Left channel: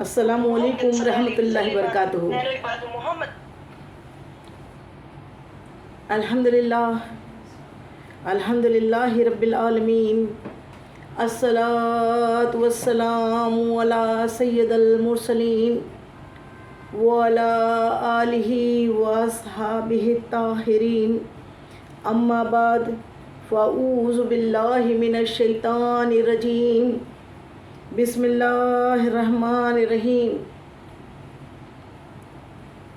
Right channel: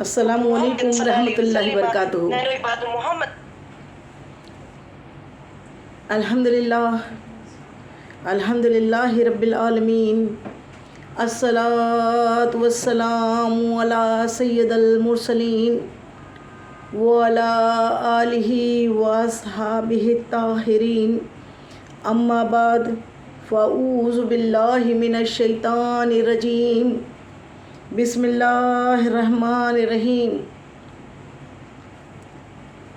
السلام علیکم ورحمۃ اللہ وبرکاتہ۔ الحمد للہ رب العالمین، الصلاۃ والسلام علی سید المرسلین وعلی آلہ واصحابہ الطاہرین، اما بعد فاعوذ باللہ من الشیطان الرجیم، بسم اللہ الرحمن الرحیم۔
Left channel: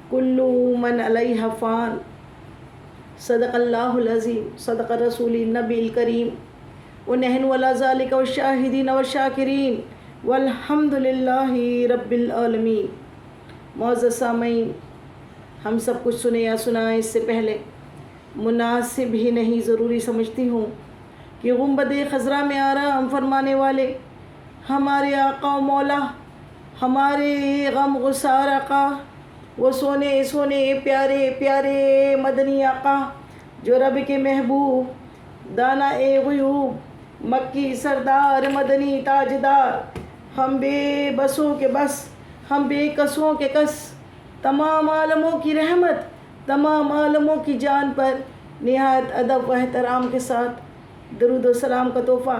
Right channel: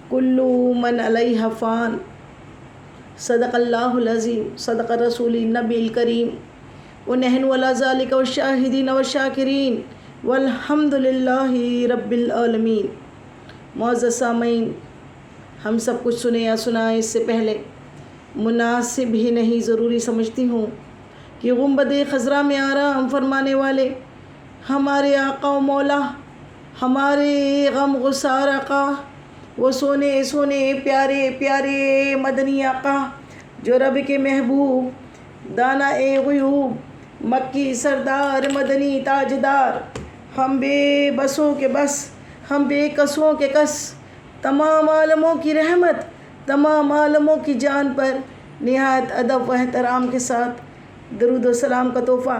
کل من علیہا فان، صدق اللہ العظیم، صدق رسول النبی الکریم، ونحن علی ذلک والشاہدین والشاکرین والحمد للہ رب العالمین۔ معزز سامعین، ہم سب کچھ سنے یا سنائے اس سے پہلے مناسب ہی نہیں ضروری سمجھتی ہوں کہ گنبد خضرا میں آرام فرمانے والے ہمارے آقا و مولا، ہمارے غم گسار آقا، وہ سونے سونے پیارے پیارے مدنی آقا، جو رب کے محبوب، دانا غیوب، مکی سردار، مدنی تاجدار، ہم بے بسوں کے بس، ہم بے کسوں کے کس، تمام عالموں کی رحمت، تمام عالموں کی جان پر نہایت ادب و احترام کے ساتھ درود و سلام کا تحفہ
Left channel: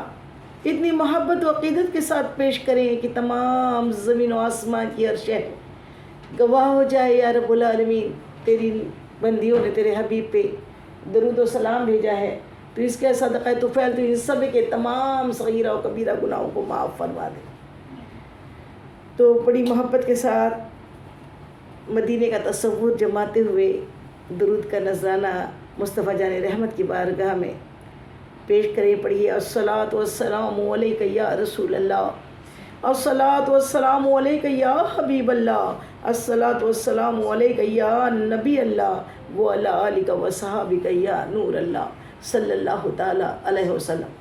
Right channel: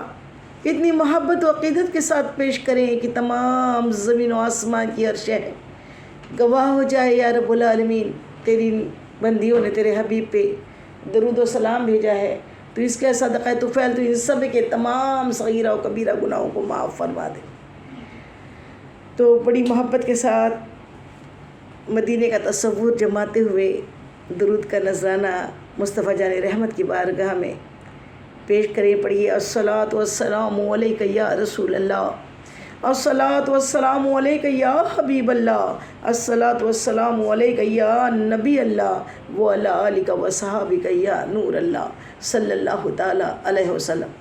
اتنی محبت و عقیدت کے ساتھ پیش کریں کہ تمام زمین و آسمان کی ہر شے گواہ ہو جائے۔ یا رب العالمین، تیری بندیوں نے تیرے حبیب پہ درود و سلام بھیجا ہے، تو اس کے صدقہ طفیل تو ان سب کے تمام صغیرہ و کبیرہ گناہوں کو معاف فرما دے۔ تو بڑی محبت کے ساتھ مدینے کا تصور جماتے ہوئے درود کا نذرانہ مصطفیٰ جان رحمت کی بارگاہ میں پیش کریں۔ پڑھیے، الصلاۃ والسلام علیک یا رسول اللہ، الصلاۃ والسلام علیک یا حبیب اللہ، الصلاۃ والسلام علیک یا نبی اللہ، وعلی آلک وصحابک یا نور اللہ، صلی اللہ تعالیٰ علیہ وسلم۔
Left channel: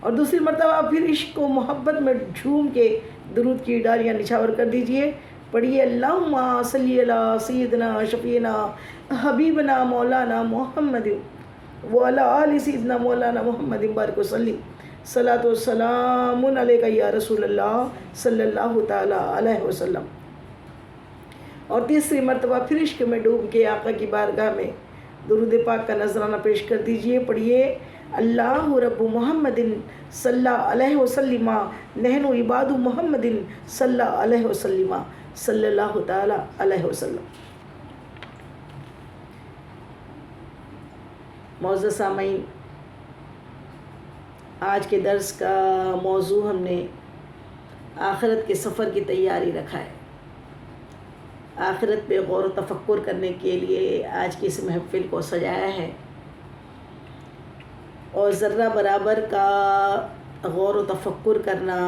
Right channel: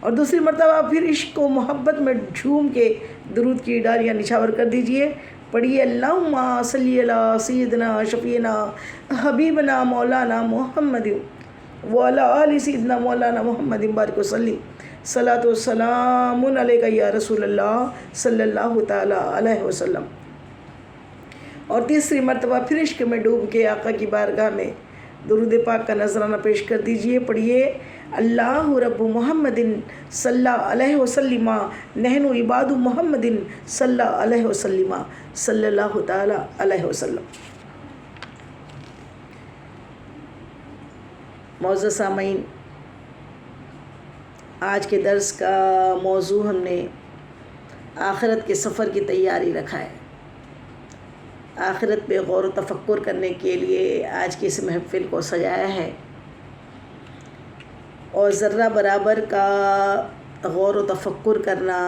اور دوسری مرتبہ پھر عشق و محبت میں جھوم کے درود کی ڈالیاں نچھاور کر دیجئے۔ پڑھیے، اللہم صلی علی سیدنا شفیعنا حبیبنا مولانا محمد وعلی آل سیدنا مولانا محمد بارک وسلم، صلاۃ والسلام علیک یا رسول اللہ، صلی اللہ تعالیٰ علیہ وسلم۔ اور تیسری مرتبہ پھر عشق میں ڈوب کے آقا کی بارگاہ میں درود پاک کا نذرانہ پیش کر دیجئے۔ پڑھیے، اللہ رب محمد صلی علیہ وسلم، نحن عباد محمد صلی علیہ وسلم، صلی اللہ تعالیٰ علیہ وسلم۔ معزز سامعین، آج کے درس کا موضوع ہم نے آخرت کے سفر کی تیاری رکھا ہے۔ آخرت پہ غور و تفکر کرنے کے لیے آج کی اس محفل کو سجایا ہے، اور ذرہ برابر کا غور و تفکر کرنا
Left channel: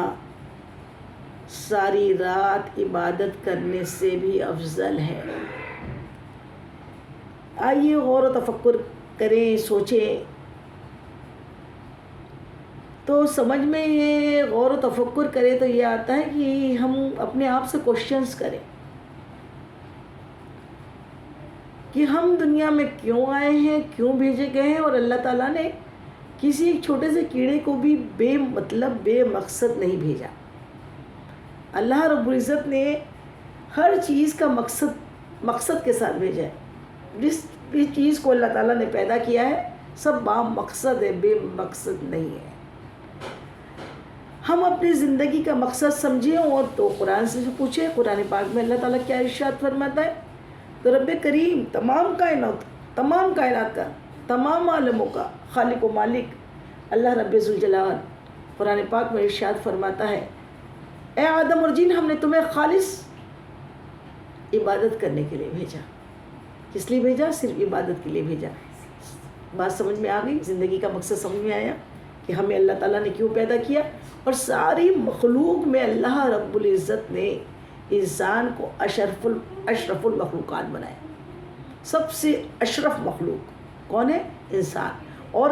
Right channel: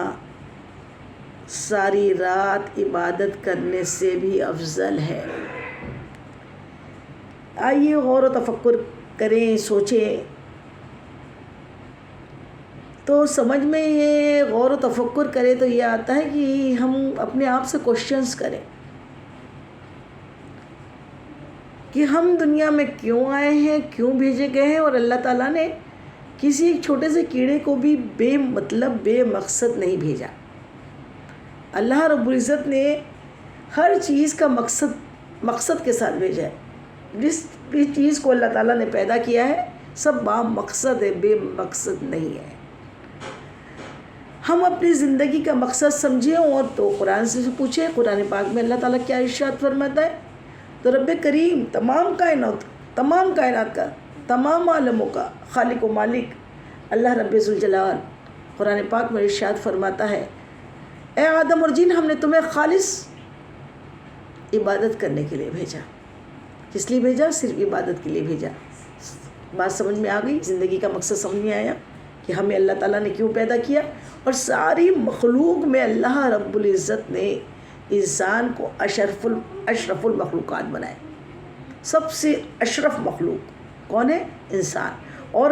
ساری رات عبادت کرنے سے بھی افضل ہے۔ آئیے غور و تفکر کریں، سوچیں، تو سمجھ میں یہ غور و تفکر کریں تو یہ آتا ہے کہ ہم اپنے آپ سے کوشچنز کریں کہ ہم دنیا میں کیوں آئے ہیں، کیوں بھیجے گئے ہیں، اور اللہ تعالیٰ نے کسی ایک چھوٹے سے کیڑے کو بھی بے مطلب بے مقصد نہیں بھیجا۔ اللہ رب العزت نے ہر چیز کا مقصد کے ساتھ بھیجا ہے۔ جس بھی چیز کو اللہ تعالیٰ نے پیدا کیا ہے سب با مقصد ہے، بے مقصد نہیں ہے۔ ہم اپنی زندگی کا مقصد سمجھیں اور تو قرآن سے پوچھیں۔ قرآن پاک میں اللہ تعالیٰ کیا ارشاد فرماتا ہے؟ تو رب کریم تمام کائنات کا، تمام عالموں کا خالق و مالک اللہ رب ذوالجلال قرآن پاک میں ارشاد فرماتا ہے، اے آدم اور جن، ہم نے تمہیں خالص عبادت کرنے کے لیے بھیجا۔ کس لیے بھیجا؟ صرف عبادت کے لیے بھیجا۔ بات سمجھ میں آ گئی؟ زندگی کا مقصد سمجھ میں آیا کہ ہمیں اللہ تعالیٰ نے کیوں پیدا کیا؟ اور ساری مخلوق میں اللہ رب العزت نے انسان کو اشرف المخلوقات بنائے۔ سب سے اشرف مخلوق کون ہے؟ انسان۔ اور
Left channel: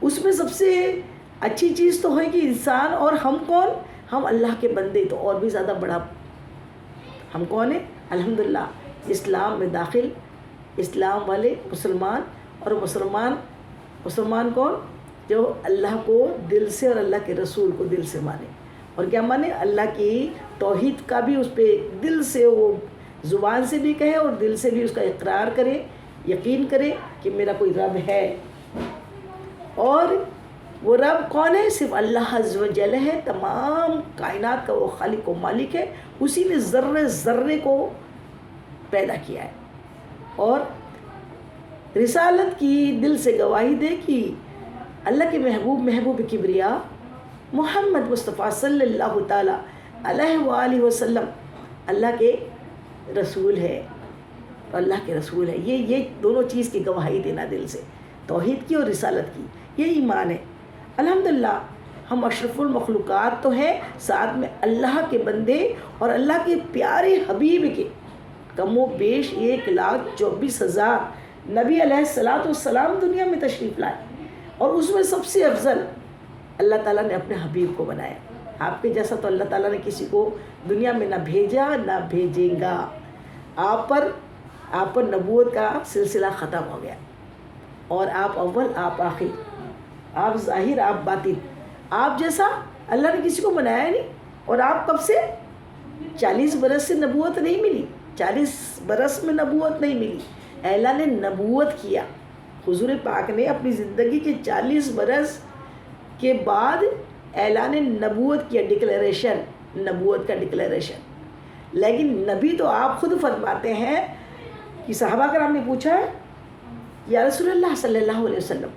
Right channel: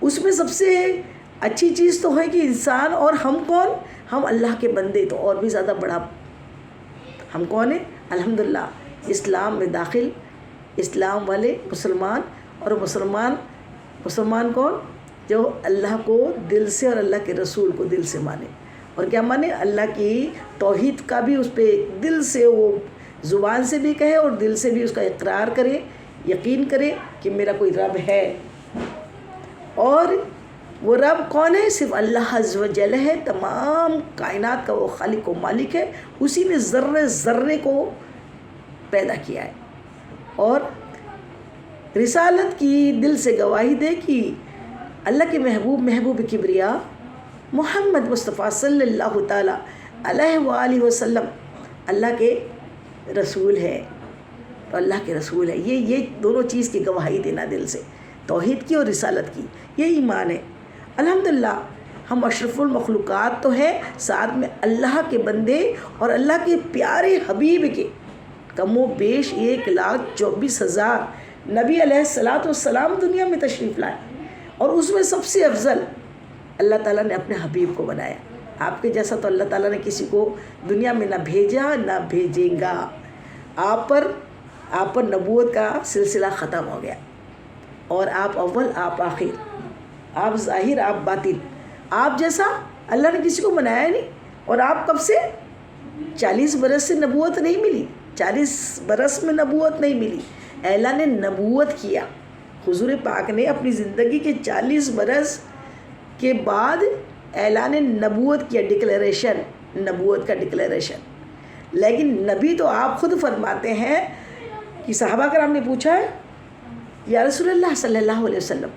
اس میں سب سے اچھی چیز تو ہے کہ انسان، اور ہم کون؟ ہم اللہ کے بندے، تو اور بھی زیادہ بڑا ہم کون ہیں؟ الحمدللہ اسلام میں داخل، اسلام والے مسلمان، اور مسلمان کون؟ جو اللہ کو دل سے اور اللہ کے رسول کو دل سے مانے۔ اور کیا مانے اللہ کی توحید کا بھی اس پہ دل سے وہ زبان سے بھی کہے اور دل سے بھی اس کا اقرار کرے، یقین کرے کہ میرا کوئی رب ہے، اور وہ رب کون ہے؟ صرف اللہ عز و جل ہے، تمام کائنات کا وہ خالق و مالک ہے، اسی نے ذرے ذرے کو پیدا کیا ہے، اور رسالت کی دل سے گواہی دے کہ اللہ کے محبوب کبریا محمد مصطفیٰ صلی اللہ تعالیٰ علیہ وآلہ وسلم اللہ کے رسول ہے، تو اللہ کے رسول ہے، یہ دونوں چیز کی گواہی دینا دل سے، توحید کی اور رسالت کی، یہ ایمان ہے۔ الحمدللہ ہم اشرف المخلوقات تو ہیں، ساتھ میں اللہ کے بندے اور اللہ کے پیارے حبیب کے کم و بیش 1,24,000 نبی علیہ السلام دنیا میں تشریف لائے، اور اس میں سب سے افضل اللہ تعالیٰ نے اپنے حبیب کو بنایا۔ آپ کے جیسا تو اللہ تعالیٰ نے کسی کو دنیا میں نہ بھیجا نہ بھیجیں گا۔ آپ پر نبوت کا سلسلہ ختم ہو گیا، اور آپ اول، آپ آخر، آپ ظاہر، آپ باطن، آپ جیسا اللہ نے کسی کو بنایا نہیں۔ اور آپ کب سے 40 برس سے نبوت نہیں ملی، 40 برس میں نبوت نہیں ملی، اعلان نبوت کیا حضور پاک نے اپنی زندگی کے 40 برس کے بعد اعلان نبوت کیا، ڈکلیریشن، نبوت کا ڈکلیریشن۔ لیکن نبی تو آپ خود فرماتے ہیں کہ صحابہ کرام نے پوچھا ہے یا رسول اللہ صلی اللہ علیہ وسلم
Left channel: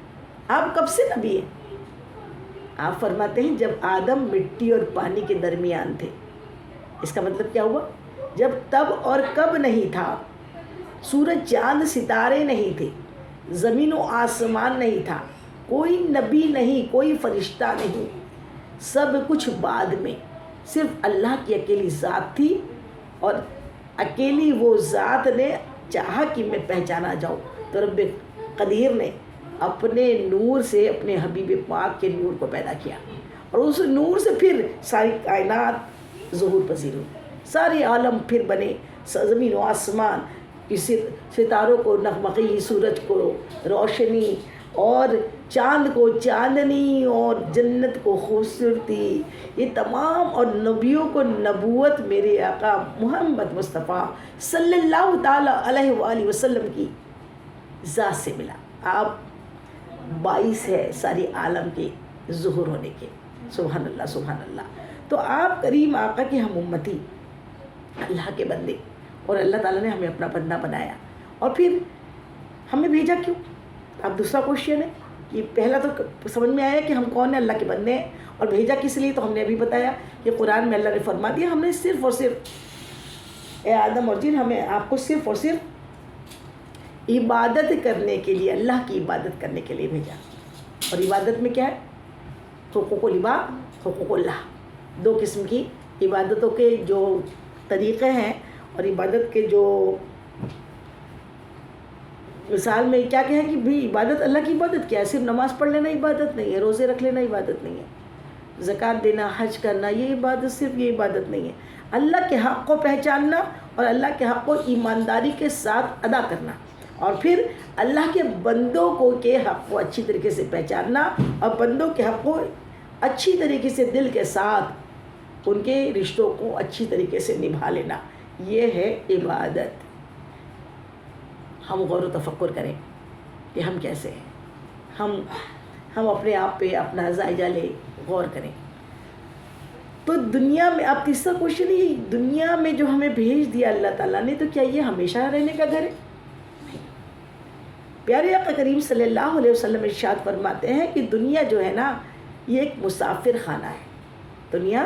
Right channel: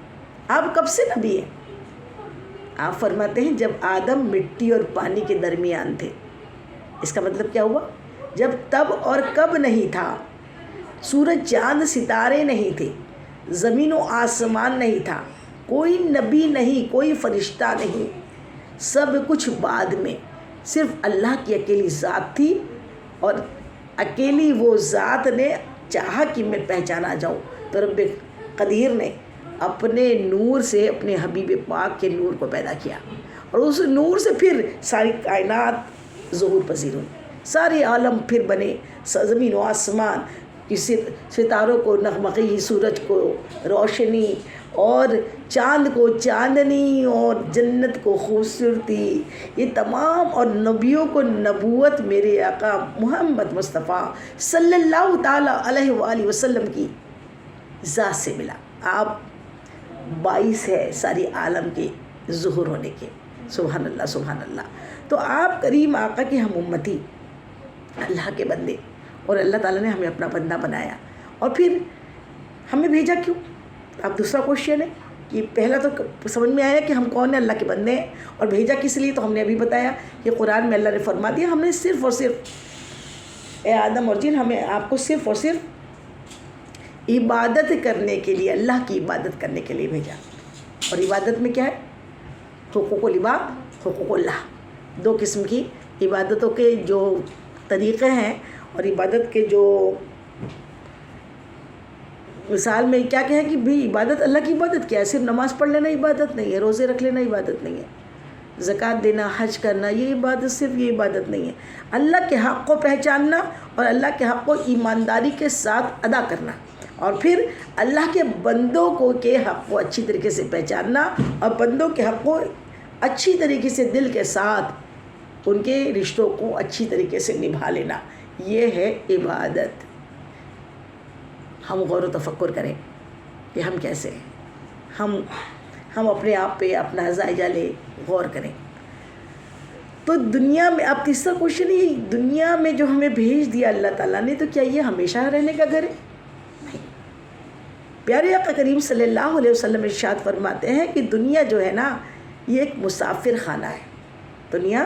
آپ کب سے نبی ہیں؟ آپ فرماتے ہیں جب آدم مٹی اور پانی کے درمیان تھے۔ اس کا مطلب کیا ہوا؟ جب تب اور کب نہیں تھا، سورج چاند ستارے نہیں تھے، زمین و آسمان نہیں تھا، کوئی نبی نہیں، کوئی فرشتہ نہیں، سب کچھ بعد میں، صرف اللہ کی اکیلی ذات تھی، اور اکیلی وہ ذات نے چاہا کہ میں پہچانا جاؤں، تو رب قدیر نے اپنے نور سے اپنے حبیب پاک کے نور کو پیدا کیا، اور اس نور سے پھر ساری کائنات ظہور پذیر ہوئی، سارے عالم پھر بنے، زمین و آسمان کی ستاروں کو نغمگی، سورج کو روشنی، اور چاند کو چاندنی، اور جنت کو خوبصورتی، یہ تمام، اور نبیوں کو نبوت میرے آقا محمد مصطفیٰ صلی اللہ تعالیٰ علیہ وآلہ وسلم کی ذات سے ملا۔ آپ باعث ہے ساری عالم کے ظہور ہونے کے، سبحان اللہ سبحان اللہ۔ تو آپ کریم آقا کی ہم امتی، اللہ کے بندے، اور اللہ تعالیٰ نے ہمیں اپنا بندہ بنایا، اور پھر ہمیں بھیجا کیوں؟ اب دوسرا کوشچن ہے کہ پہلا تو سمجھ میں آیا کہ ہم کون ہیں، اللہ کے بندے ہیں، اور بھیجا کس لیے؟ تو ہم نے ابھی بتایا کہ قرآن میں اللہ نے فرما دیا ہم نے صرف اور صرف، اے آدم اور جن، ہمیں آپ کو صرف اور صرف عبادت کرنے کے لیے، اللہ کی عبادت کرنے کے لیے بھیجا۔ اور عبادت میں کیا ہے؟ حقوق العباد، حقوق اللہ، دو قسم کی عبادتوں کے جو طریقے ہیں، اور عبادت کے جو مثال میں کیا ہے کہ بھی عبادت، اللہ کی عبادت کیا ہے؟ صرف نماز پڑھ لینا عبادت نہیں ہے، روزے رکھ لینا عبادت نہیں ہے، زکوٰۃ دینا، حج کرنا، یہ عبادت، صرف یہ عبادت نہیں ہے۔ اللہ کے حق کو پہچاننا، اور اللہ کے حق کو ایمانداری کے ساتھ ادا کرنا، اور پھر اللہ کے بندوں کو کے حق کو اچھی طریقے سے پہچاننا، اور بندوں کے حق کو اچھی طریقے سے دل کے ساتھ ان کے رشتوں کو اچھی طریقے سے نبھا لینا، یہ ہے عبادت۔ ہم غور و تفکر کریں کہ ہم کیسے ہیں، ہم اپنے آپ پہ اپنا جائزہ لے، غور کریں۔ تو دنیا میں، اب تیسرا کوشچن یہ، دنیا میں جو ہمیں بھیج دیا اللہ تعالیٰ نے، تو کیا یہ ہمیشہ رہنے کا گھر ہے؟ نہیں۔ پیارے آقا کریم صلی اللہ علیہ وسلم ارشاد فرماتے ہیں کہ دنیا جو ہے نا، یہ ایک مسافر خانہ ہے۔ دنیا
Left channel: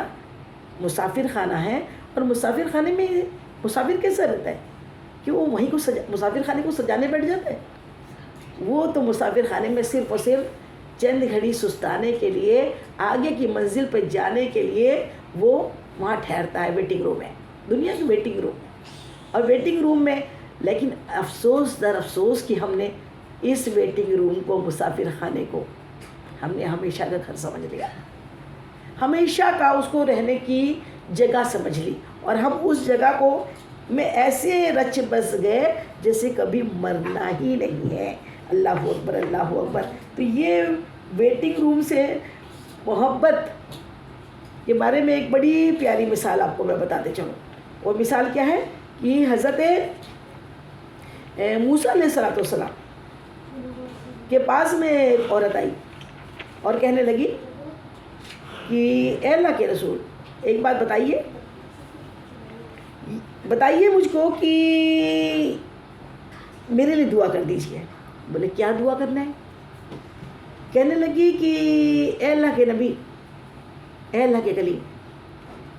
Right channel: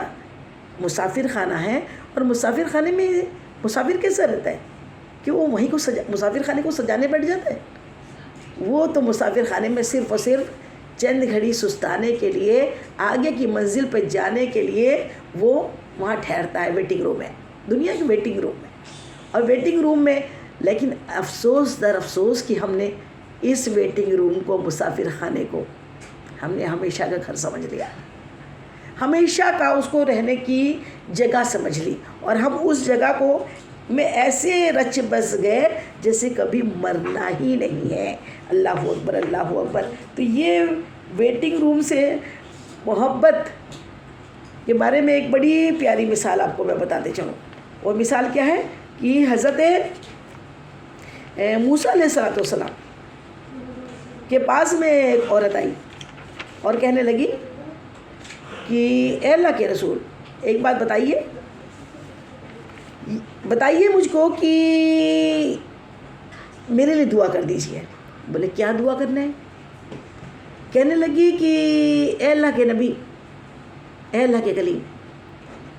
مسافر خانہ ہے، اور مسافر خانے میں مسافر کیسا رہتا ہے کہ وہ وہیں کو مسافر خانے کو سجانے بیٹھ جاتا ہے؟ وہ تو مسافر خانے میں صرف اور صرف چند گھڑی سستانے کے لیے، آگے کی منزل پہ جانے کے لیے وہ وہاں ٹھہرتا ہے، ویٹنگ روم ہے، دنیا کی ویٹنگ روم ہے۔ اور ویٹنگ روم میں، لیکن افسوس در افسوس کہ ہم نے اس ویٹنگ روم کو، مسافر خانے کو، ہم نے ہمیشہ کا گھر سمجھ لیا، ہمیشہ کا اس کو رہنے کی جگہ سمجھ لی، اور ہم اس جگہ کو میں ایسے رچ بس گئے جیسے کبھی مرنا ہی نہیں ہے۔ اللہ اکبر، اللہ اکبر۔ تو یہ ویٹنگ روم سے محبت کے بارے میں ایک بڑی پیاری مثال آپ کو میں بتاتے چلوں. وہ مثال کیا ہے کہ حضرت موسیٰ علیہ السلام کے پاس میں ایک عورت آئی اور کہنے لگی کہ اے اللہ کے رسول ایک بات بتائیے مجھ کو کہ میرے لیے دعا کر دیجیے. بولے کیا دعا کرنا ہے؟ کہنے لگی کہ اے اللہ کے نبی، اے اللہ کے کلیم،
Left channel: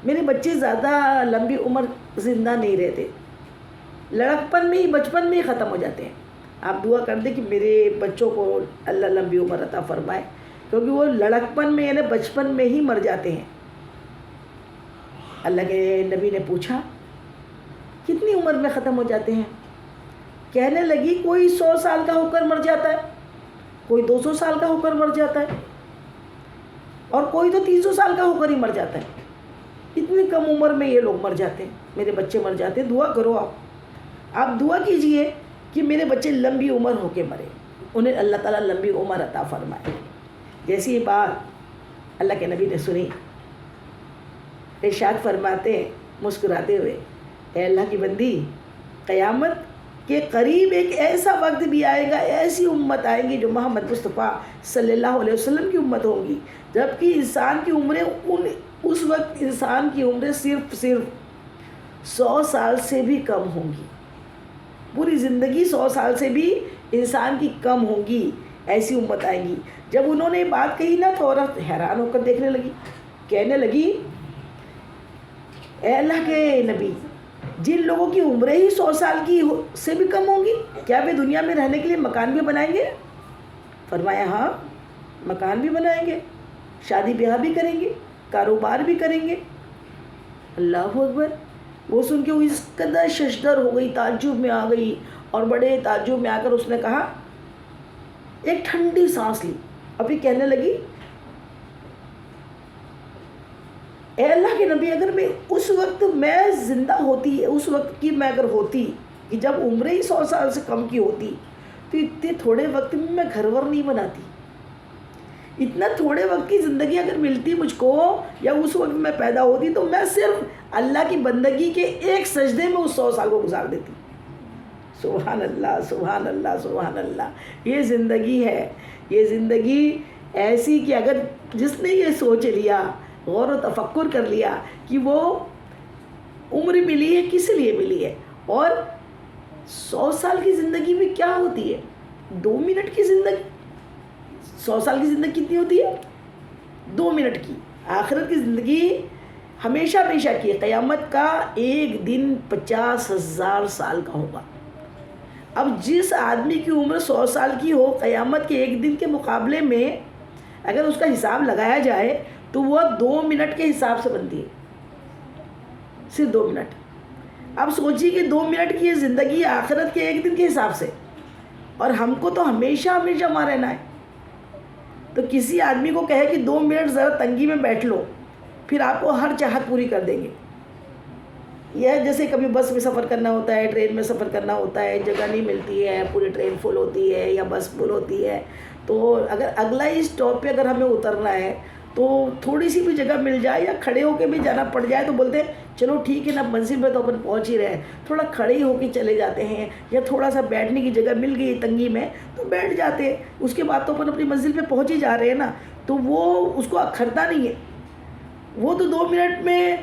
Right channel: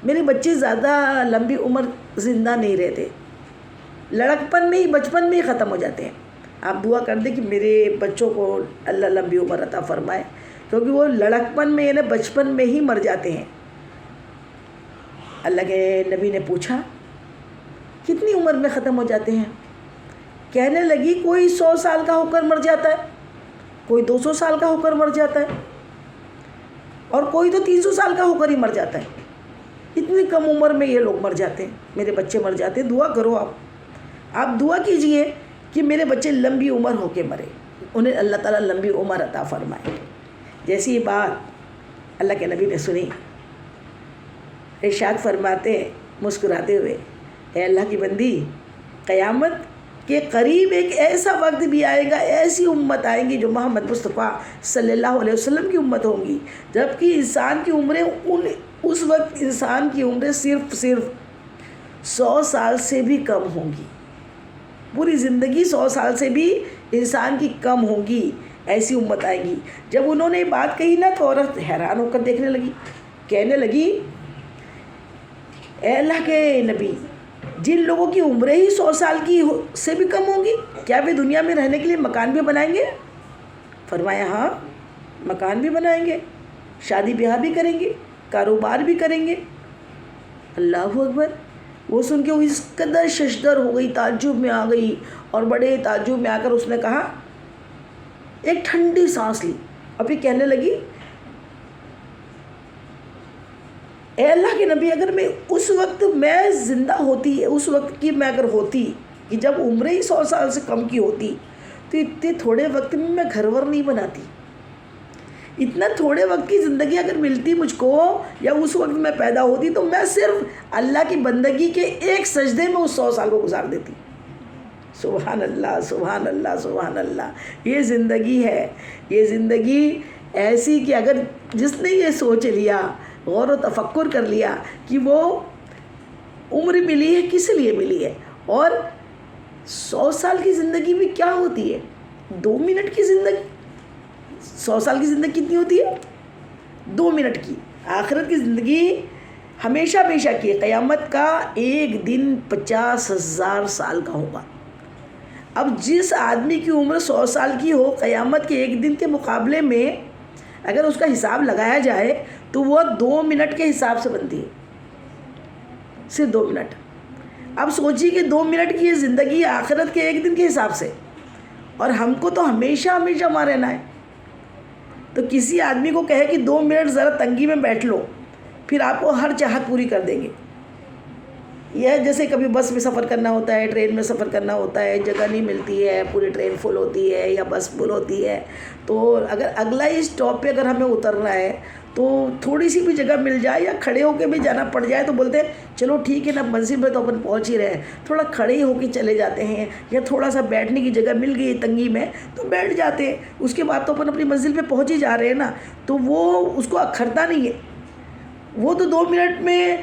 میرے بچے زیادہ لمبی عمر زندہ نہیں رہتے، لڑکپن میں ہی بچپن میں ہی ختم ہو جاتے ہیں. آپ دعا کر دیں کہ میرے بچوں کو اللہ لمبی عمر عطا فرمائے، کیونکہ وہ لڑکپن میں یعنی بچپن میں ہی مر جاتے ہیں. اللہ کے نبی نے پوچھا کتنی عمر میں ختم ہو جاتے ہیں؟ کہنے لگی کوئی 100 سال کا ہو کر مر جاتا ہے، کوئی 200 سال کا ہو کر مر جاتا ہے، اور کوئی تو 300 سال کا ہو کر ہی مر جاتا ہے. اتنی کم عمر میں یہ لوگ مر جاتے ہیں، میرے بچے مر جاتے ہیں. دعا کرو، آپ دعا کیجئے کہ میرے بچے لمبی عمر ہو کے مرے، انہیں اللہ تعالیٰ لمبی عمر عطا فرمائے. جیسی یہ بات اللہ کے نبی نے سنی، ارشاد فرماتے ہیں مسکراتے ہوئے، اے اللہ کی بندی، قیامت کے قریب ایک ایسا وقت بھی آئے گا، ایسی امت آئیں گی جو محمد مصطفیٰ صلی اللہ علیہ وسلم کی امت ہوں گی، جبکہ انسان کی عمریں اس وقت انسان کی عمریں صرف 100 سال سے بھی کم ہوں گی. پوری زندگی 100 سال سے بھی انسان کی کم ہوں گی. ایسی امت آئیں گی. جب انہوں نے بات کہی نا تو عورت حیران ہو کر دیکھنے لگی، کہنے لگی اے اللہ کے نبی، جن لوگوں کی عمریں ہی 100 سال کی سے بھی کم ہوں گی، کیا وہ دنیا میں رہنے کے لیے مکان بھی بنائیں گے؟ فرمایا ہاں، مکان بھی بنائیں گے، شادی بیاہ بھی کریں گے، کاروبار بھی کریں گے. اللہ اکبر. وہ سن کے اس قدر ششدر ہو گئی، تعجب میں آ گئی، اور بڑے تعجب میں آ کر اس نے کہا، ایک ٹھنڈی سانس لی اور پھر کہنے لگی، اے اللہ کے نبی، اگر میں اس وقت میں زندہ ہوتی، اس وقت کی میں اگر ہوتی کہ جب عمریں ہی 100 سال سے کم کی ہوتی، تو اتنے تھوڑے وقت میں گھر ور نہیں بناتی. اتنا تھوڑے وقت کی زندگی اگر ملتی مجھ کو، یا اس وقت میں پیدا ہوتی، تو میں صرف اللہ کی بندگی کے ایک سجدے میں اس 100 سال کو گزار دیتی. سبحان اللہ، سبحان اللہ، سبحان اللہ. یہ زندگی ہے، یہ زندگی ایسی کہ اگر جس نے یہ سوچ لیا، غور و تفکر کر لیا کہ وہ عمر ملی ہے کس لیے ملی ہے، اور 100 سال کی زندگی میں کیا ہوتی ہے، 2 منٹ کی زندگی. 100 سال کی زندگی کتنی ہوتی ہے؟ 2 منٹ کی. آخرت کی زندگی ہمیشہ ہمیشہ کی ہے. قیامت کا ایک دن 50,000 سال کا ہوگا. اب جس آدمی کی عمر 100 سال کی ہو، قیامت کے ایک دن کے مقابلے میں اگر اس کا حساب لگایا جائے تو وہ 2 منٹ کے حساب سے بنتی ہے، صرف 2 منٹ. اب سوچیے کہ 2 منٹ کی یہ زندگی آخرت کے ایک دن کے حساب سے، اور ہم کو تو ہمیشہ ہمیشہ وہاں رہنا ہے. تو کسی آدمی کو کہے کہ 2 منٹ ذرا تنگی میں بیٹھ لو، پھر آپ کو ہر چاہت پوری کر دیں گے. یہ جیسے کبھی بس میں سفر کرنا ہوتا ہے، ٹرین میں سفر کرنا ہوتا ہے، جگہ نہیں ملتی ہے، پوری ٹرین فل ہوتی ہے یا بس فل ہوتی ہے، تو اگر اگلا ہی اسٹاپ پہ اگر ہمیں اترنا ہے تو تھوڑی سی بھی جگہ مل جائے یا کھڑے ہو کے بھی جانا پڑ جائے تو بولتے ہیں چلو ٹھیک ہے نا، منزل پہ تو اپن پہنچ ہی رہے ہیں، تھوڑا کھڑے ہی ہو کے چلے جاتے ہیں، یا تھوڑا سا بیٹھنے کی جگہ مل گئی تنگی میں تو بیٹھ جاتے ہیں. اس کے بعد تو اپن اپنی منزل پہ پہنچ ہی جا رہے ہیں نا. تو وہ اس کو اکھرتا نہیں ہے. وہ تو 2 منٹ میں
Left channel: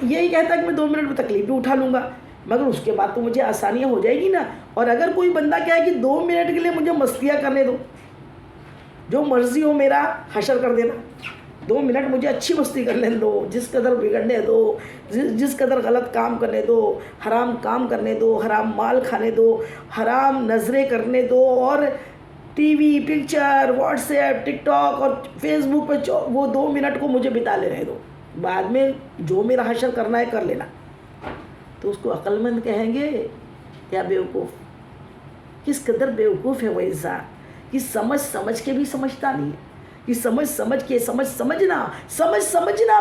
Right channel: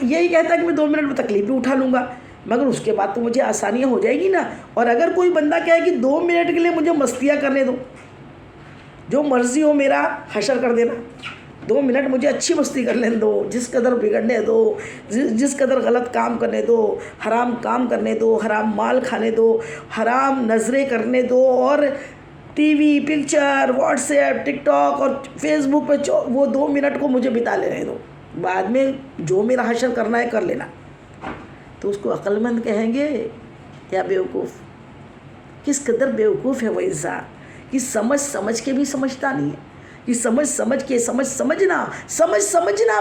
یہی کہتا ہے کہ میں 2 منٹ میں تکلیف بھی اٹھا لوں گا، مگر اس کے بعد تو مجھے آسانیاں ہو جائے گی نا. اور اگر کوئی بندہ کہے کہ 2 منٹ کے لیے مجھے مستیاں کرنے دو، جو مرضی ہو میرا حشر کر دینا، 2 منٹ مجھے اچھی مستی کر لینے دو، جس قدر بگڑنے دو، جس قدر غلط کام کرنے دو، حرام کام کرنے دو، حرام مال کھانے دو، حرام نظریں کرنے دو، اور TV, picture, WhatsApp, TikTok اور فیس بک پہ وہ 2 منٹ کو مجھے بتا لینے دو، بعد میں جو میرا حشر کرنا ہے کر لینا. تو اس کو عقل مند کہیں گے یا بیوقوف؟ کس قدر بیوقوف ہے وہ انسان کہ سمجھ کے بھی سمجھتا نہیں ہے، کہ سمجھنا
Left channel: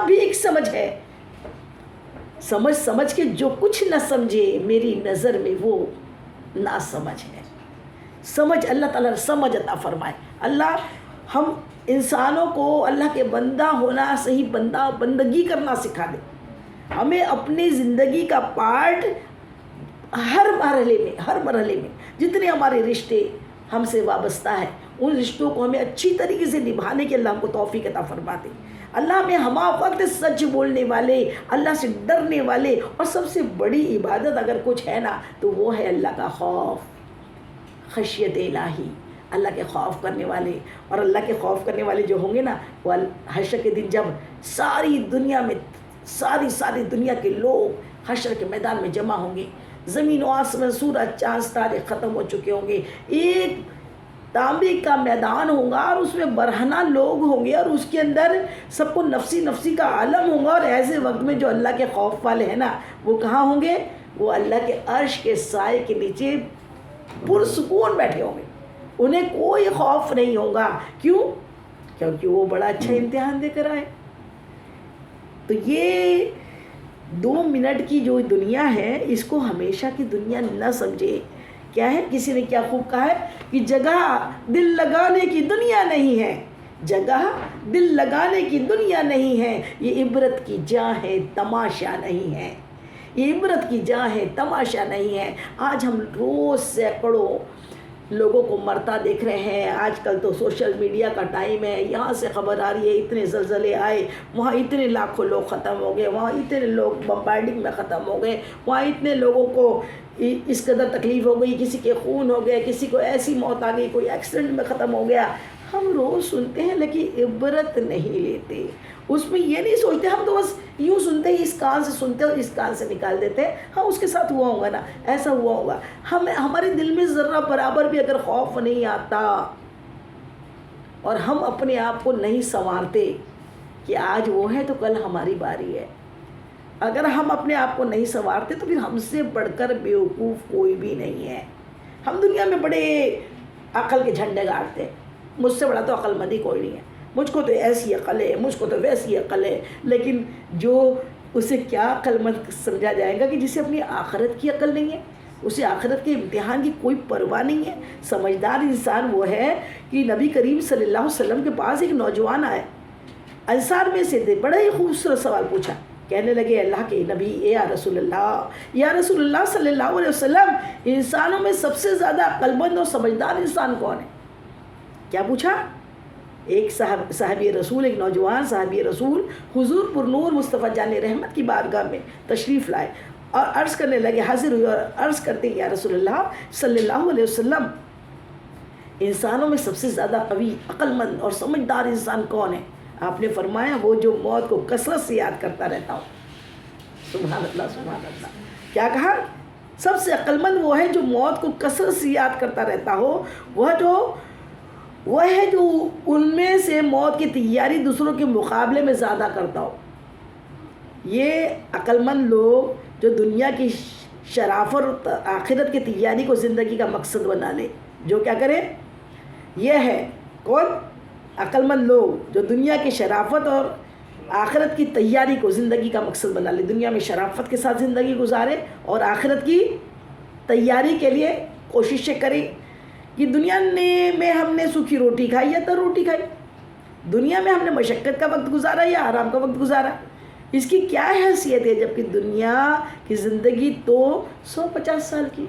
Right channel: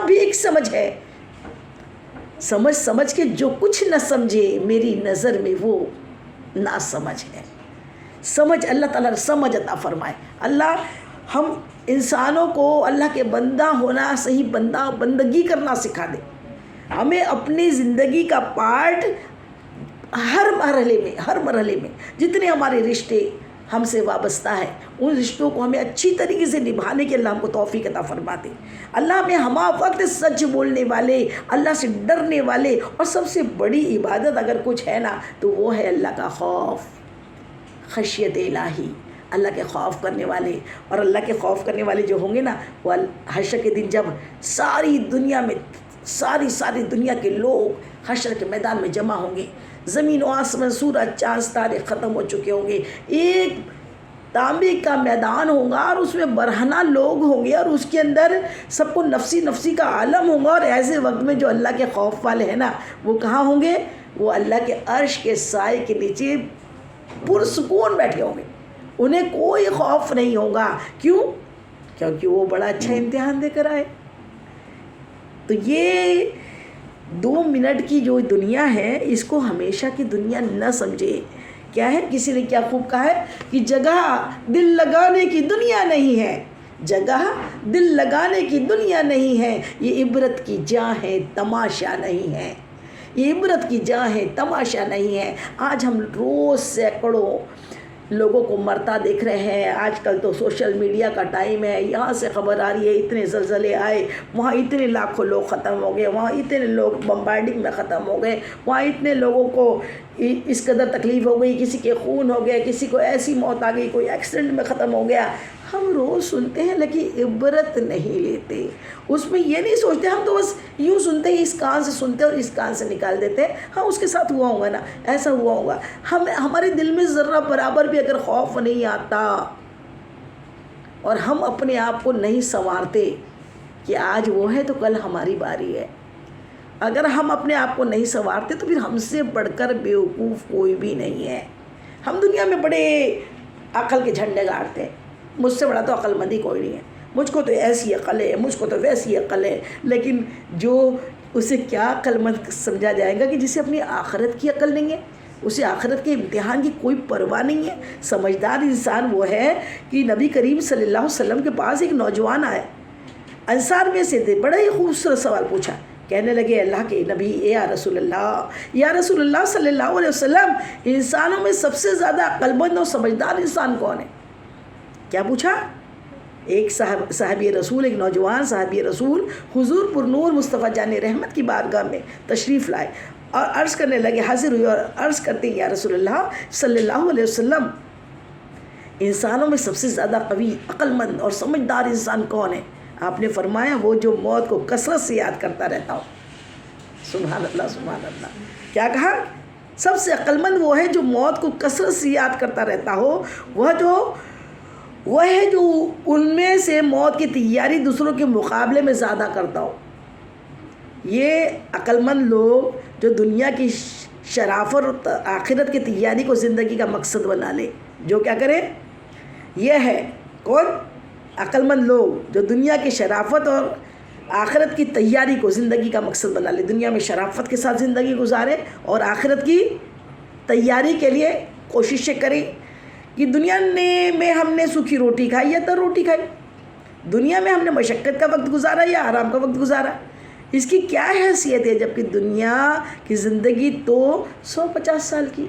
بھی ایک سمجھ ہے. سمجھ کے جو کچھ نہ سمجھے میری نظر میں وہ نہ سمجھ ہے. سمجھ اللہ تعالیٰ سمجھ عطا فرمائے. اللہ ہم انسانوں کو اللہ کے بندہ ہونا، صحیح بندہ بندگی کرنا سکھا دے. ہمیں اپنی زندگی کا پارٹ ہر مرحلے میں جتنے ہمارے رشتے ہم سے وابستہ ہیں، ان رشتوں کو ہمیں اچھی طریقے سے نبھانے کے اللہ ہم کو توفیق عطا فرماتے. اللہ ہمیں ہمہ وقت سچ بولنے والے، اللہ سے ڈرنے والے، اور سب سے بڑی عبادت اگر کچھ ہے نا تو وہ ہے اللہ کا خوف، خشیت الہی، اللہ کے خوف کرنے والے. اور اللہ کے خوف کرنے والے جو ہوں گے نا، وہ حشر کے دن جب ساری دنیا میں ساری دنیا کے لوگ حشر کے میدان میں جمع ہوں گے، زمین و آسمان، سورج چاند ستارے ختم ہو چکے ہوں گے، ایک تانبے کا میدان ہوگا اور اس میں برہنہ لوگ ہوں گے، اور اس کے اندر سب کو نفسی نفسی کا عالم ہوگا. اور ایسے وقت میں جو اللہ کے خوف والے ہیں نا، وہ کہاں ہوں گے؟ وہ اللہ کے عرش کے سائے کے نیچے پرسکون بیٹھے ہوں گے. انہیں کوئی خوف نہیں ہوگا. کیوں؟ کیونکہ وہ بڑا اچھا امتحان دے کر آئے. تو یہ 2 منٹ کی جو دنیا ہے، اس کو ہمیشہ کی دنیا نہ سمجھے. کیا ہے؟ کسی نے کیا خوب کہا ہے کہ جگہ دل لگانے کی دنیا نہیں ہے، جگہ دل لگانے کی دنیا نہیں ہے، یہ عبرت کی جا ہے، تماشا نہیں ہے. یہ عبرت کی جا ہے، تماشا نہیں ہے. آج ہم روز سینکڑوں لوگوں کو مرتا دیکھ رہے ہیں. آج کل تو سوشل میڈیا کا ٹائم ہے، یہاں سے خبر آ رہی ہے اتنے زلزلے آئے، وہاں اتنے لاکھوں لوگ ختم ہو گئے، وہاں اتنے لوگ بمبارڈنگ میں ختم ہو گئے، وہاں اتنے لوگوں کو اس قدر تکلیف ہو گئی، کسی کے خون ہو گئے، کسی کو ایسی موت آ گئی، کوئی ایکسیڈنٹ میں ختم ہو گیا. ہم روز سنتے ہیں لیکن عبرت نہیں لیتے. اس میں یہ نہیں سوچتے، ہم تو بس یوں سنتے ہی، اس کان سے سنتے اور اس کان سے نکال دیتے. ہاں اس کے ساتھ ہوا ہوگا نا، ایسا ہوا ہوگا. ہمارے دل میں ذرہ برابر بھی اگر خوف نہیں آتا اور ہم اپنے آپ کو نہیں سنوارتے کہ آج وہ ہے تو کل ہماری باری ہے، اگر ہم اپنے آپ کو نہیں سنوارتے تو پھر ہم سے بڑھ کر بیوقوف کوئی بھی نہیں ہے. ہم دنیا میں بڑے عقل کے جھنڈے گاڑتے ہیں، مجھ سے بڑا تو عقل مند ہی کوئی نہیں ہے، مجھ کو تو ایسی عقل ہے، مجھ کو تو ویسی عقل ہے. لیکن جو اسے کیا عقل مند سمجھا جائے گا کہ جسے اپنی آخرت کی عقل نہیں ہے، اسے آخرت کے امتحان کی کوئی پرواہ نہیں ہے. سمجھدار انسان وہ ہے کہ نبی کریم صلی اللہ علیہ وسلم کے پاس ایک نوجوان آئے، انصار میں سے تھے، بڑا ہی خوبصورت سوال پوچھا. کہنے لگے اللہ کے نبی، یا رسول اللہ صلی اللہ علیہ وسلم، انسانوں میں سب سے زیادہ عقل مند اور سمجھدار انسان کون ہے؟ کیا پوچھا؟ ایک صحابی رسول، ایک نوجوان صحابی رسول حضور پر نور مصطفیٰ جان رحمت کی بارگاہ میں تشریف لائے اور عرض کرنے لگے، حاضر ہوئے اور عرض کرتے ہیں یا رسول اللہ صلی اللہ علیہ وسلم، انسانوں میں سب سے زیادہ قوی، عقل مند اور سمجھدار انسان کون ہے؟ آپ نے فرمایا وہ جو موت کو کثرت سے یاد کرتا رہتا ہو. سبحان اللہ سبحان اللہ. کیا کہا؟ سب سے عقل مند وہ ہے جو موت کو کثرت سے یاد کرتا رہتا ہو، وہ ہے جو ان میں سے موت کی تیاری دوسروں کے مقابلے میں زیادہ کرتا ہو. یہ عقل مند لوگ جو دنیا کی شرافت اور آخرت کی تیاری کو زندگی کا مقصد بنا لے، جو کیا کرے؟ یہ ہے کون؟ عقل مند لوگ جو دنیا کی شرافت اور آخرت کی تیاری کو زندگی کا مقصد بنا لے، دنیا میں شرافت کے ساتھ زندگی گزارے اور آخرت کی تیاری کے لیے کوششیں کریں. کہ دنیا میں ہم نے سوکھی روٹی کھائی یا تر روٹی کھائی، دنیا میں ہم نے مشقت کا وقت گزارا یا آرام کا وقت گزارا، اس کی کیا حیثیت ہے؟ جبکہ دنیا کی زندگی تو 150 سال کی.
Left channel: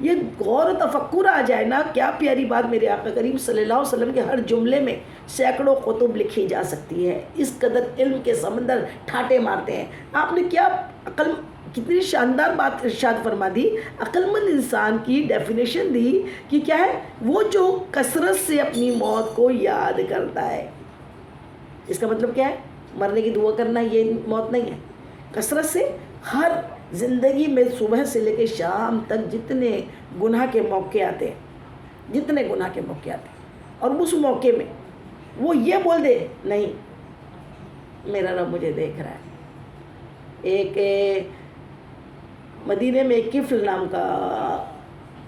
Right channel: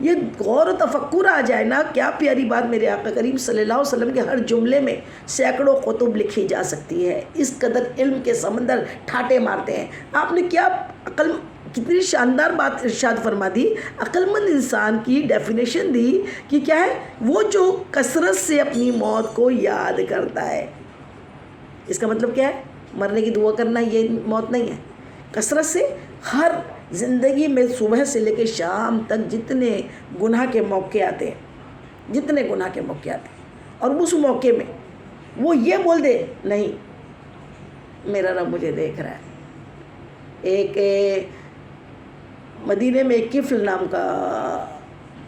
یہ غور و تفکر آ جائے نا، کیا پیاری بات. میرے آقا کریم صلی اللہ علیہ وسلم کے ہر جملے میں سینکڑوں خطب لکھی جا سکتی ہے. اس قدر علم کے سمندر ٹھاٹے مارتے ہیں. آپ نے کیا کتنی شاندار بات ارشاد فرما دی. عقل مند انسان کی ڈیفینیشن دی کہ کیا ہے؟ وہ جو کثرت سے اپنی موت کو یاد کرتا ہے. اس کا مطلب کیا ہے؟ مرنے کی دعا کرنا یہ موت نہیں ہے. کثرت سے ہر زندگی میں صبح سے لے کے شام تک جتنے گناہ کے موقع آتے ہیں، جتنے گناہ کے موقع آتے ہیں، اور اس موقع میں وہ یہ بول دے نہیں میرا رب مجھے دیکھ رہا ہے. ایک مدینے میں ایک کفل نام کا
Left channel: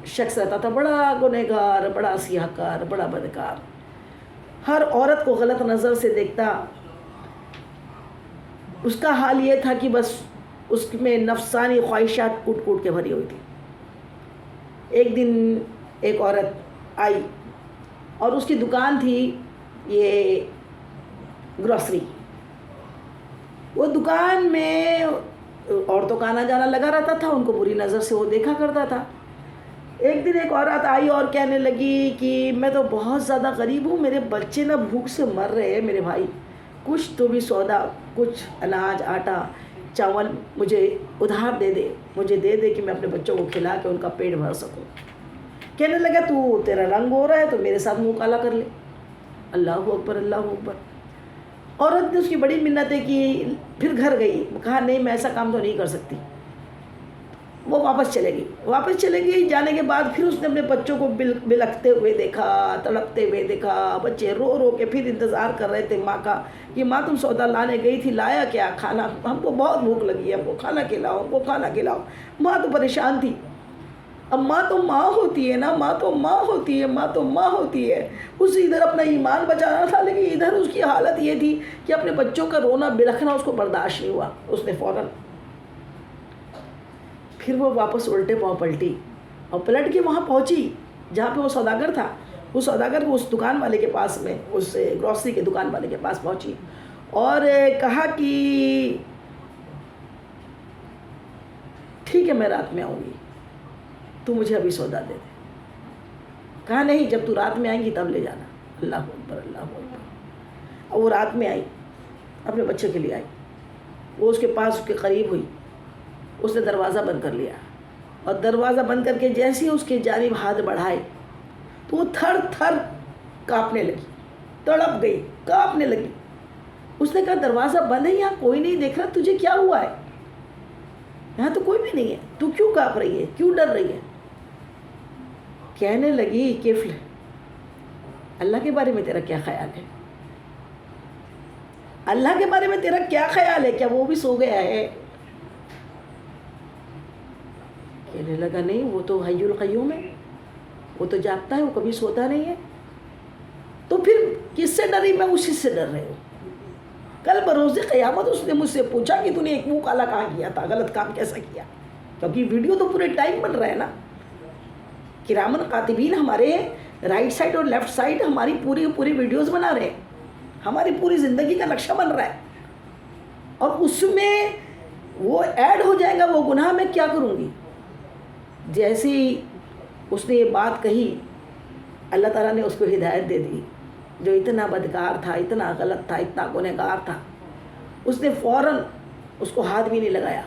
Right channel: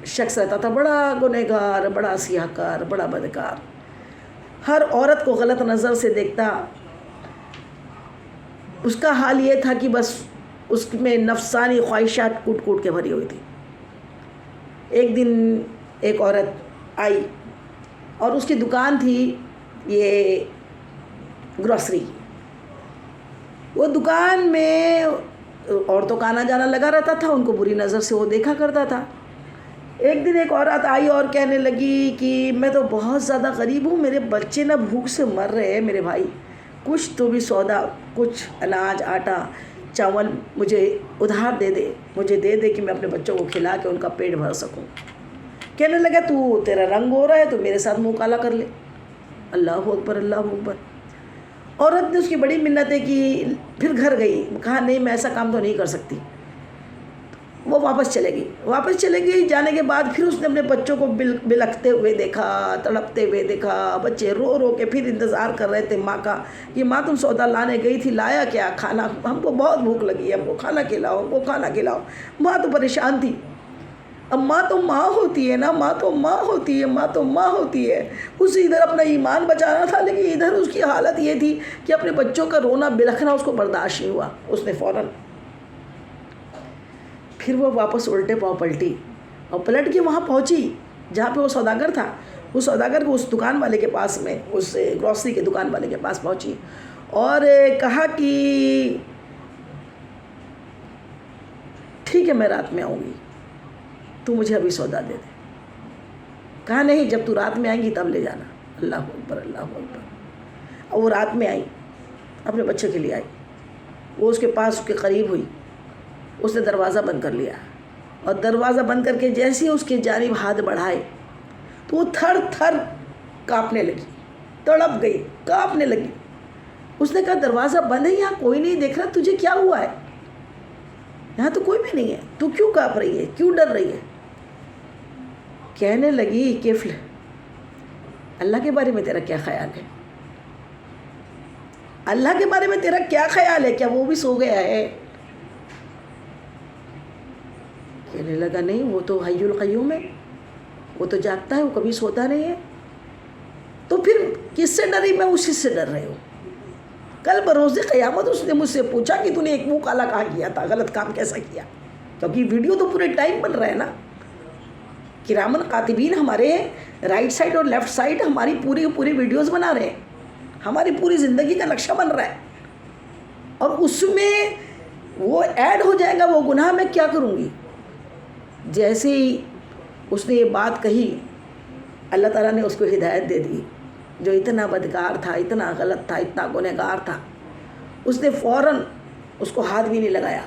شخص رہتا تھا، بڑا گنہگار، بڑا سیاہ کار، بڑا بدکار، ہر عورت کو غلط نظر سے دیکھتا. اس کا حال یہ تھا کہ بس اس میں نفسانی خواہشات کوٹ کوٹ کے بھری ہوئی تھی. ایک دن ایک عورت آئی اور اس کی دکان تھی یہ گروسری. وہ دکان میں عورتوں کا آنا جانا لگا رہتا تھا, ان کو بری نظر سے وہ دیکھا کرتا تھا. ایک دن ایک عورت آئی اور کہنے لگی کہ میں تو بہت زیادہ غریب ہوں, میرے بچے نا بھوک سے مر رہے ہیں, میرے بھائی کچھ تو بھی سودا, کچھ اناج, آٹا, چاول مجھے ادھار دے دے, مجھے دے دے کہ میں اپنے بچوں کو کھلا کے ان کا پیٹ بھر سکوں. کہنے لگا تو تیرا رنگ ہو رہا ہے تو میرے ساتھ منہ کالا کر لے. اللہ اکبر, اللہ اکبر. عورت نے اس کی بڑی منتیں کی, پھر گھر گئی, کہا نہیں میں ایسا کام تو نہیں کر سکتی. وہ واپس چلے گئی. جانے کے بعد پھر اس نے اپنے بچوں کو بلکتے ہوئے دیکھا, تڑپتے ہوئے دیکھا. بچے رو رو کے پھر انتظار کر رہے تھے ماں کا کہ ماں تم سودا لانے گئی تھی, لایا کیا؟ کھانا, ہم کو بہت بھوک لگی ہے, ہم کو کھانا کھلاؤ, ہم کو کھانا کھلاؤ. ماں تو پریشان تھی. اب ماں تو ماں ہوتی ہے نا, ماں تو ماں ہوتی ہے, ماں تو ماں ہوتی ہے. اسے ادھر اپنا ایمان بچانا تھا, لیکن ادھر اس کی حالت یہ تھی کہ اپنے بچوں کا رونا بلکنا اس کو برداشت نہیں ہوا. اس نے فوراً پھر وہ واپس الٹے پاؤں پلٹی اور پلٹ کے وہاں پہنچی جہاں پہ وہ سوداگر تھا. اس سوداگر کو اس دکان والے کے پاس میں, اس گروسری کے دکان والے کے پاس پہنچی اور کہا کہ ٹھیک ہے میں رات میں آؤں گی, تو مجھے ابھی سودا دے دے. کہا نہیں, جب تو رات میں آئیں گی تب لے جانا. اللہ اکبر, اللہ اکبر. اور وہ رات میں آئی, اپنے بچے کے لیے آئی. وہ اس کے پاس اس کے قریب ہوئی, اس نے دروازہ بند کر لیا اور دروازہ بند کر کے جیسے ہی اس کے جانب ہاتھ بڑھائے تو وہ تھر تھر کانپنے لگی, تڑپ گئی, کانپنے لگی. اس نے کہا دروازہ بند ہے, یہاں کوئی نہیں دیکھ رہا, تجھے کیا ہوا ہے؟ یہاں تو کوئی بھی نہیں ہے, تو کیوں کانپ رہی ہے, کیوں ڈر رہی ہے؟ کہنے لگی کفل, اللہ کے بارے میں تیرا کیا خیال ہے؟ اللہ کے بارے میں تیرا کیا خیال ہے, کیا وہ بھی سو گیا ہے؟ کہنے لگا نہیں, وہ تو حی القیوم ہے, وہ تو جاگتا ہے, وہ کبھی سوتا نہیں ہے. تو پھر کس سے ڈری؟ میں اسی سے ڈر رہی ہوں. کل بروز قیامت اس نے مجھ سے پوچھا کہ تو نے ایک منہ کالا کہاں کیا تھا, غلط کام کیسا کیا؟ کیونکہ ویڈیو تو پورے ٹائم بن رہا ہے نا. کرامن کاتبین ہمارے رائٹ سائڈ اور لیفٹ سائڈ ہماری پوری ویڈیوز بنا رہے ہیں, ہماری پوری زندگی کا نقشہ بن رہا ہے. اور اس میں وہ ایڈ ہو جائے گا وہ گناہ, میں کیا کروں گی؟ جیسے ہی اس نے یہ بات کہی, اللہ تعالیٰ نے اس کو ہدایت دے دی. جو اتنا بدکار تھا, اتنا غلط تھا, اتنا گنہگار تھا, اس نے فوراً اس کو ہاتھ بھی نہیں لگایا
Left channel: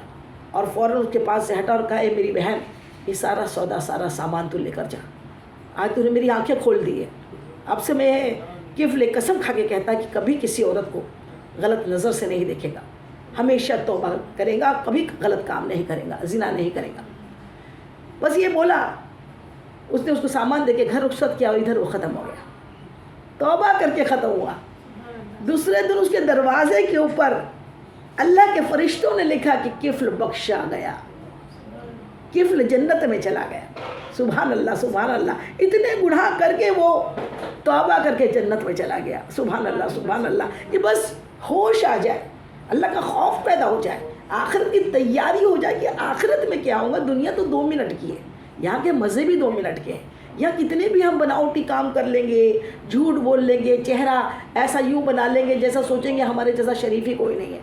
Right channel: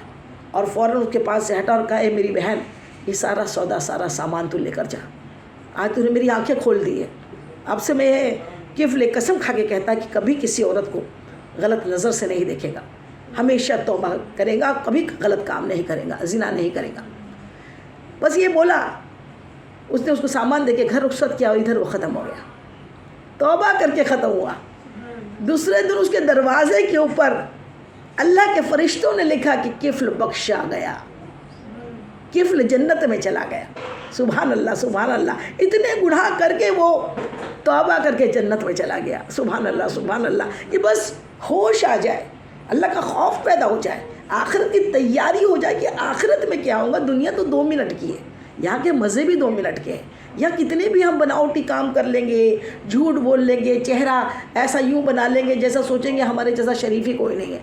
اور فوراً اس کے پاس سے ہٹا اور کہا, اے میری بہن, یہ سارا سودا, سارا سامان تو لے کر جا. آج تو نے میری آنکھیں کھول دی ہے. اب سے میں کفل قسم کھا کے کہتا کہ کبھی کسی عورت کو غلط نظر سے نہیں دیکھے گا, ہمیشہ توبہ کرے گا, کبھی غلط کام نہیں کرے گا, زنا نہیں کرے گا. بس یہ بولا, اس نے اس کو سامان دے کے گھر رخصت کیا اور ادھر وہ ختم ہو گیا, توبہ کر کے ختم ہوا. دوسرے دن اس کے دروازے کے اوپر اللہ کے فرشتوں نے لکھا کہ کفل بخشا گیا, کفل جنت میں چلا گیا. سبحان اللہ, سبحان اللہ. اتنے گناہ کر کے وہ توبہ کر کے جنت میں چلا گیا. سبحان اللہ, سبحان اللہ. یہ بس ہوش آ جائے, اللہ کا خوف پیدا ہو جائے, آخرت کی تیاری ہو جائے کہ آخرت میں کیا ہوگا. دنیا تو 2 منٹ کی ہے, یہاں کے مزے بھی 2 منٹ کے ہیں. یا کتنے بھی ہم بناوٹی کام کر لیں گے, جھوٹ بول لیں گے, چہرہ ایسا یوں بنا لیں گے جیسا سوچیں گے ہمارے جیسا شریف ہی کوئی نہیں ہے,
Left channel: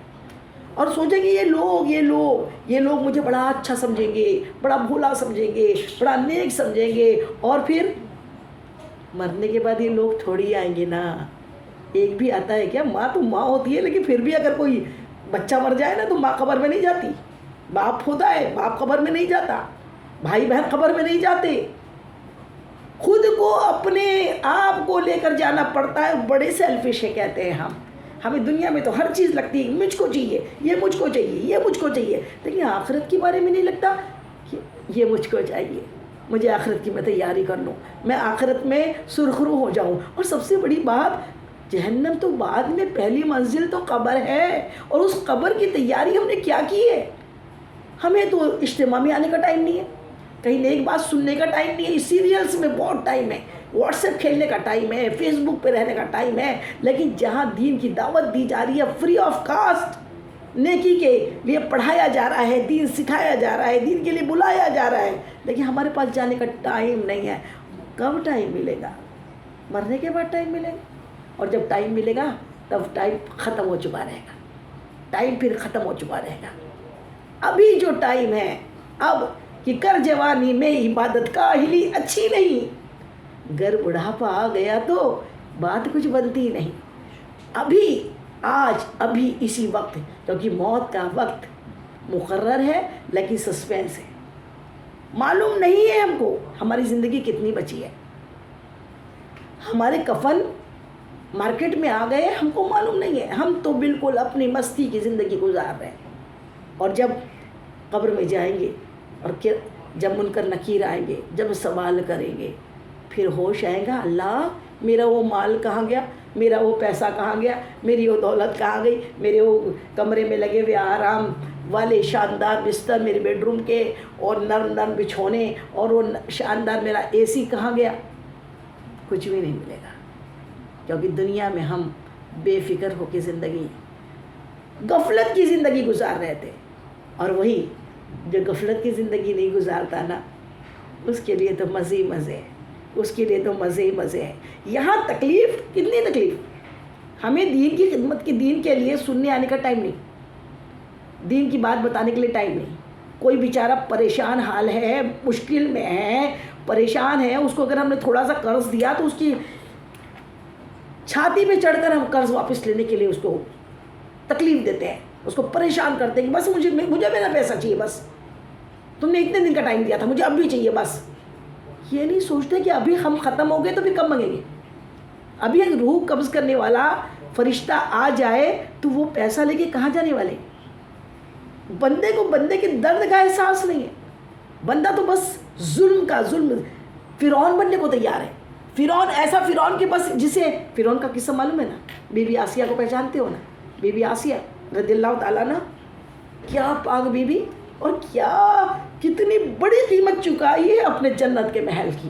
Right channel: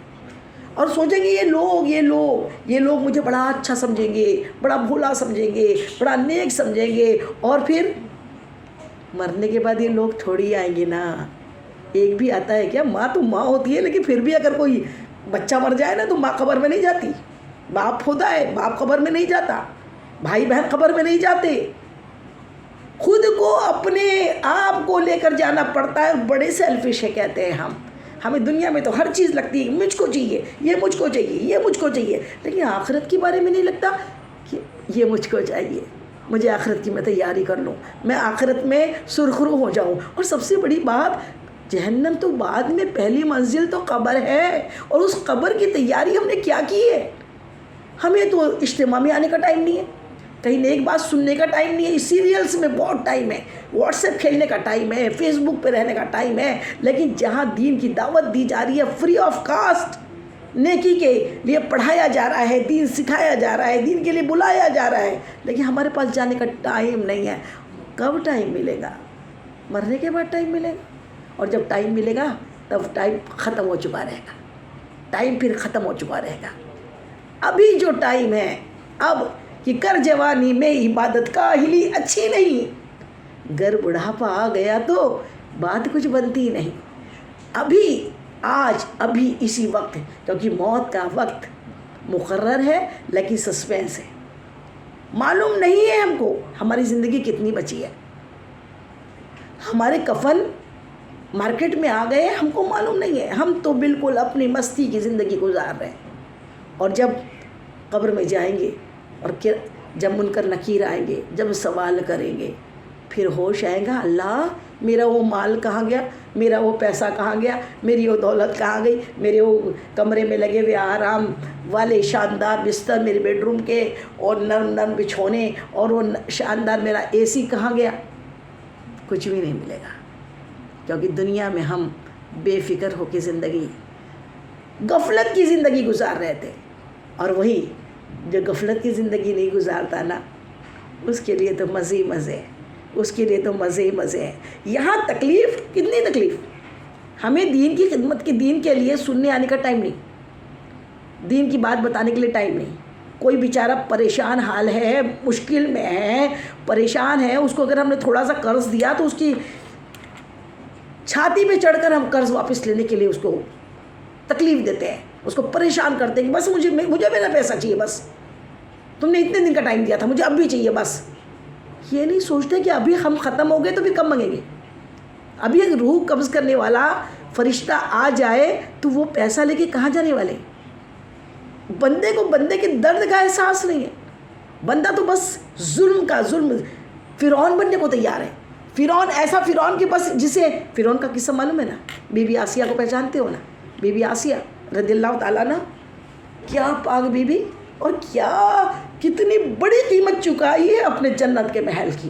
اور سوچیں گے یہ لوگ مجھے بڑا اچھا سمجھیں گے, بڑا بھولا سمجھیں گے, بڑا نیک سمجھیں گے. اور پھر مرنے کے بعد یہ لوگ تھوڑی آئیں گے نا. ایک بھی آتا ہے کیا, ماں تو ماں ہوتی ہے, لیکن پھر بھی اگر کوئی بچہ مر جائے نا تو ماں قبر میں نہیں جاتی, باپ ہوتا ہے باپ قبر میں نہیں جاتا, بھائی بہن قبر میں نہیں جاتے, خود کو اپنے آپ کو لے کر جانا پڑتا ہے. بڑے سیلفش ہے کہتے ہیں ہمیں دنیا میں تو ہر چیز لگتی ہے, مجھ کو چاہیے, یہ مجھ کو چاہیے, یہ مجھ کو چاہیے, لیکن آخرت کے بارے میں نہیں لگتا کہ یہ مجھ کو چاہیے, مجھے آخرت کی میں تیاری کر لوں, میں آخرت میں سرخرو ہو جاؤں. اور سب سے بڑی بات, جہنم تو بعد میں, پہلی منزل تو قبر ہے, اور اس قبر کی تیاری ہم نے کیا کی ہے. ہمیں تو اجتماع میں آنے کا ٹائم نہیں ہے, کہیں نیک بات سننے کا ٹائم نہیں ہے, سیریلز میں بہت ٹائم ہے, واٹس ایپ کھیلنے کا ٹائم ہے, فیس بک پہ رہنے کا ٹائم ہے. لیکن جہاں دین کی دعوت دی جا رہی ہے, فری آف کاسٹ نیکی کے لیے پڑھایا جا رہا ہے, دین سکھایا جا رہا ہے, دین کے لیے بلایا جا رہا ہے, لیکن ہمارے پاس جانے کا ٹائم نہیں ہے. کب ٹائم ملے گا؟ مرنے کے بعد ٹائم ملے گا. اور جب ٹائم ملے گا تب ٹائم ختم ہو چکا رہے گا، ٹائم پھر ختم ہو چکا رہے گا۔ ابھی جو ٹائم ہے اب کہ کر جوانی میں عبادت کاہلی اچھی نہیں، گر بڑھاپا آ گیا تو بات کچھ بنتی نہیں۔ ابھی آج ابھی اسی وقت، کیونکہ موت کا وقت مقرر ہے لیکن سسپینس ہے، معلوم نہیں ہے ہم کو ہماری زندگی کتنی بچی ہے۔ ہمارے کفن مارکیٹ میں آ گئے، ہم کو معلوم نہیں ہے، ہم تو بالکل اپنی مستی کی زندگی گزار رہے ہیں۔ اور جب قبر میں جائیں گے اور جب منکر نکیر آئیں گے، جب سوال کریں گے، پھر ہوش آئے گا، اللہ میرا وہ مال کہاں گیا، میرا وہ پیسہ کہاں گیا، میری وہ دولت کہاں گئی، میرے وہ کمرے میں لگے ہوئے آرام والے شاندار بستر میرے بیڈ روم کے، اور نرم نرم بچھونے، اور وہ شاندار میرا اے سی کہاں گیا؟ کچھ بھی نہیں ملے گا، کیونکہ دنیا میں ہم بے فکر ہو کے زندگی، غفلت کی زندگی گزار رہے تھے۔ اور وہی جو غفلت کی زندگی نہیں گزارتا نا، اس کے لیے تو مزے ہی مزے ہیں، اس کے لیے تو مزے ہی مزے ہیں۔ یہاں تکلیف، کتنی تکلیف، ہمیں دین کی خدمت کی، دین کے لیے سننے آنے کا ٹائم نہیں، دین کی بات بتانے کے لیے ٹائم نہیں۔ کوئی بیچارہ پریشان حال ہے، مشکل میں ہے، پریشان ہے، اس کو اگر ہم نے تھوڑا سا قرض دیا تو اس کی چھاتی پہ چڑھ کر ہم قرض واپس لینے کے لیے اس کو تکلیف دیتے ہیں، اس کو پریشان کرتے ہیں کہ بس مجھے میرا پیسہ چاہیے، بس تم نے اتنے دن کا ٹائم دیا تھا، مجھے اب بھی چاہیے بس۔ یہ نہیں سوچتے کہ ابھی ہم ختم ہو گئے تو پھر کب مانگیں گے؟ ابھی ایک روح قبض کرنے والا فرشتہ آ جائے تو وہ پیسہ لے کے کہاں جانے والے؟ بندے کو بندے کے درد کا احساس نہیں ہے، بندہ تو بس ظلم کا ظلم، فرعون بننے کو تیار ہے۔ فرعون ایسا فرعون کہ بس جسے فرعون کا قصہ معلوم ہے نا، بی بی آسیہ کو پہچانتے ہو نا؟ بی بی آسیہ رضی اللہ تعالیٰ عنہ، کیا پاک بی بی، اور کیا کتنی بڑی قیمت چکائی ہے اپنے جنت کے محل کی،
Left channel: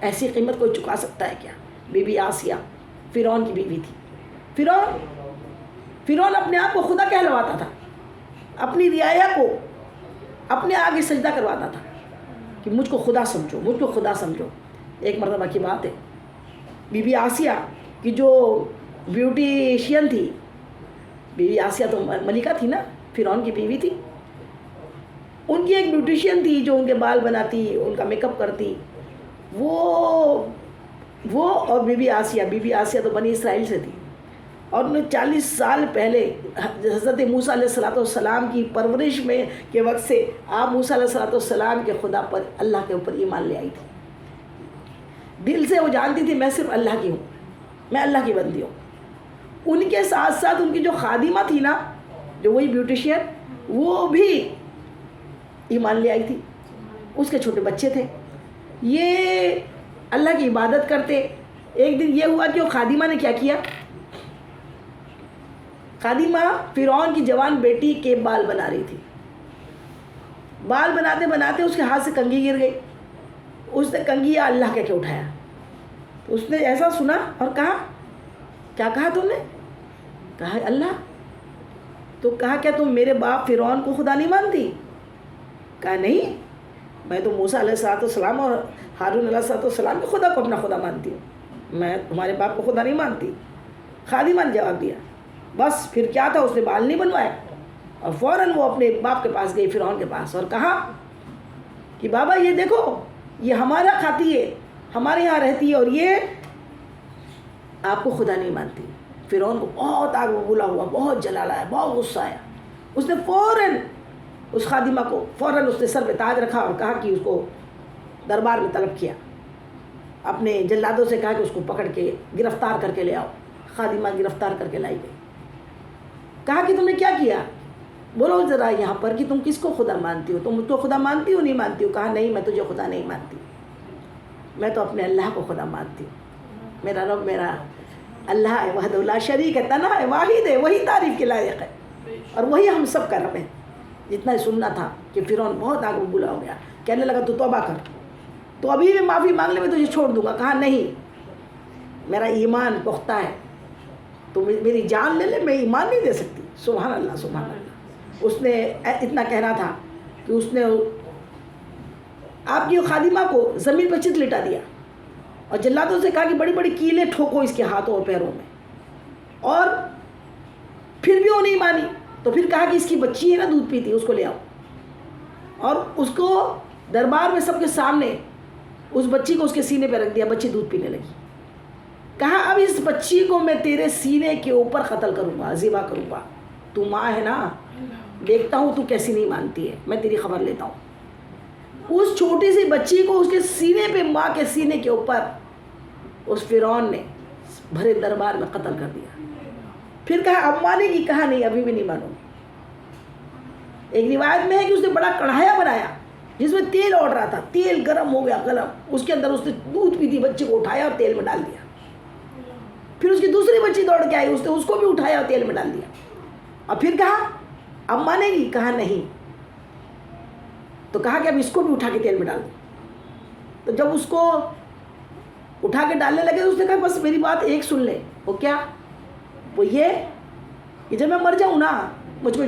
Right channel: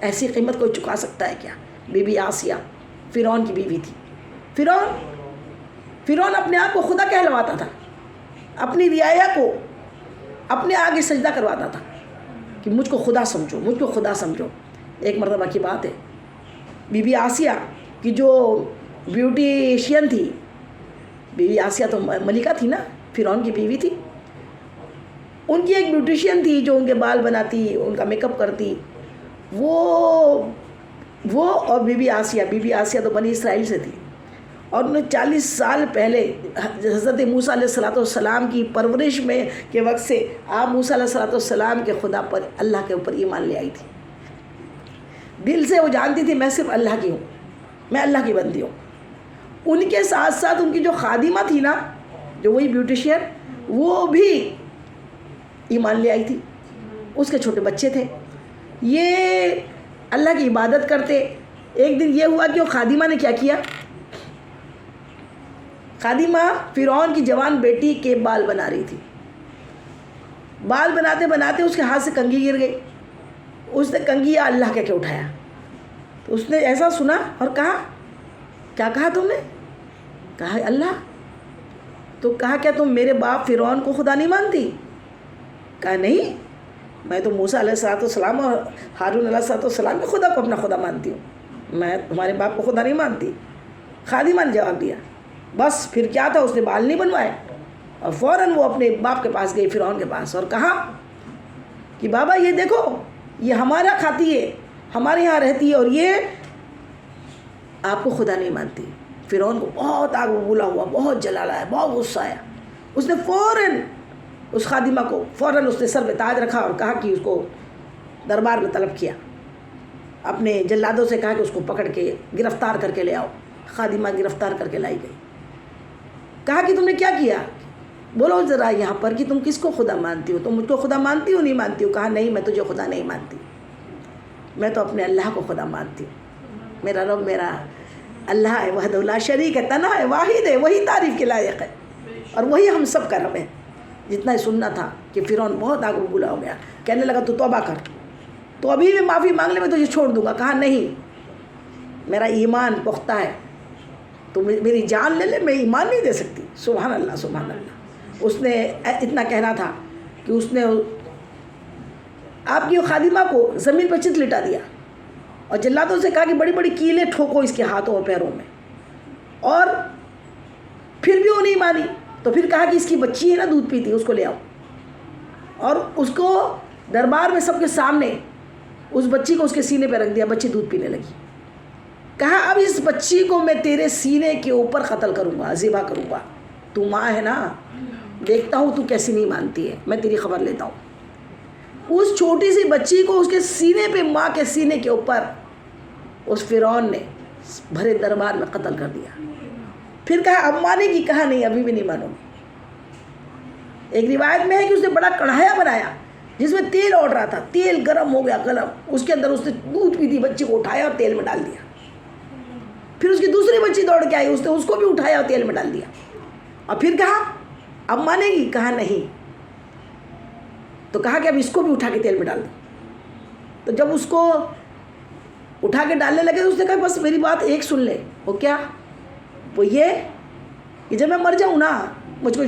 ایسی قیمت کوئی چکا سکتا ہے کیا؟ بی بی آسیہ فرعون کی بیوی تھی۔ فرعون اپنے آپ کو خدا کہلواتا تھا، اپنی رعایا کو اپنے آگے سجدہ کرواتا تھا کہ مجھ کو خدا سمجھو، مجھ کو خدا سمجھو۔ ایک مرتبہ کی بات ہے، بی بی آسیہ کی جو بیوٹیشین تھی، بی بی آسیہ تو ملکہ تھی نا، فرعون کی بیوی تھی، ان کی ایک بیوٹیشین تھی جو ان کے بال بناتی، ان کا میک اپ کرتی، وہ اور بی بی آسیہ تو بنی اسرائیل سے تھی، اور انہیں 40 سال پہلے حضرت موسیٰ علیہ السلام کی پرورش میں کے وقت سے آپ موسیٰ علیہ السلام کے خدا پر، اللہ کے اوپر ایمان لے آئی تھی۔ دل سے وہ جانتی تھی میں صرف اللہ کی ہوں، میں اللہ کی بندی ہوں۔ ان کے ساتھ ساتھ ان کی جو خادمہ تھی نا، جو وہی بیوٹیشین، وہ بھی ایمان لے آئی تھی، اس کے چھوٹے بچے تھے، یہ اللہ کی عبادت کرتے۔ ایک دن یہ ہوا کہ وہ خادمہ نے کیا کیا، خادمہ فرعون کی جوان بیٹی کے بال بنا رہی تھی، بال بناتے بناتے اس کے ہاتھ سے کنگھی گر گئی، اس نے کنگھی اللہ کہہ کے اٹھایا، تو اس نے ایسا سنا اور کہا، کیا کہا تم نے؟ کہا اللہ۔ تو کہا کیا تم میرے باپ فرعون کو خدا نہیں مانتی؟ کہا نہیں، میں تو موسیٰ علیہ السلام اور ہارون علیہ السلام کے خدا کو اپنا خدا مانتی ہوں، میں تمہارے باپ کو خدا نہیں مانتی۔ خادمہ نے جواب دیا، بس پھر کیا تھا، اس نے بال نہیں بنوائے، اور فوراً وہ اپنے باپ کے پاس گئی، فرعون کے پاس، اور کہا کہ بابا یہ دیکھو، یہ ہمارا کھاتی ہے، ہمارے یہاں رہتی ہے، اور یہ آپ کو خدا نہیں مانتی۔ فرعون کو بہت آگ ببولا ہوا، بہت جلال آیا، بہت غصہ آیا، اس نے فوراً اس خادمہ کو فوراً اس نے سر پہ تاج رکھا اور کہا کہ اس کو دربار میں طلب کیا، اپنے جلادوں سے کہا کہ اس کو پکڑ کے گرفتار کر کے لے آؤ۔ خادمہ گرفتار کر کے لائی گئی، کہا کہ تم نے کیا کیا، بولو ذرا یہاں پر کہ تم کس کو خدا مانتی ہو، تم مجھ کو خدا مانتی ہو نہیں مانتی ہو؟ کہا نہیں، میں تجھے خدا نہیں مانتی، میں تو اپنے اللہ کو خدا مانتی ہوں، میرا رب میرا اللہ ہے، وحدہ لا شریک ہے، تنہا ہے، واحد ہے، وہی تعریف کے لائق ہے، اور وہی ہم سب کا رب ہے۔ جتنا ہی سننا تھا کہ فرعون بہت آگ ببولا ہو گیا، کہنے لگا تو توبہ کر، تو ابھی بھی معافی مانگ لے، میں تجھے چھوڑ دوں گا۔ کہا نہیں، میرا ایمان پختہ ہے، تو میری جان لے لے، میں ایمان نہیں دے سکتی۔ سبحان اللہ سبحان اللہ۔ اس نے اتنا کہنا تھا کہ اس نے آپ کی خادمہ کو زمین پر چت لٹا دیا اور جلادوں سے کہا کہ بڑی بڑی کیلیں ٹھوکو اس کے ہاتھوں اور پیروں میں، اور پھر بھی وہ نہیں مانی. تو پھر کہا کہ اس کی بچی ہے نا دودھ پیتی، اس کو لے آؤ، اور اس کو دربار میں سب کے سامنے اس بچی کو اس کے سینے پہ رکھ دیا. بچی دودھ پینے لگی. کہا اب اس بچی کو میں تیرے سینے کے اوپر قتل کروں گا، ذبح کروں گا. تو ماں ہے نا، دیکھتا ہوں تو کیسی نہیں مانتی ہے، میں تیری خبر لیتا ہوں. اس چھوٹی سی بچی کو اس کے سینے پہ، ماں کے سینے کے اوپر اس فرعون نے بھرے دربار میں قتل کر دیا. پھر کہا اب مانے گی؟ کہا نہیں، ابھی بھی نہیں مانوں گی. ایک روایت میں ہے کہ اس نے بڑا کڑھایا بنایا جس میں تیل اوڑ رہا تھا. تیل گرم ہو گیا، گرم، اس کے اندر اس نے دودھ پیتی بچی کو اٹھایا اور تیل میں ڈال دیا. پھر اس کی دوسری بچی دوڑ کے آئی، اس نے اس کو بھی اٹھایا اور تیل میں ڈال دیا. اور پھر کہا اب مانے گی؟ کہا نہیں. تو کہا کہ اب اس کو بھی اٹھا کے تیل میں ڈال دو. تو جب اس کو اٹھا کے ڈالنے لگے تو اس نے کہا بس میری بات ایک سن لے. وہ کیا؟ وہ یہ کہ جب میں مر جاؤں نا، مجھ کو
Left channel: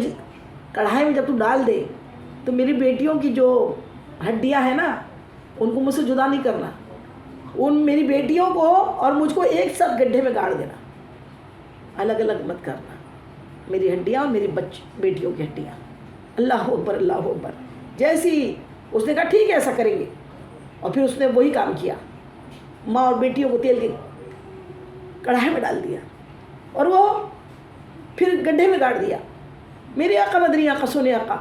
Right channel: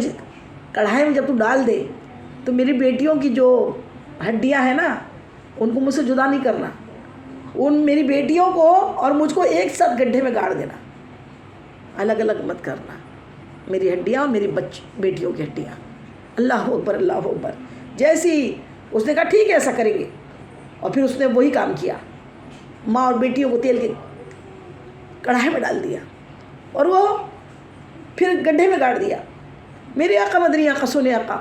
کڑھائی میں جب تو ڈال دے تو میری بیٹیوں کی جو ہڈیاں ہیں نا ان کو مجھ سے جدا نہیں کرنا. ان میری بیٹیوں کو اور مجھ کو ایک ساتھ گڈھے میں گاڑ دینا، الگ الگ مت کرنا. میری ہڈیاں اور میری بیٹیوں کی ہڈیاں. اللہ اکبر، اللہ اکبر. جیسی اس نے کہا ٹھیک ہے ایسا کریں گے. اور پھر اس نے وہی کام کیا، ماں اور بیٹیوں کو تیل کے کڑھائی میں ڈال دیا اور وہ پھر گڈھے میں گاڑ دیا. میرے آقا مدنی آقا، سونے آقا،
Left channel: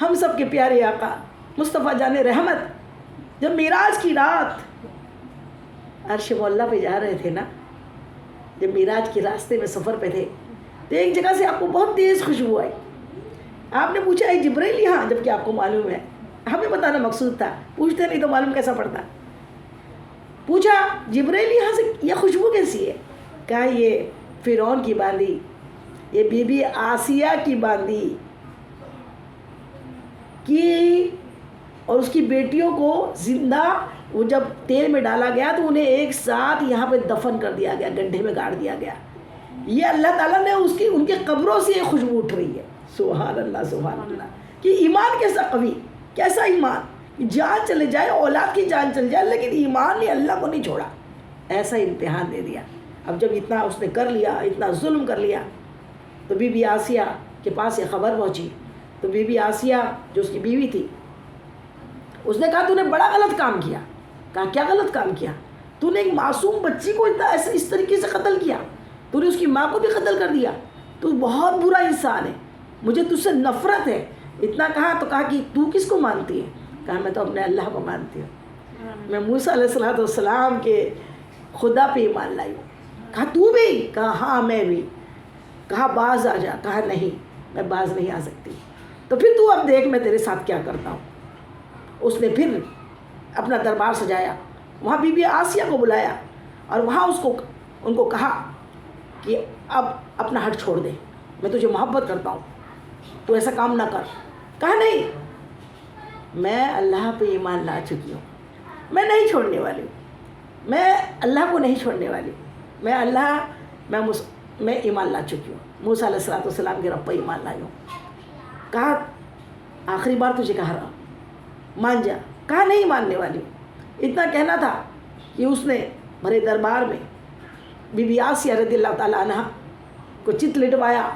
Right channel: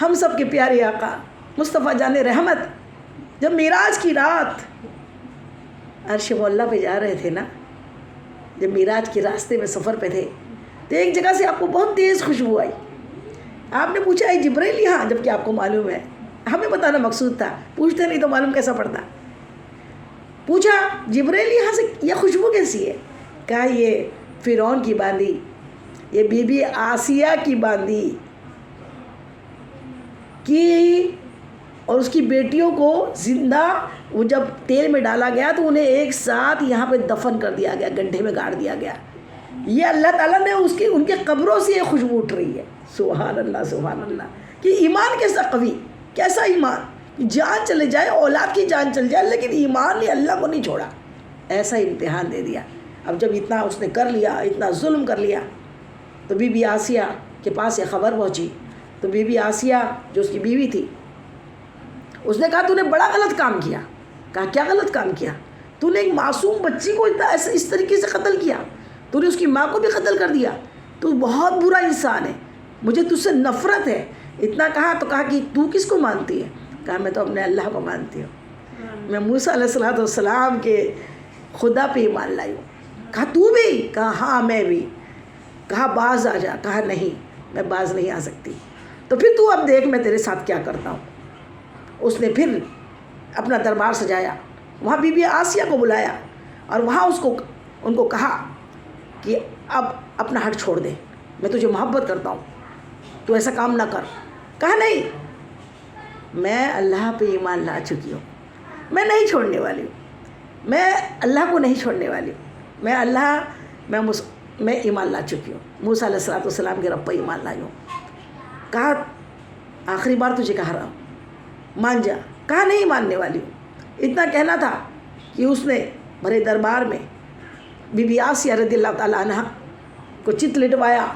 ہم سب کے پیارے آقا مصطفیٰ جان رحمت، جب معراج کی رات عرش مولا پہ جا رہے تھے نا، جب معراج کے راستے میں سفر پہ تھے تو ایک جگہ سے آپ کو بہت تیز خوشبو آئی. آپ نے پوچھا اے جبرائیل یہاں؟ جب کہ آپ کو معلوم ہے، ہمیں بتانا مقصود تھا، پوچھتے نہیں تو معلوم کیسا پڑتا. پوچھا جبرائیل یہاں سے یہ خوشبو کیسی ہے؟ کہا یہ فرعون کی باندھی، یہ بی بی آسیہ کی باندھی کی، اور اس کی بیٹیوں کو زندہ وہ جب تیل میں ڈالا گیا تو انہیں ایک ساتھ یہاں پہ دفن کر دیا گیا، گڈھے میں گاڑ دیا گیا. یہ اللہ تعالیٰ نے ان کے قبروں سے یہ خوشبو اٹھ رہی ہے. سبحان اللہ، سبحان اللہ. کہ ایمان کیسا قوی، کیسا ایمان، جان چلے جائے، اولاد کی جان چل جائے، لیکن ایمان نے اللہ کو نہیں چھوڑا. ایسا امتحان دے دیا. اب جب اتنا اس نے کر لیا، اتنا ظلم کر لیا، تو بی بی آسیہ کے پاس یہ خبر پہنچی. تو بی بی آسیہ جو اس کی بیوی تھی، اس نے کہا تو نے بڑا غلط کام کیا. کہا کیا غلط کام کیا؟ تو نے ایک معصوم بچی کو اس طریقے سے قتل کیا، تو نے اس کی ماں کو بھی قتل کر دیا، تو بہت برا انسان ہے، مجھے تجھ سے نفرت ہے. اتنا کہا تو کہا کہ تو کس کو مانتی ہے؟ کہا میں تو اپنے اللہ کو مانتی ہوں، میں موسیٰ علیہ السلام کے خدا پہ ایمان لائی ہوں. کہا تو بھی؟ کہا ہاں میں بھی. کہا باز آ جا. کہا نہیں، میں باز نہیں آ سکتی. تو پھر تو اب دیکھ میں تیرے ساتھ کیا کرتا ہوں. اس نے پھر اپنا دربار سجایا، وہاں بی بی آسیہ کو بلایا اور وہاں ان کو کہا کہ اب اپنا ہٹ چھوڑ دے، میں تجھے محبت کرتا ہوں، تو ایسا کام نہ کر. کہا نہیں، میں اللہ پہ ایمان لا چکی ہوں، میں نہیں چھوڑنے والی ہوں، میں اللہ کو نہیں چھوڑنے والی ہوں، میں ایمان لا چکی ہوں، موسیٰ علیہ السلام کے رب پہ ایمان لائی ہوں. کہا آخری بار تجھے کہہ رہا ہوں، مان جا. کہا نہیں ماننے والی ہوں. اتنا کہنا تھا کہ اس نے بھرے دربار میں بی بی آسیہ رضی اللہ تعالیٰ عنہ کو چت لٹوایا،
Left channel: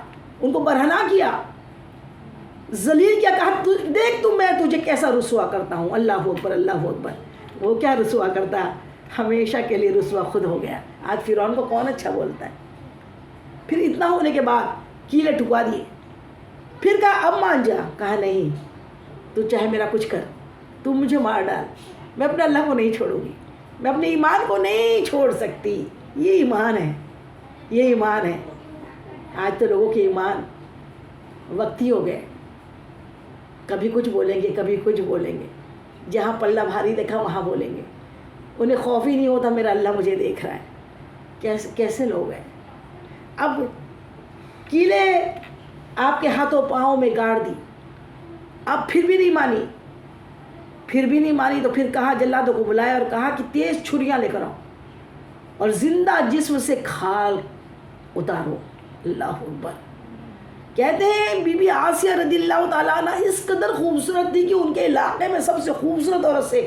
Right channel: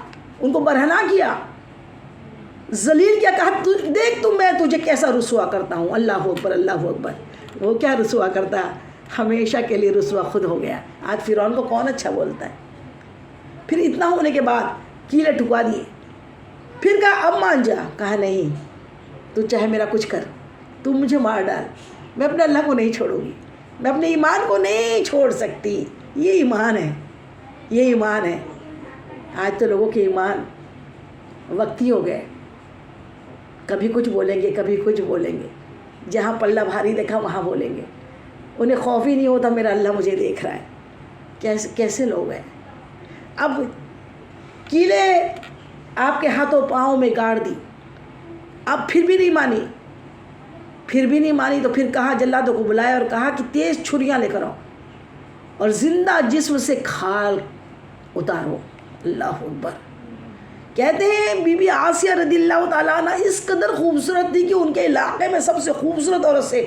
ان کو برہنا کیا، ذلیل کیا. کہا دیکھ تو میں تجھے کیسا رسوا کرتا ہوں. اللہ اکبر، اللہ اکبر. وہ کیا رسوا کرتا، ہمیشہ کے لیے رسوا خود ہو گیا. آج فرعون کو کون اچھا بولتا ہے. پھر اتنا ہونے کے بعد کیلے ٹھکوا دیے. پھر کہا اب مان جا. کہا نہیں، تو چاہے میرا کچھ کر، تو مجھے مار ڈال، میں اپنے اللہ کو نہیں چھوڑوں گی، میں اپنے ایمان کو نہیں چھوڑ سکتی. یہ ایمان ہے، یہ ایمان ہے. آج تو لوگوں کے ایمان وقتی ہو گئے، کبھی کچھ بولیں گے، کبھی کچھ بولیں گے، جہاں پلہ بھاری دیکھا وہاں بولیں گے. انہیں خوف ہی نہیں ہوتا میرا اللہ مجھے دیکھ رہا ہے. کیسے لوگ ہیں. اب کیلے آپ کے ہاتھوں پاؤں میں گاڑ دی، اب پھر بھی نہیں مانی. تو پھر کہا جلادوں کو بلایا اور کہا کہ تیز چھریاں لے کر آؤ اور زندہ جسم سے کھال اتارو. اللہ اکبر. کہتے ہیں بی بی آسیہ رضی اللہ تعالیٰ عنہ اس قدر خوبصورت تھی کہ ان کے علاقے میں سب سے خوبصورت عورت سے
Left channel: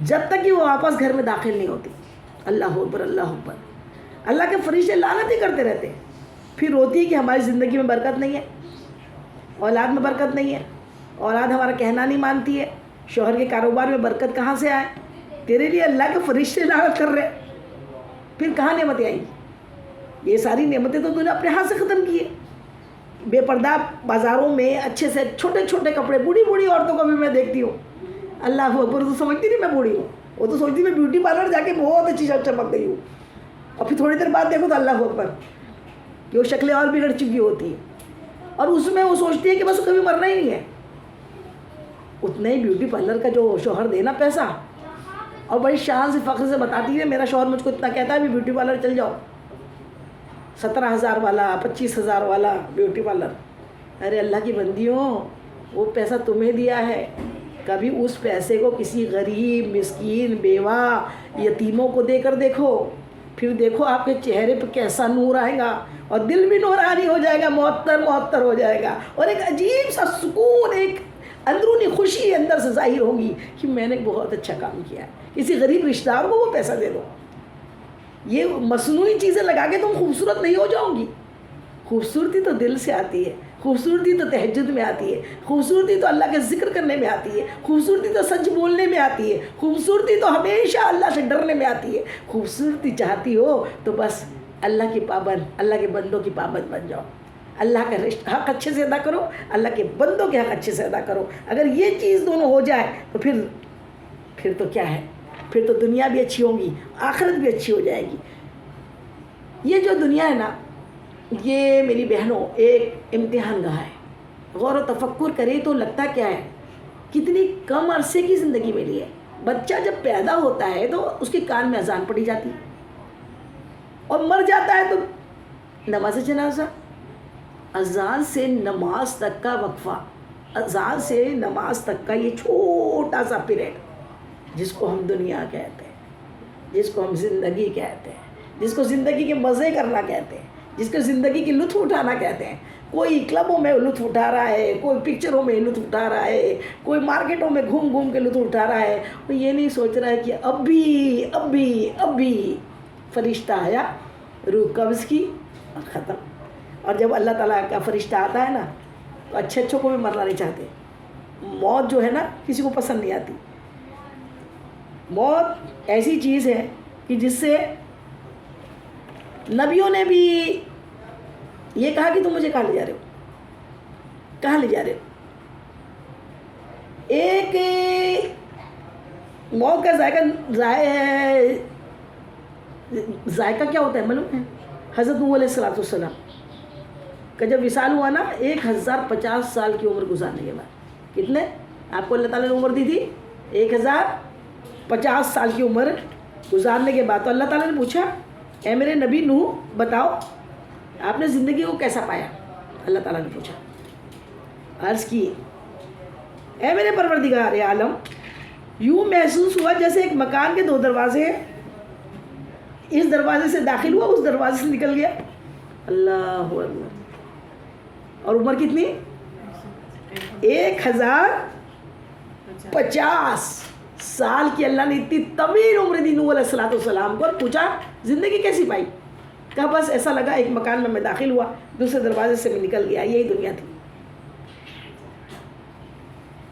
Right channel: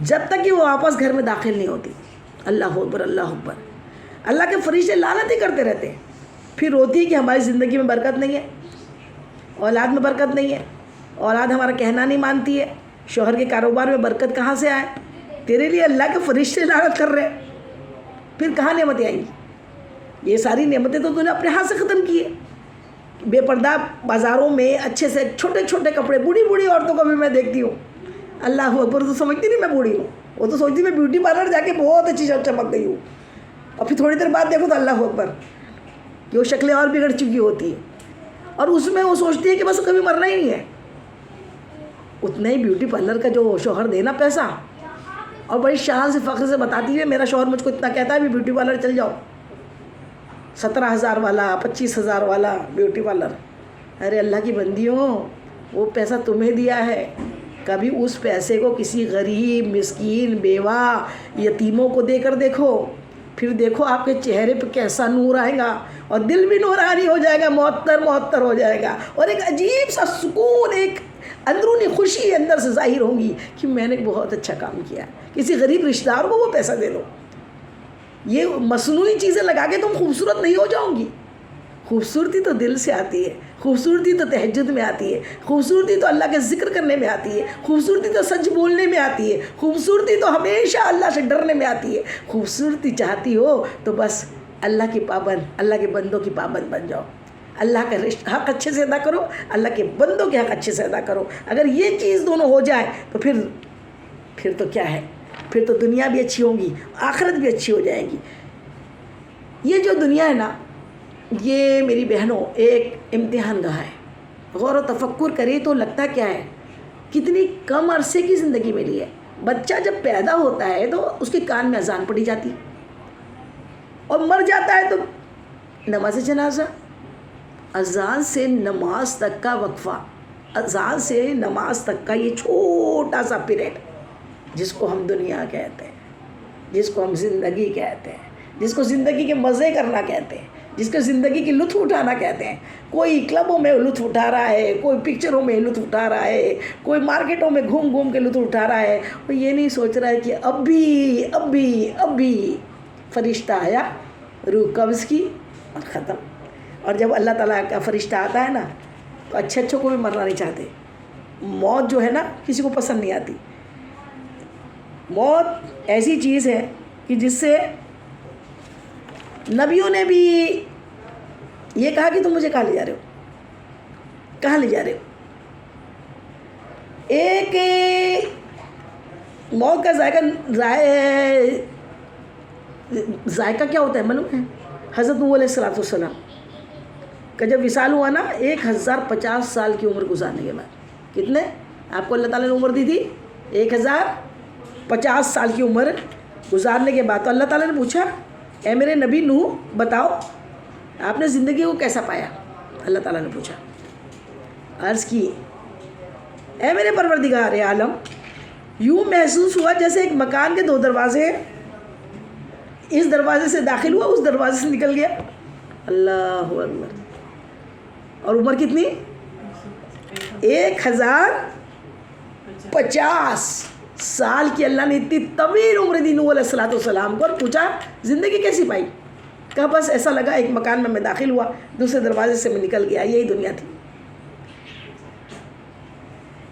جب تک کہ وہ واپس گھر میں داخل نہیں ہوتی. اللہ اکبر اللہ اکبر. اللہ کے فرشتے لعنت ہی کرتے رہتے ہیں. پھر روتی ہے کہ ہماری زندگی میں برکت نہیں ہے, اولاد میں برکت نہیں ہے, اولاد ہمارا کہنا نہیں مانتی ہے, شوہر کے کاروبار میں برکت کہاں سے آئے, تیرے لیے اللہ کے فرشتے لعنت کر رہے ہیں, پھر کہاں نعمتیں آئیں گی؟ یہ ساری نعمتیں تو نے اپنے ہاتھ سے ختم کی ہے. بے پردہ بازاروں میں اچھے سے چھوٹے چھوٹے کپڑے, بوڑھی بوڑھی عورتوں کو بھی میں دیکھتی ہوں, اللہ اکبر, تو سمجھتی نہیں میں بوڑھی ہوں, وہ تو سوچتی میں بیوٹی پارلر جا کے بہت اچھی چمک گئی ہوں, اور پھر تھوڑی دیر بعد دیکھو تو اللہ اکبر کہ وہ شکلیں اور بگڑ چکی ہوتی ہیں, اور اس میں وہ سوچتی ہے کہ بس کبھی مرنا ہی نہیں ہے. اتنا ہی بیوٹی پارلر کا جو شوہر دینا پیسہ, اور بڑی شان سے فخر سے بتاتی ہے میرا شوہر مجھ کو اتنا کہتا ہے بھی بیوٹی پارلر چل جاؤ, 17,000 والا 25,000 والا بیوٹی پارلر. ارے اللہ کی بندیوں, وہ پیسہ تمہیں دیا ہے, کبھی اس پیسے کو کسی غریب مسکین بیوہ یتیموں کو دے کر دیکھو, پھر دیکھو آپ کے چہرے پہ کیسا نور آئے گا, اور دل بھی نورانی ہو جائے گا, معطر ہو جائے گا, اور ایک عجیب سا سکون, ایک اندرونی خوشی اندر سے ظاہر ہوگی کہ میں نے بہت اچھا کام کیا. کسی غریب رشتہ دار کو وہ پیسہ دے دو. یہ مصنوعی چیزیں لگا کے تم خوبصورت نہیں ہو جاؤ گی. خوبصورتی تو دل سے آتی ہے, خوبصورتی تو تہجد میں آتی ہے, خوبصورتی تو اللہ کے ذکر کرنے میں آتی ہے, خوبصورتی تو سچ بولنے میں آتی ہے, خوبصورتی تو ہمیشہ اللہ سے ڈرنے میں آتی ہے. خوبصورتی چاہتی ہو تو بس اللہ کی پابند, اللہ کے بندوں کی پابند بن جاؤ. اللہ کا حق اچھے سے ادا کرو, اللہ کے بندوں کے حق اچھے سے ادا کرو. اگر یہ چیز دونوں ہو جائے تو پھر تو کیا ہے, پھر تو دنیا بھی اچھی ہوگی, آخرت بھی اچھی ہو جائے گی. یہ جو دنیا ہے نا, یہ میری بہنوں ایک امتحان گاہ ہے. غور و تفکر کرے تو لگتا کیا ہے, کتنی کم عرصے کی زندگی ملی ہے. بچہ جب پیدا ہوتا ہے تو اس کے کان میں اذان پڑی جاتی ہے, اور مر جاتا ہے تو نماز جنازہ. اذان سے نماز تک کا وقفہ, اذان سے نماز تک کا یہ چھوٹا سا پیریڈ, جس کو ہم دنیا کہتے ہیں, جس کو ہم زندگی کہتے ہیں, جس کو زندگی کے مزے کرنا کہتے ہیں, جس کو زندگی کی لطف اٹھانا کہتے ہیں. کوئی کلبوں میں لطف اٹھا رہا ہے, کوئی پکچروں میں لطف اٹھا رہا ہے, کوئی مارکیٹوں میں گھوم گھوم کے لطف اٹھا رہا ہے. وہ یہ نہیں سوچ رہا ہے کہ اب بھی فرشتہ آیا, روح قبض کی اور ختم. اور جب اللہ تعالیٰ کا فرشتہ آتا ہے نا, تو اچھوں کو بھی مرنا نہیں چاہتے. موت جو ہے نا کسی کو پسند نہیں آتی. موت ایسی چیز ہے کہ جس سے نبیوں نے بھی یہ کہا کہ تم مجھے کہاں لے جا رہے ہو, کہاں لے جا رہے ہو. ایک موت کا ذائقہ کیا ہوتا ہے معلوم ہے؟ حضرت نوح علیہ السلام کا جب وصال ہوا نا, 1050 سال کی عمر گزارنے کے بعد, کتنے آپ کو اللہ تعالیٰ نے عمر دی تھی؟ 1050 سال کی عمر گزارنے کے بعد تو اللہ تعالیٰ نے پوچھا, اے میرے نبی نوح بتاؤ آپ نے زندگی کو کیسا پایا. اللہ تعالیٰ نے پوچھا, عرض کی اے میرے پروردگار عالم, یوں محسوس ہوا جیسے ایک مکان کے 2 دروازے ہیں, اس دروازے سے داخل ہوا, اس دروازے سے نکل گیا. اللہ اکبر. اور عمر کتنی؟ 1050 سال کی. اللہ نے اتنی طویل عمر دی نوح علیہ السلام کو, اور پوچھا زندگی کیسی پائی. کہا بس ایسا لگا ایک مکان میں داخل ہوا, دوسرے دروازے سے میں نکل گیا, یہی دنیا تھی.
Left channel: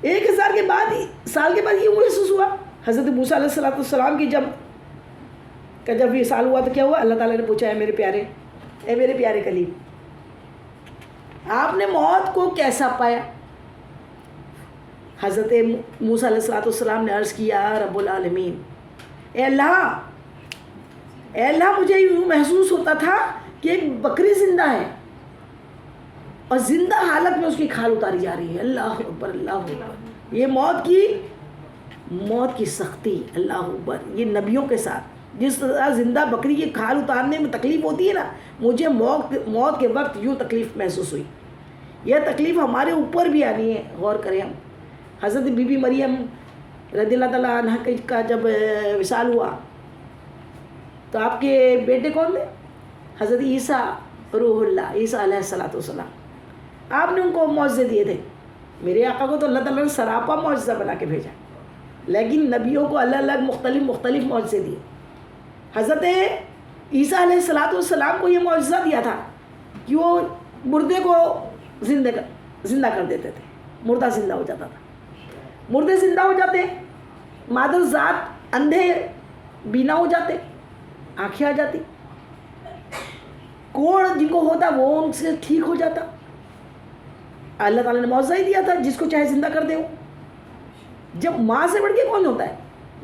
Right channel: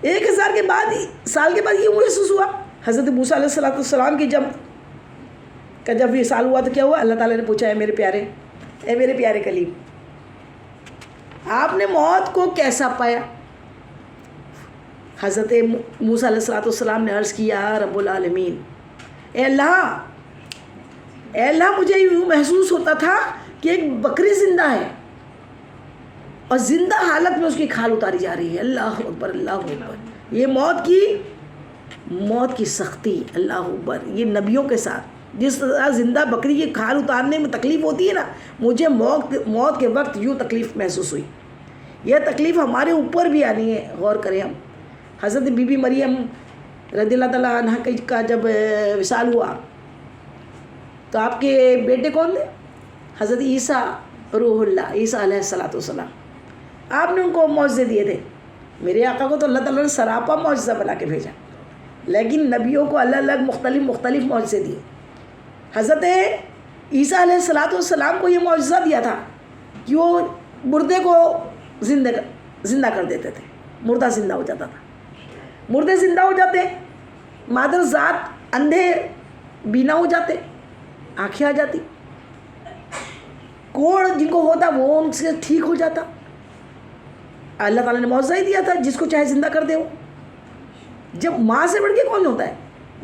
1000 سال کے بعد یہ محسوس ہوا. حضرت موسیٰ علیہ السلام کی جب وصال ہوا تو کیا ہوا؟ اللہ تعالیٰ نے پوچھا اے میرے پیارے کلیم, آپ نے موت کو کیسا پایا؟ حضرت موسیٰ علیہ السلام نے عرض کیا, رب العالمین, اے اللہ مجھے یوں محسوس ہوتا تھا کہ ایک بکری زندہ ہے, اور زندہ حالت میں اس کی کھال اتاری جا رہی ہے. اللہ اکبر اللہ اکبر. یہ موت کی سختی, اللہ اکبر. یہ نبیوں کے ساتھ جس طرح زندہ بکری کی کھال اتارنے میں تکلیف ہوتی ہے نا, مجھے موت کے وقت یوں تکلیف محسوس ہوئی. یہ تکلیف ہمارے اوپر بھی آنی ہے. غور کریں ہم. حضرت بی بی مریم رضی اللہ تعالیٰ عنہ کا جب وصال ہوا تو آپ کے بیٹے کون تھے؟ حضرت عیسیٰ روح اللہ, عیسیٰ علیہ السلام. آپ نے ان کو معجزے دیے تھے. میرے آقا کو تو اللہ تعالیٰ نے سراپا معجزہ بنا کے بھیجا. لیکن نبیوں کو الگ الگ مختلف معجزے دیے. حضرت عیسیٰ علیہ السلام کو یہ معجزہ دیا تھا کہ وہ مردے کو زندہ کر دیتے تھے. مردہ زندہ ہو جاتا تھا. مردے زندہ ہو جاتے, مادر ذات اندھے بینا ہو جاتے, آنکھیں آ جاتی. کوڑ جن کو ہوتا وہ ان سے ٹھیک ہو جاتا. اللہ تعالیٰ نے معجزہ ہی دیا تھا, جس کو چاہے زندہ کر دے. وہ جب ماں سے بڑھ کے کون ہوتا ہے؟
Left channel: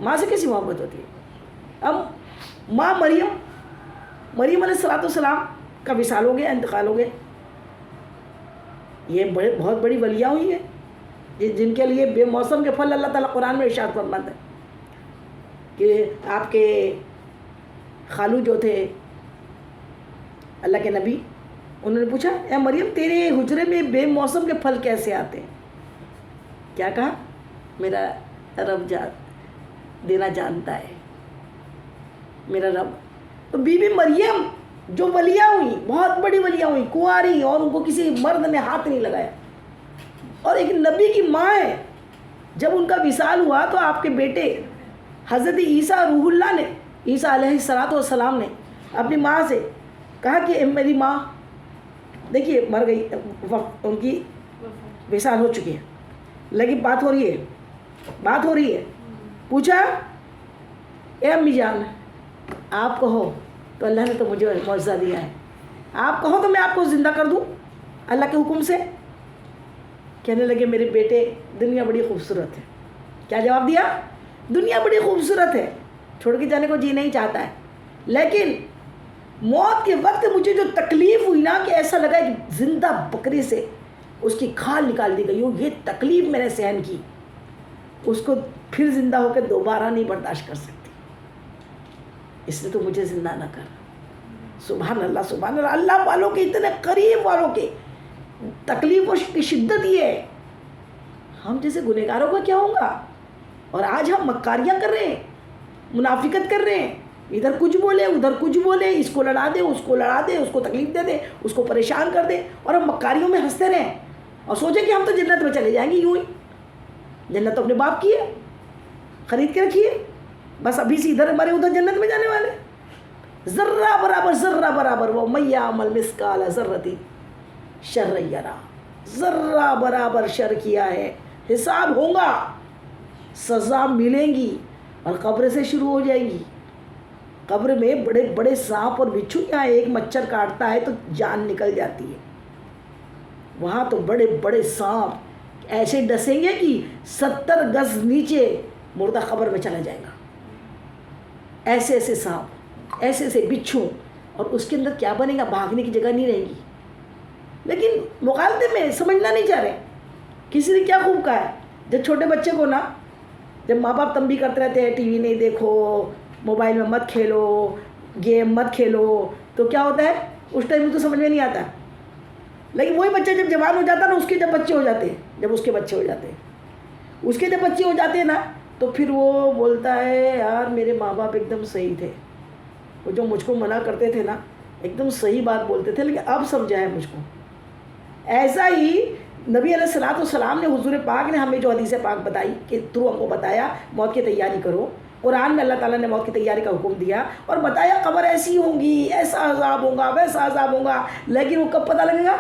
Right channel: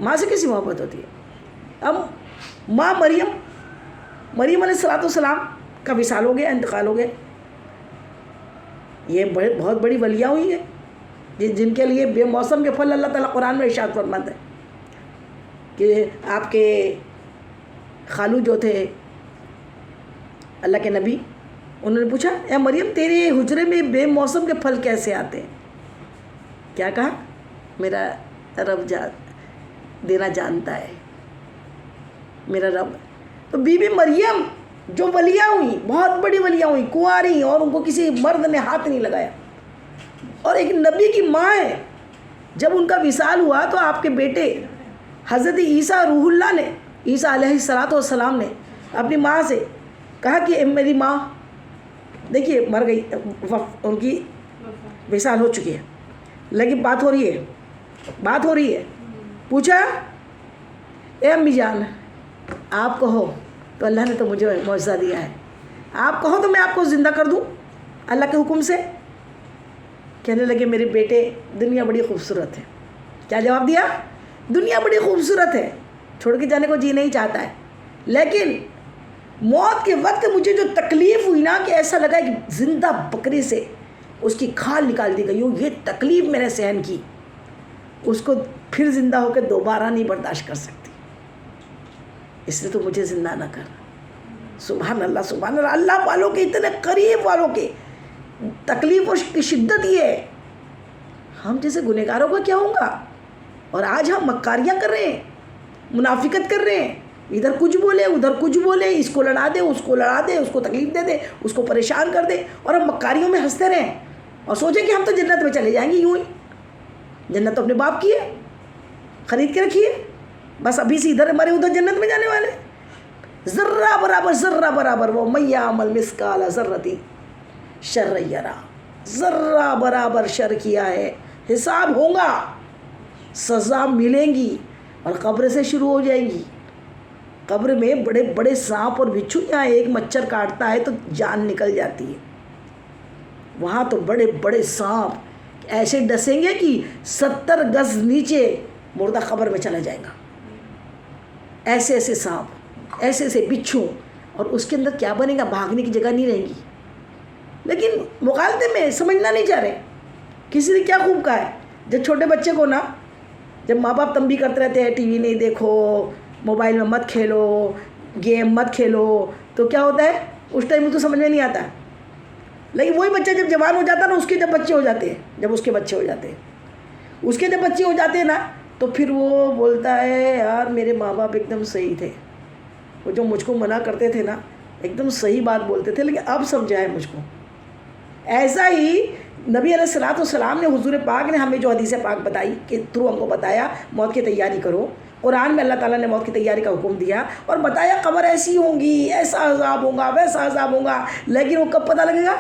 ماں سے کیسی محبت ہوتی ہے؟ اب ماں مریم علیہ السلام کا وصال ہو گیا, انتقال ہو گیا. یہ بہت بڑی ولیہ ہوئی ہے جن کے لیے بے موسم کے پھل اللہ تعالیٰ قرآن میں ارشاد فرماتا ہے کہ آپ کے خالو جو تھے اللہ کے نبی, انہوں نے پوچھا اے مریم تیرے حجرے میں بے موسم کے پھل کیسے آتے ہیں؟ کیا کہا؟ میرا رب دینا جانتا ہے, میرا رب. تو بی بی مریم جو ولیہ ہوئی, بہت بڑی ولیہ ہوئی, کنواری, اور ان کو کسی مرد نے ہاتھ نہیں لگایا, اور ایک نبی کی ماں ہے. جب ان کا وصال ہوا تو آپ کے بیٹے حضرت عیسیٰ روح اللہ نے, عیسیٰ علیہ السلام نے اپنی ماں سے کہا کہ میری ماں دیکھیے مر گئی, ان کی وصال ہو چکی ہے, لیکن بات ہو رہی ہے. پوچھا اے امی جان آپ کہو تو اللہ نے تو مجھے معجزہ دیا ہے, آپ کہو تو میں آپ کو زندہ کر دوں اللہ کے حکم سے. کہنے لگے میرے بیٹے دنیا بڑی خوبصورت ہے. کیا جواب دیا؟ دنیا بڑی خوبصورت ہے, چھوڑ کے جانے کو جی نہیں چاہتا ہے, لیکن موت کے وقت مجھے جو تکلیف ہوئی نا کہ ایسا لگا کہ زندہ بکری سے اس کی کھال نکال دی گئی ہو, یہ تکلیف میں نے سہن کی, اس کو پھر زندہ ہو کے دوبارہ نہیں برداشت کر سکتی, اس لیے تو مجھے زندہ نہ کر. سبحان اللہ سبحان اللہ. اللہ والوں کے اتنے قریب والوں کے تکلیفوں کی شدت یہ ہے. ہم جیسے گنہگاروں کا کیا ہوگا؟ اور آج ہم مکاریاں کر رہے ہیں, منافقت کر رہے ہیں, ادھر کچھ بولے ادھر کچھ بولے, اس کو لڑا دے اس کو لڑا دے, اس کو تکلیف دے دے, اس کو پریشان کر دے, اور ہم مکاریوں میں ہنستے رہیں اور سوچیں کہ ہم تو جنت میں چلے جائیں گے. یوں ہی جنت تو اپنے باپ کی ہے, خرید کے رکھی ہے, بس ابھی سے ادھر ہمارے ادھر جنت میں جانے والے. ذرہ برابر وہ میہ عمل مسکال ذرتی شر یرا, ذرہ برابر شر کیا ہے, حساب ہوگا, سزا ملیں گی, اور قبر سے شروع ہو جائیں گی. قبر میں بڑے بڑے سانپ اور بچھو, یہاں ایک مچھر کاٹتا ہے تو جان نکل جاتی ہے, وہاں تو بڑے بڑے سانپ ایسے ڈسیں گے کہ 70 گز نیچے مردہ قبر میں چلا جائے گا. ایسے ایسے سانپ, ایسے ایسے بچھو, اور اس کے اندر کیا بنے گا؟ بھاگنے کی جگہ نہیں رہے گی. لیکن مغالطے میں سمجھنا نہیں چاہ رہے. کسی نے کیا خوب کہا ہے, جب چھوٹے بچے کو نا, جب ماں باپ تنبیہ کرتے رہتے ہیں ٹی وی نہیں دیکھو, موبائل میں مت کھیلو, گیم مت کھیلو, تو کیا ہوتا ہے اس ٹائم میں تو سمجھ میں نہیں آتا. لیکن وہی بچہ جب جوان ہو جاتا ہے نا, اس کے جب بچے ہو جاتے ہیں, اس کے جب بچے ہو جاتے ہیں نا, تو پھر وہ بولتا ہے یار میرے ماں باپ ایک دم صحیح تھے, وہ جو مجھ کو منع کرتے تھے نا ایک دم صحیح بات بولتے تھے, لیکن اب سمجھا ہے مجھ کو. ایسا ہی نبی علیہ السلام نے, حضور پاک نے ہمیں جو حدیث پاک بتائی کہ تھرو ہم کو بتایا موت کی تیاری کرو. قرآن میں اللہ تعالیٰ نے موت کی تیاری کا حکم دیا اور بتایا قبر ایسی ہوں گی, ایسا عذاب ہوگا, ویسا عذاب ہوگا. لیکن وہ کب پتہ لگے گا؟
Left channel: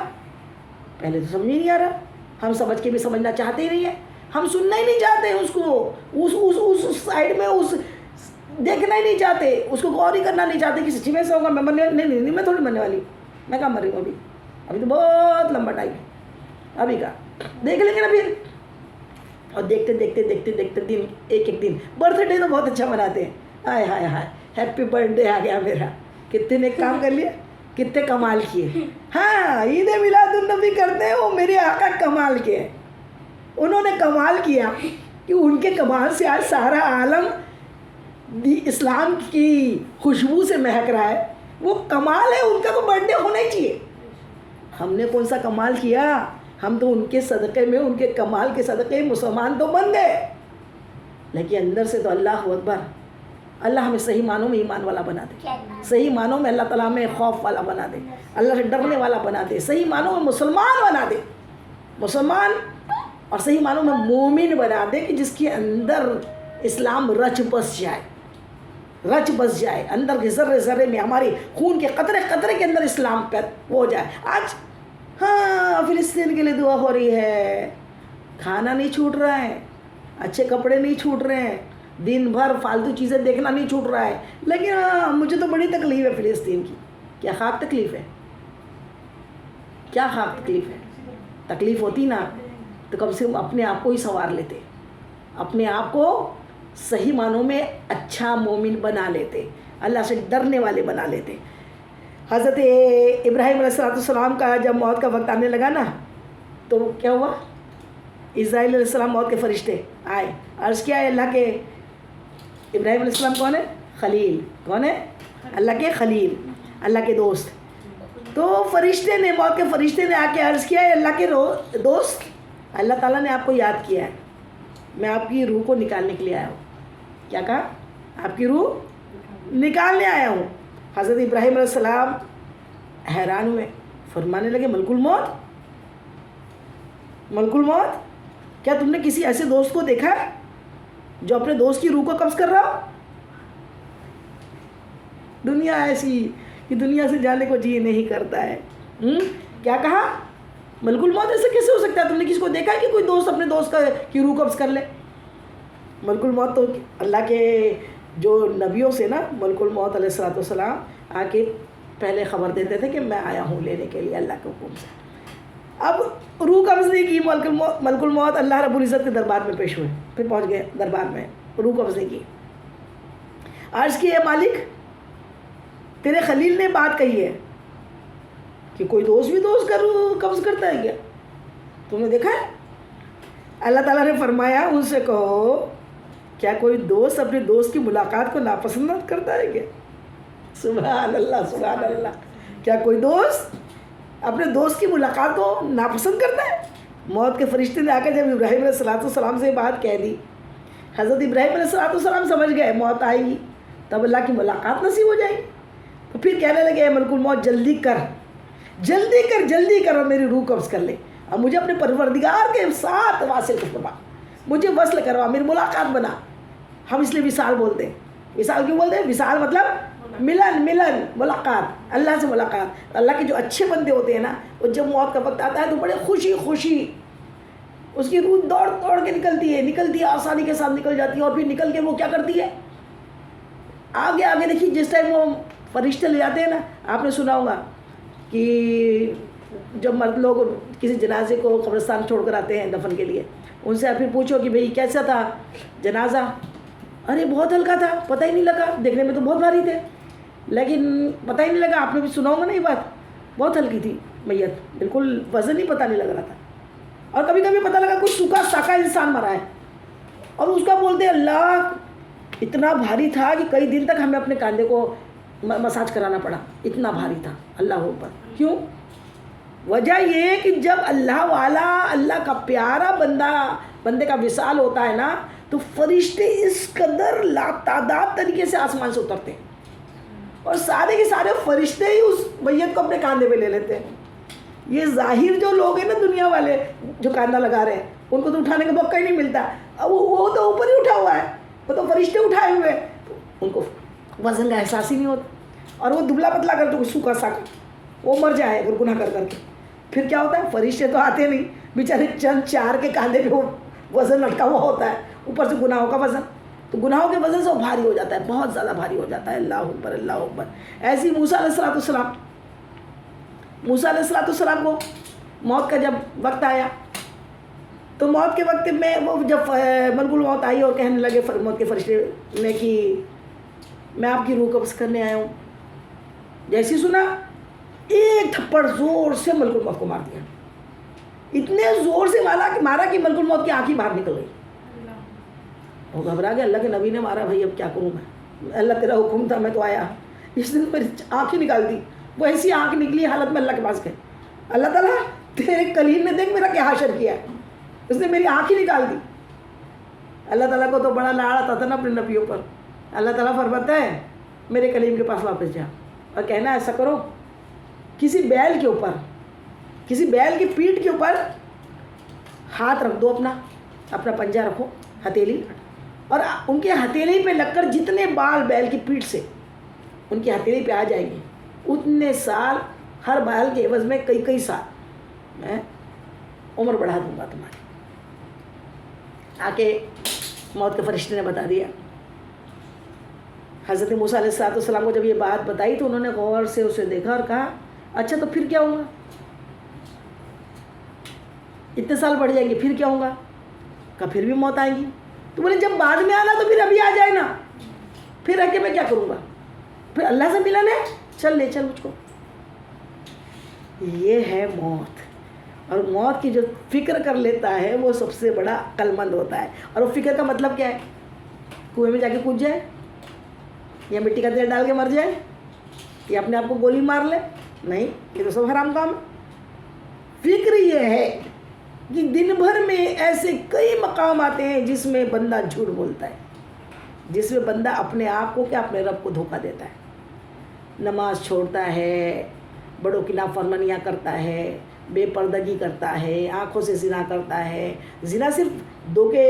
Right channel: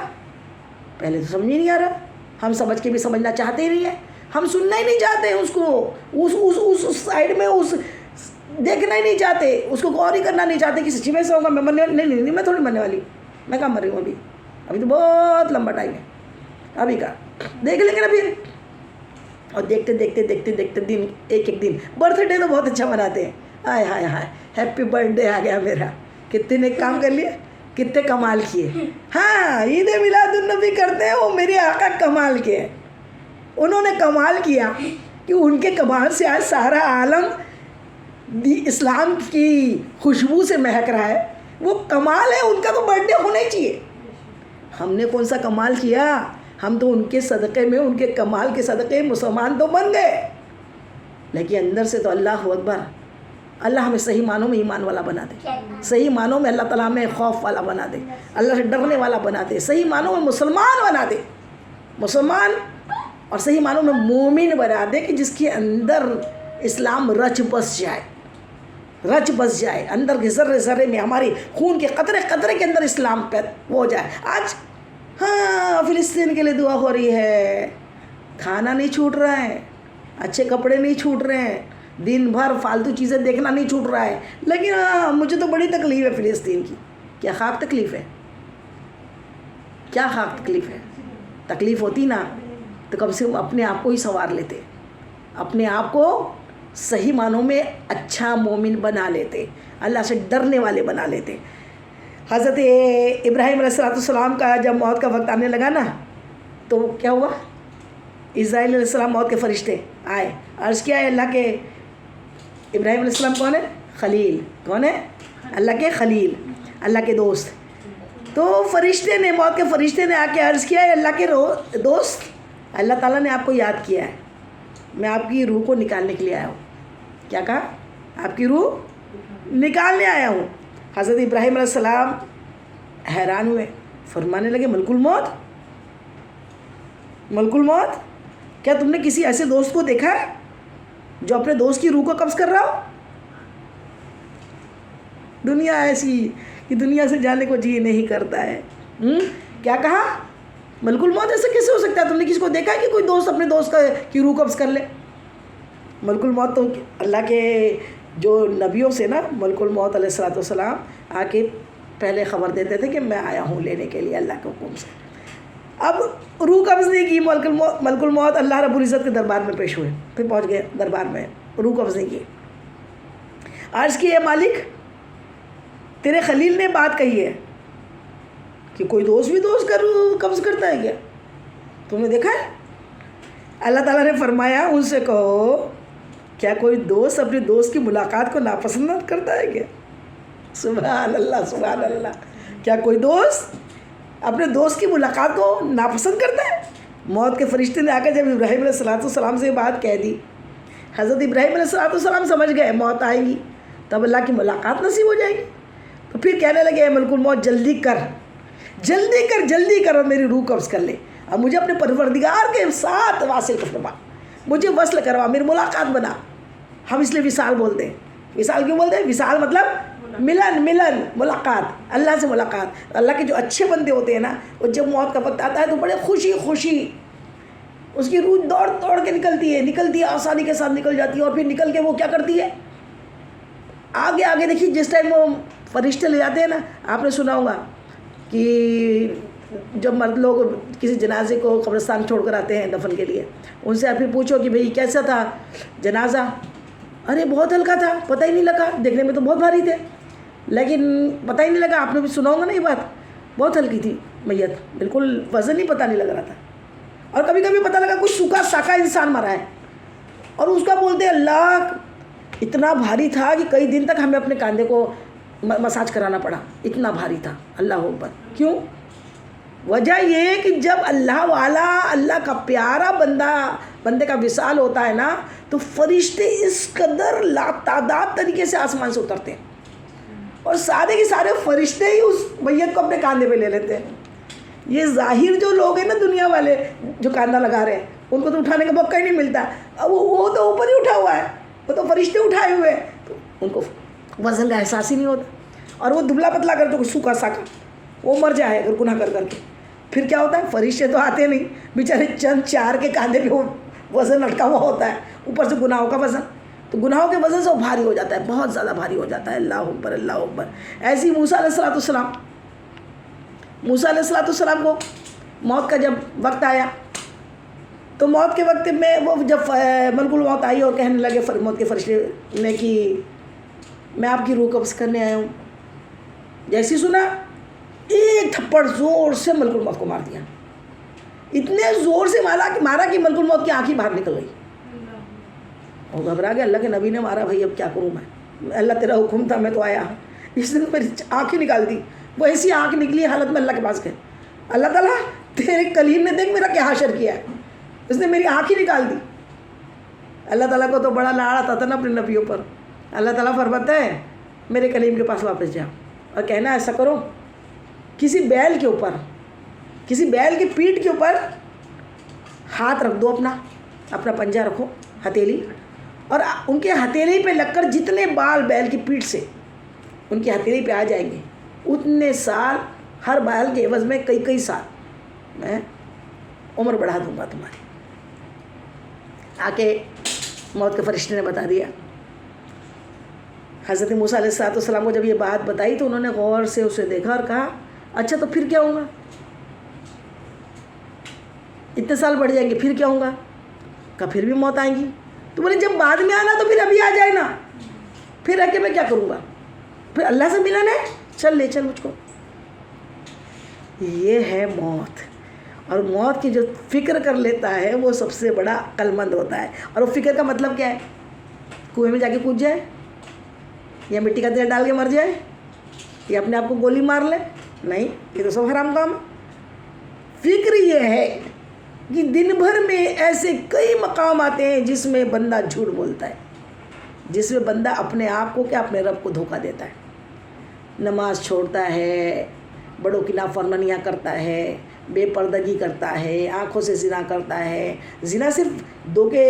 پہلے تو سمجھ ہی نہیں آ رہا. ہم سمجھ کے بھی سمجھنا چاہتے ہی نہیں ہیں, ہم سننا ہی نہیں چاہتے اس کو, اس سائڈ میں اس دیکھنا ہی نہیں چاہتے, اس کو غور ہی کرنا نہیں چاہتے کہ سچی میں سے ہوگا. میں مرنے نہیں, میں تھوڑی مرنے والی ہوں, میں کہاں مر رہی ہوں, ابھی تو بہت لمبا ٹائم ہے, ابھی کا دیکھ لیں گے نا پھر. اور دیکھتے دن ایک دن. برتھ ڈے تو بہت اچھا مناتے ہیں, ہائے ہائے ہائے ہیپی برتھ ڈے آ گیا میرا, کتنے نے کام کر لیے, کتنے کمال کیے. ہاں عید میلاد النبی کرتے ہیں, وہ میرے آقا کمال کے ہیں. انہوں نے کمال کیا کہ ان کے کمال سے آج سارا عالم اسلام کی خوشبو سے مہک رہا ہے. وہ کمال ہے, ان کا تو برتھ ڈے ہونا ہی چاہیے. ہم نے کون سا کمال کیا؟ ہم تو ان کے صدقے میں, ان کے کمال کے صدقے مسلمان تو بن گئے, لیکن اندر سے تو اللہ اکبر. اللہ ہمیں صحیح معنوں میں ایمان والا بنا دے, صحیح معنوں میں اللہ تعالیٰ میں خوف والا بنا دے, اللہ سے ڈرنے والا بنا دے, صحیح معنوں میں مسلمان بنا دے, مسلمان, اور صحیح معنوں میں مومن بنا دے کہ جس کے اندر اسلام رچ بس جائے، رچ بس جائے، اندر کے ذرے ذرے میں، ہماری خون کے قطرے قطرے کے اندر اسلام وہ ہو جائے۔ آج ہاں فلسطین کے لیے دعا ہو رہی ہے، کھانا نہیں چھوٹ رہا ہے، اچھے کپڑے نہیں چھوٹ رہے ہیں، دن بھر فالتو چیزیں دیکھنا نہیں چھوٹ رہا ہے، لیکن ہاں مجھے تو بڑی تکلیف ہے فلسطین کی۔ کیا خاک تکلیف ہے؟ کیا خاک تکلیف ہے؟ تکلیف ہوتی نا تو کم سے کم اپنے آپ کو ہی سنوار لیتے، اپنے آپ کو صحیح معنوں میں اچھا مومن بنا لیتے، اللہ سے ڈرنے والے بنا لیتے۔ حضرت ابراہیم علیہ السلام کا جب موت کا وقت آنے لگا نا تو کیا ہوا؟ اسرائیل علیہ السلام موت کے فرشتے آئے، عرض کیا ہے اللہ کے ابراہیم علیہ السلام کون ہے؟ خلیل۔ کون ہے؟ اللہ کے خلیل، اللہ کے دوست۔ تو فرشتے نے، موت کے فرشتے نے آ کے عرض کیا ہے اللہ کے دوست، اللہ تعالیٰ نے آپ کو یاد کیا ہے، میں آپ کی روح کو نکالنے کے لیے آیا ہوں۔ کیا کہا؟ آپ کی روح نکالنے آیا ہوں۔ حضرت ابراہیم علیہ السلام حیران ہوئے، فرمانے لگے ملک الموت، ملک الموت، کیا تم نے کسی ایسے دوست کو دیکھا ہے جو اپنے دوست کی روح کو قبض کر رہا ہو؟ دنیا ایسی کہ دنیا سے جانے کو جی نہیں کرتا ہے۔ کیا کہا؟ ملک الموت، ایسا کیسے ہو سکتا ہے؟ تم نے کسی کو دیکھا ہے کہ کوئی دوست اپنے دوست کی روح قبض کر لے؟ ملک الموت تو اللہ کے جو نبیوں سے نا، ملک الموت علیہ السلام آ کے پہلے خبر دیتے تھے کہ میں آیا ہوں لینے کے لیے اللہ کے حکم سے۔ اب روح قبض نہیں کی، ملک الموت اللہ رب العزت کے دربار میں پیش ہوئے، پھر پہنچ گئے دربار میں، روح قبض نہیں کی۔ عرض کی ہے مالک تیرے خلیل نے بات کہی ہے کہ کوئی دوست بھی دوست کا روح قبض کرتا ہے کیا؟ تم نے دیکھا ہے؟ اللہ تعالیٰ نے فرمایا ان سے کہو کیا کوئی دوست اپنے دوست کی ملاقات کو ناپسند کرتا ہے کیا؟ سبحان اللہ، سبحان اللہ۔ کیا کوئی دوست اپنے دوست کی ملاقات کو ناپسند کرتا ہے؟ موت کے فرشتے نے آ کر جب ابراہیم علیہ السلام سے بات کہہ دی، حضرت ابراہیم علیہ السلام سمجھ گئے موت آئے گی تب اللہ کی ملاقات نصیب ہو جائے گی، تو پھر کہنے لگے اے ملک الموت جلدی کر، جلدی کر، جلدی کر اور میری روح قبض کر لے، اب مجھے اپنے پروردگار کے ساتھ واصل کروا، مجھے وصل کروا، میری ملاقات بنا۔ ہم اس لیے وصال بولتے ہیں۔ وصال کیوں بولتے ہیں؟ وصال مطلب ملن، ملن، ملاقات، اللہ سے ملاقات۔ اللہ کے جو اچھے بندے ہوتے ہیں نا، وہ جب موت کا وقت آتا ہے تو بڑے خوشی خوشی اس کی روح دوڑ دوڑ کے نکلتی ہے، آسانی کے ساتھ نکل جاتی ہے، اور پھر نکل کے وہ کیا کرتی ہے؟ آگے آگے دیکھیے، جس ٹائم وہ فرشتے لے جاتے ہیں نا، آپ نے سنا ہوگا کہ جب مرد لوگ کسی جنازے کو قبرستان چھوڑ کر آتے ہیں دفن کے لیے، ان سے آپ پھر پوچھو کہ بھئی کیسا تھا جنازہ؟ ارے بہت ہلکا تھا، پتہ ہی نہیں لگا، دیکھنے میں تو بہت بھاری تھے لیکن پتہ ہی نہیں لگا۔ آپ نے بھی سنا ہوگا نا یہ بات، بہت ہلکی تھی میت، بالکل وزن ہی پتہ نہیں لگ رہا تھا۔ اور کبھی کبھی پتہ لگا کوئی سوکھا ساکھا انسان مرا ہے اور اس کا بولتے اللہ اتنا بھاری تھا کہ کئی دن تک ہمیں اپنے کاندھے کو مساج کرانا پڑا، اتنا بھاری تھا۔ اللہ اکبر۔ کیوں؟ وجہ یہ کہ جب اللہ والا، اللہ کا پیارا بندے کا وصال ہوتا ہے نا، تو فرشتے اس قدر لاتعداد طریقے سے آسمان سے اترتے ہیں اور سارے کے سارے فرشتے ہی اس میت کو اپنے کاندھے پہ لے لیتے ہیں۔ یہ ظاہر جو لوگ ہیں نا، دنیا والے جو کاندھا لگا رہے ہیں، ان کو تو اٹھانے کا موقع ہی نہیں ملتا، اب وہ تو اوپر ہی اٹھا ہوا ہے، وہ تو فرشتے اٹھائے ہوئے ہیں، تو ان کو وزن کا احساس ہی نہیں ہوتا۔ اور وہ دبلا پتلا کر جو سوکھا ساکھا وہ مر جائے اگر گناہ کر کر کے، پھر کیا ہوتا ہے؟ فرشتے تو آتے نہیں، بیچارے چند چار کے کاندھے پہ وہ وزن لٹکا ہوا ہوتا ہے، اوپر سے گناہوں کا وزن، تو گناہوں کے وزن سے وہ بھاری ہو جاتا ہے، بہت زیادہ بھاری ہو جاتا ہے۔ اللہ اکبر، اللہ اکبر۔ ایسے ہی موسیٰ علیہ السلام کو موت کا جب وقت آیا تو موت کے وقت میں وہ جب ملک الموت آئی اور کہنے لگے موت کے فرشتے نے کہ میں آپ کی روح قبض کرنے آیا ہوں، جیسی سنا ایک تھپڑ زور سے ملک الموت کو مار دیا، اتنے زور سے مارا کہ ملک الموت کی آنکھیں باہر نکل گئی، اور گھبرا گیا، اللہ کے نبی نے مارا، بھائی اب کیا کروں میں، اللہ تیرا حکم تھا میں تو آیا، اس نے میری آنکھیں نکال دی۔ وہ ایسی آنکھ نکلی حالت میں اللہ کے پاس گئے، اللہ تعالیٰ تیرے کلیم نے دیکھ میرا کیا حشر کیا ہے، اس نے میری آنکھ ہی نکال دی۔ اللہ تعالیٰ کو تو بڑا لاڑ آتا تھا نا اپنے نبیوں پر، اللہ تعالیٰ فرماتا ہے میرے کلیم کے پاس واپس جا اور کہنا ایسا کرو، کسی بیل کے اوپر، کسی بیل کی پیٹھ کے اوپر ہاتھ رکھ دو، اپنا پنجہ رکھو، ہتھیلی، اور ان کے ہتھیلی پہ لگ کر جتنے بال بیل کی پیٹھ سے ان کی ہتھیلی پہ آ جائیں گے اتنے سال، ہر بال کے عوض میں کئی سال میں عمر بڑھا دوں گا تمہاری۔ آ کے موت کے فرشتے نے بتا دیا۔ حضرت موسیٰ علیہ السلام کو جب یہ بات بتائی تو انہوں نے غور سے اسے دیکھا اور کہا اچھا تو پھر کیا ہوگا؟ اتنے سال بڑھ جائیں گے پھر کیا ہوگا؟ کہا پھر بھی موت آئیں گی۔ تو بولے جب بعد میں آنا تو پھر ابھی آ جائے نا، پھر آ کے میں کیا کروں گا؟ پھر اللہ سے ملنا ہے، چل لے چل مجھ کو۔ یہ ہے موت، اور موت کی جو فکر کر لیتا ہے وہ سب سے بڑا عقل مند ہوتا ہے۔ اور وہ فکر کا مطلب کیا ہے؟ کنویں میں جا کے کود جائے، یا مٹی کا تیل ڈال کے مر جائے، یا اپنے آپ کو گولی مار لے؟ نہیں، یہ تو سب حرام کام ہے۔ فکر یہ ہے کہ دن بھر میں ایسے کئی مقام آتے ہیں جس میں بندہ جھوٹ بولتا ہے، جس میں بندہ اپنے آپ کو کیا اپنے رب کو دھوکہ دیتا ہے، نماز چھوڑتا ہے، بڑوں کی نافرمانیاں کرتا ہے، بے پردگی کرتا ہے، آنکھوں سے زنا کرتا ہے۔ زنا صرف دو کے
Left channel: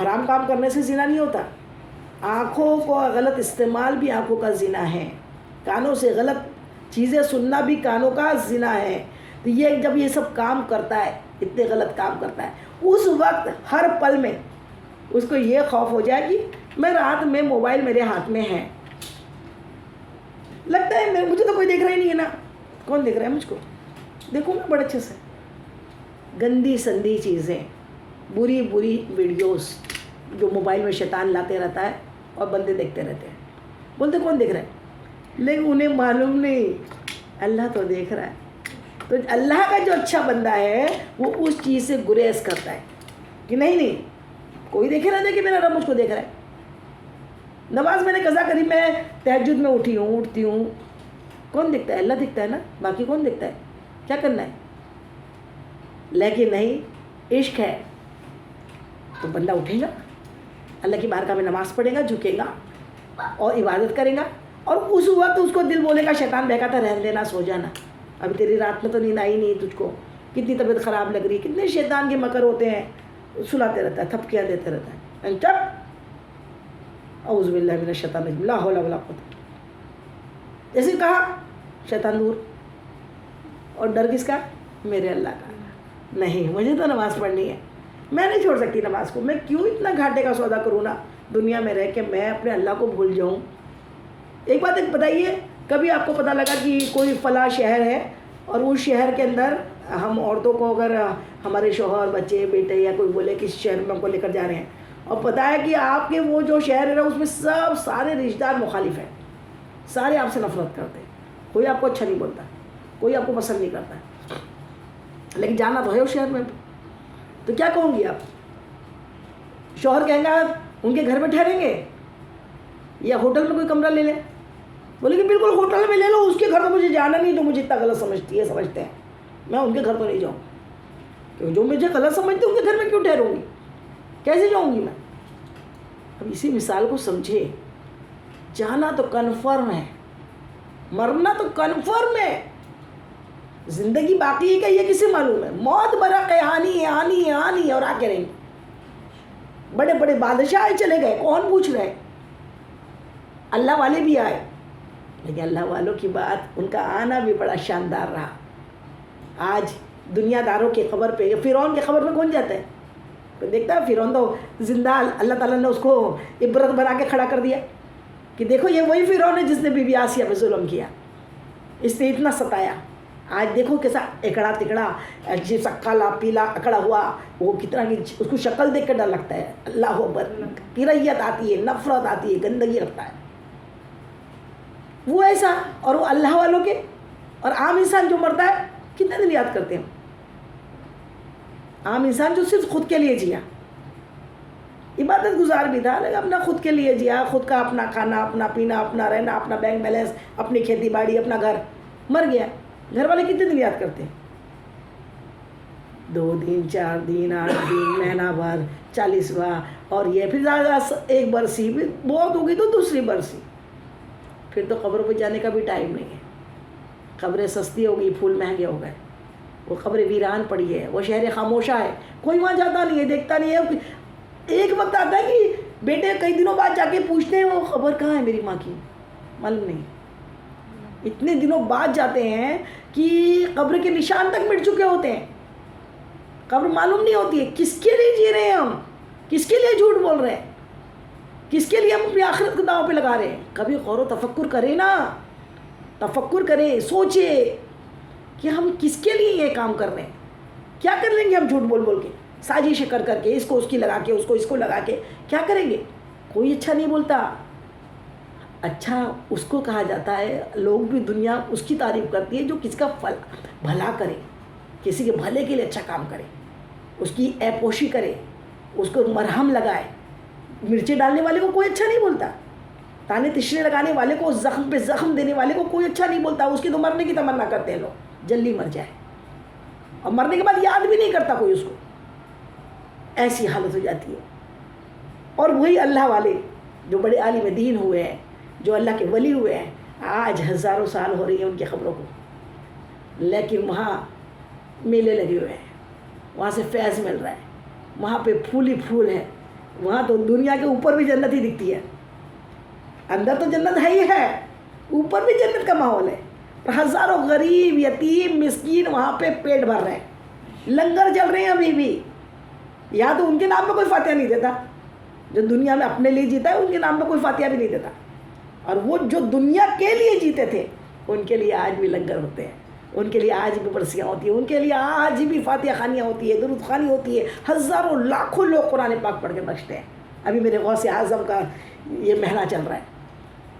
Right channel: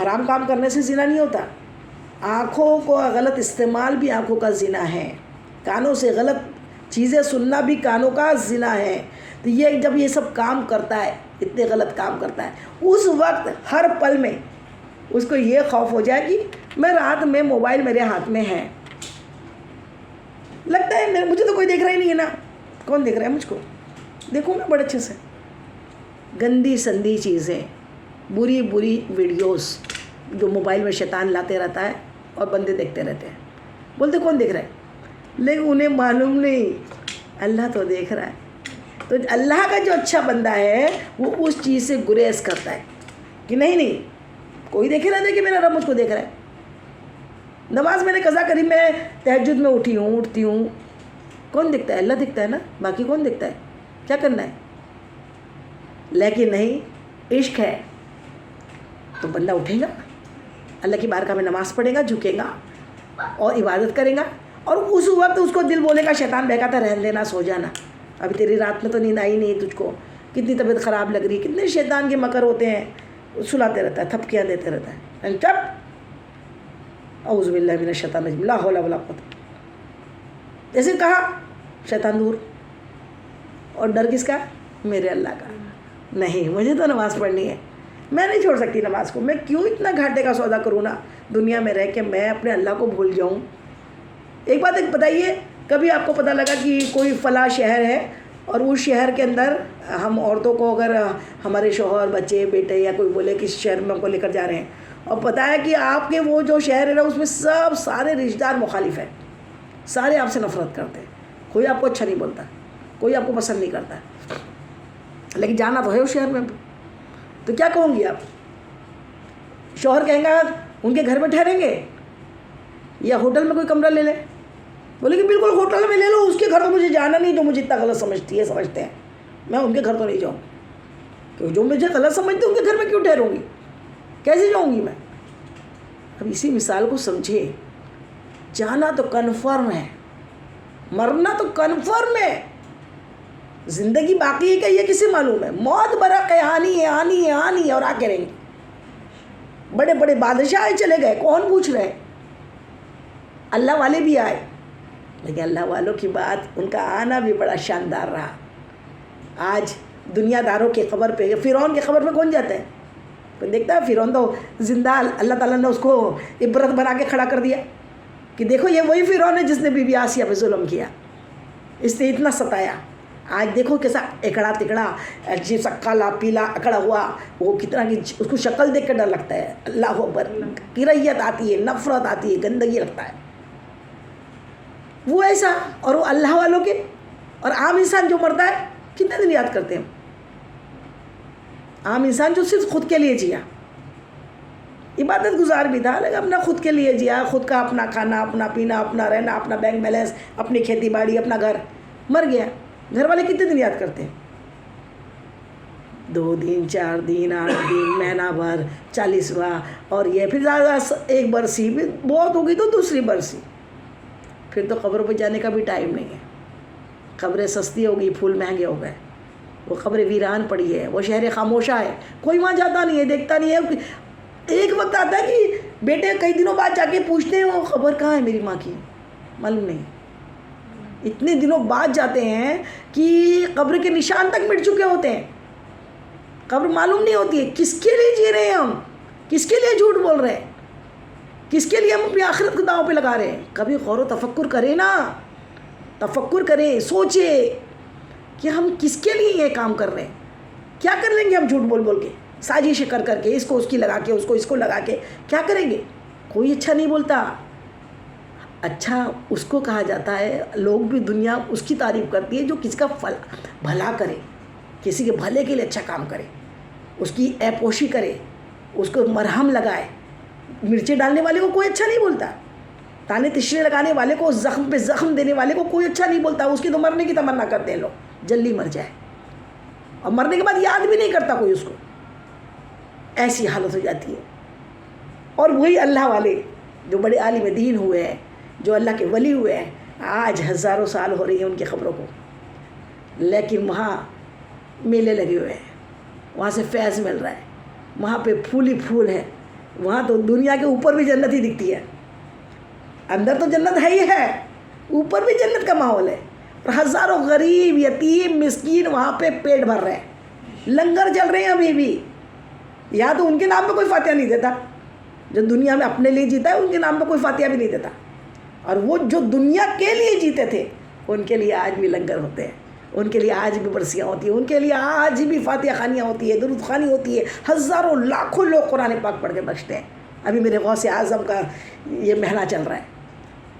حرام کام کرنے سے زنا نہیں ہوتا، آنکھوں کو غلط استعمال بھی آنکھوں کا زنا ہے، کانوں سے غلط چیزیں سننا بھی کانوں کا زنا ہے۔ تو یہ جب یہ سب کام کرتا ہے، اتنے غلط کام کرتا ہے، اس وقت ہر پل میں اس کو یہ خوف ہو جائے کہ میں رات میں موبائل میرے ہاتھ میں ہے، لگتا ہے مجھے تو کوئی دیکھ رہا ہی نہیں ہے نا، کون دیکھ رہا ہے مجھ کو؟ دیکھوں میں بڑے اچھے سے، گندی سندی چیزیں، بری ویڈیوز جو موبائل میں شیطان لاتے رہتا ہے اور بندے دیکھتے رہتے ہیں، بولتے کون دیکھ رہا ہے، لیکن انہیں معلوم نہیں اللہ تو دیکھ رہا ہے۔ تو اللہ کا جو اچھا بندہ ہے وہ اس چیز سے گریز کرتا ہے کہ نہیں کوئی دیکھے نہ دیکھے، میرا رب مجھ کو دیکھ رہا ہے۔ نماز میں نے قضا کری، میں تہجد میں اٹھتی ہوں، کون دیکھتا ہے؟ اللہ دیکھتا ہے نا، باقی کون دیکھتا ہے؟ کیا کرنا ہے؟ لیکن نہیں، عشق ہے تو بندہ اٹھے گا، اللہ کی بارگاہ میں نماز پڑھے گا، جھکے گا اور عبادت کرے گا، اور اس وقت اس کو دل بولے گا، شیطان بہکاتا رہنے دینا، سو جانا، ابھی تیری رات میں تو نیند آئی نہیں تجھ کو، کتنی طبیعت خراب لگ رہی، کتنے شیطان کے مکر ہوتے ہیں، سلاتے رہتا ہے، تھپکیاں دیتے رہتا ہے، چپ، اعوذ باللہ من الشیطان الرجیم، لا حول ولا قوت، جیسے کہا شیطان دور، اور ڈر کس کا؟ میرے اللہ کا، نہیں مجھے تو نماز پڑھنی ہے، میں نہیں چھوڑ سکتی نماز کو، میں کیوں اتنا گھاٹے کا سودا کروں نا دنیا میں رہ کے، میں اپنے اللہ کو بھول جاؤں۔ ایک بات بتائیے، کبھی آپ کو پتہ لگا کہ کوئی فلاں شہر ہے اور اس شہر کے اندر ہم عورتوں کو، اگر ہمارے شوہر، بچے، بیٹے یا کوئی بولے کہ اس شہر میں ہم کو لے کر جا رہے ہیں، اور پتہ ہے کہ آپ کے وہ جو شہر ہے نا اس میں سارے رشتہ دار مخالف ہیں، سارے آپ سے نفرت کرتے ہیں، کوئی آپ کو اچھا نہیں بولتا، کوئی آپ کو پسند نہیں کرتا، لیکن جانا تو ہے اس شہر میں، تو کیا کہوں گی آپ؟ شوہر کہیں گا ان کے گھر میں ٹھہریں گے یا ہوٹل میں کوئی کمرہ لے لیں؟ بولے کہ بالکل ہوٹل میں لے لو، اس کے گھر تو مجھے جانا نہیں، جو مجھے اتنا غلط سمجھتے ہیں، میں ان کے گھر تو نہیں جاؤں، کیوں جو مجھے غلط سمجھتے ان کے گھر میں کیوں ٹھہروں گی، کیسے جاؤں گی میں؟ اب اسی مثال کو سمجھے، جانا تو کنفرم ہے، مرنا تو کنفرم ہے، زندگی باقی ہے کہ یہ کسے معلوم ہے؟ موت برق ہے، آنی اور آ کے رہیں گی۔ بڑے بڑے بادشاہ چلے گئے، کون پوچھ رہے؟ اللہ والے بھی آئے، لیکن اللہ والوں کی بات، ان کا آنا بھی بڑا شاندار رہا۔ آج دنیا داروں کی قبر پہ، فرعون کی قبر پہ کون جاتا ہے؟ تو دیکھتا ہے فرعون تو زندہ، اللہ تعالیٰ نے اس کو عبرت بنا کے کھڑا کر دیا کہ دیکھو یہ وہی فرعون ہے جس نے بی بی آسیہ پہ ظلم کیا، اس نے اتنا ستایا۔ آج دیکھو کیسا اکڑا تکڑا، جیسا کالا پیلا اکڑا ہوا، وہ کتنا، اس کو شکل دیکھ کر ڈر لگتا ہے، اللہ اکبر، کریت آتی ہے، نفرت آتی ہے، گندگی لگتا ہے، وہ ایسا۔ اور وہ اللہ والوں کے، اور عام انسان جو مرتا ہے کتنے دن یاد کرتے ہیں؟ عام انسان جو صرف خود کے لیے جیا، عبادت گزار بھی تھا لیکن اپنا خود کے لیے جیا، خود کا اپنا کھانا، اپنا پینا، اپنا رہنا، اپنا بینک بیلنس، اپنی کھیتی باڑی، اپنا گھر، مر گیا۔ گھر والے کتنے دن یاد کرتے ہیں؟ 2 دن، 4 دن، 8 دن، مہینہ بھر، 40واں، اور یہ پھر زیادہ 1 برسی، بہت ہوگی تو دوسری برسی، پھر تو قبر پہ جانے کا بھی ٹائم نہیں ہے۔ قبریں سستی ہو گئی، پھول مہنگے ہو گئے، وہ قبر ویران پڑی ہے، وہ شہر خاموشہ ہے، کوئی وہاں جاتا نہیں ہے، دیکھتا نہیں ہے۔ ایک وقت آتا ہے کہ بیٹے کئی دنوں بعد جا کے پوچھتے ہیں وہ خبر کہاں ہے میری ماں کی، معلوم نہیں، اتنے دنوں بعد جاتے ہیں کہ قبر کے نشان تک مٹ چکے ہوتے ہیں، قبر معلوم نہیں ہوتی ہے، کس کے لیے جی رہے ہیں ہم، کس کے لیے جھوٹ بول رہے ہیں، کس کے لیے ہم اپنی آخرت کو داؤں پہ لگا رہے ہیں؟ کبھی غور و تفکر کریں نا، تفکر کریں، سوچے کہ ہم کس کے لیے یہ کام کر رہے ہیں، کیا کر لیں گے ہم جھوٹ بول بول کے، سازشیں کر کر کے، اس کو اس کی لگا کے، اس کو اس کو لگا کے، کیا کریں گے؟ کوئی اچھا نہیں بولتا، اچھا اس کو کہا جاتا ہے، لوگ بھی دنیا اس کی تعریف کرتی ہے جو کسی کا بھلا کرے، کسی کے بھلے کے لیے اچھا کام کرے، اس کی ایپوشی کرے، اس کو مرہم لگائے۔ مرچیں ڈالنے والے کو کوئی اچھا نہیں بولتا، تانے تشرے لگانے والے کو، زخم پہ زخم دینے والے کو کوئی اچھا نہیں بولتا، اس کی تو مرنے کی تمنا کرتے ہیں لوگ، جلدی مر جائے، اور مرنے کے بعد یاد بھی نہیں کرتا کوئی اس کو، ایسی حالت ہو جاتی ہے۔ اور وہی اللہ والے جو بڑے عالم دین ہوئے ہیں، جو اللہ کے ولی ہوئے ہیں، آج ہزاروں سال ہو رہی ہیں ان کی خبروں کو، لیکن وہاں میلے لگے ہوئے ہیں، وہاں سے فیض مل رہا ہے، وہاں پہ پھول ہی پھول ہے، وہاں تو دنیا کے اوپر بھی جنت ہی دکھتی ہے، اندر تو جنت ہے ہی ہے، اوپر بھی جنت کا ماحول ہے، اور ہزاروں غریب یتیم مسکین وہاں پہ پیٹ بھر رہے ہیں، لنگر چل رہے ہیں ابھی بھی۔ یا تو ان کے نام پہ کوئی فاتحہ نہیں دیتا، جو دنیا میں اپنے لیے جیتا ہے ان کے نام پہ کوئی فاتحہ بھی نہیں دیتا، اور وہ جو دنیا کے لیے جیتے تھے ان کے لیے آج بھی لنگر ہوتے ہیں، ان کے لیے آج بھی برسیاں ہوتی ہیں، ان کے لیے آج بھی فاتحہ خوانیاں ہوتی ہے، درود خوانی ہوتی ہے، ہزاروں لاکھوں لوگ قرآن پاک پڑھ کے بخشتے ہیں۔ ابھی میرے غوث اعظم کا یہ مہینہ چل رہا ہے،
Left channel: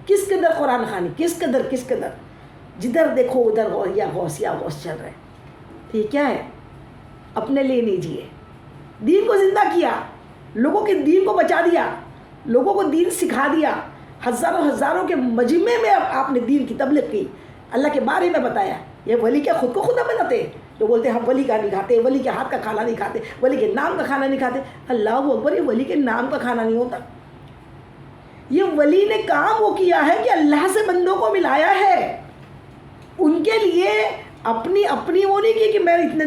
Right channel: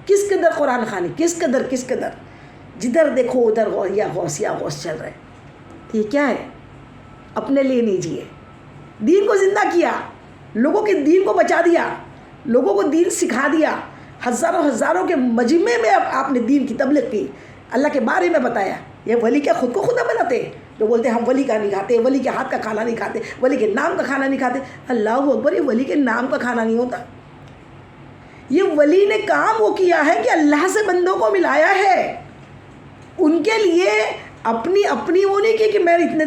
کس قدر قرآن خوانی، کس قدر جدھر دیکھو ادھر غوث چل رہا ہے۔ تو یہ کیا ہے؟ اپنے لیے نہیں جیے، دین کو زندہ کیا، لوگوں کے دین کو بچا دیا، لوگوں کو دین سکھا دیا، ہزاروں کے مجمع میں آپ نے دین کی تبلیغ کی، اللہ کے بارے میں بتایا۔ یہ ولی کیا خود کو خدا بناتے ہیں؟ جو بولتے ہیں ہم ولی کا نہیں کھاتے، ولی کے ہاتھ کا کھانا نہیں کھاتے، ولی کے نام کا کھانا نہیں کھاتے۔ اللہ اکبر، یہ ولی کے نام کا کھانا نہیں ہوتا، یہ ولی نے کام وہ کیا ہے کہ اللہ سے بندوں کو ملایا ہے، ان کے لیے اپنی وہ نہیں کی کہ میں اتنے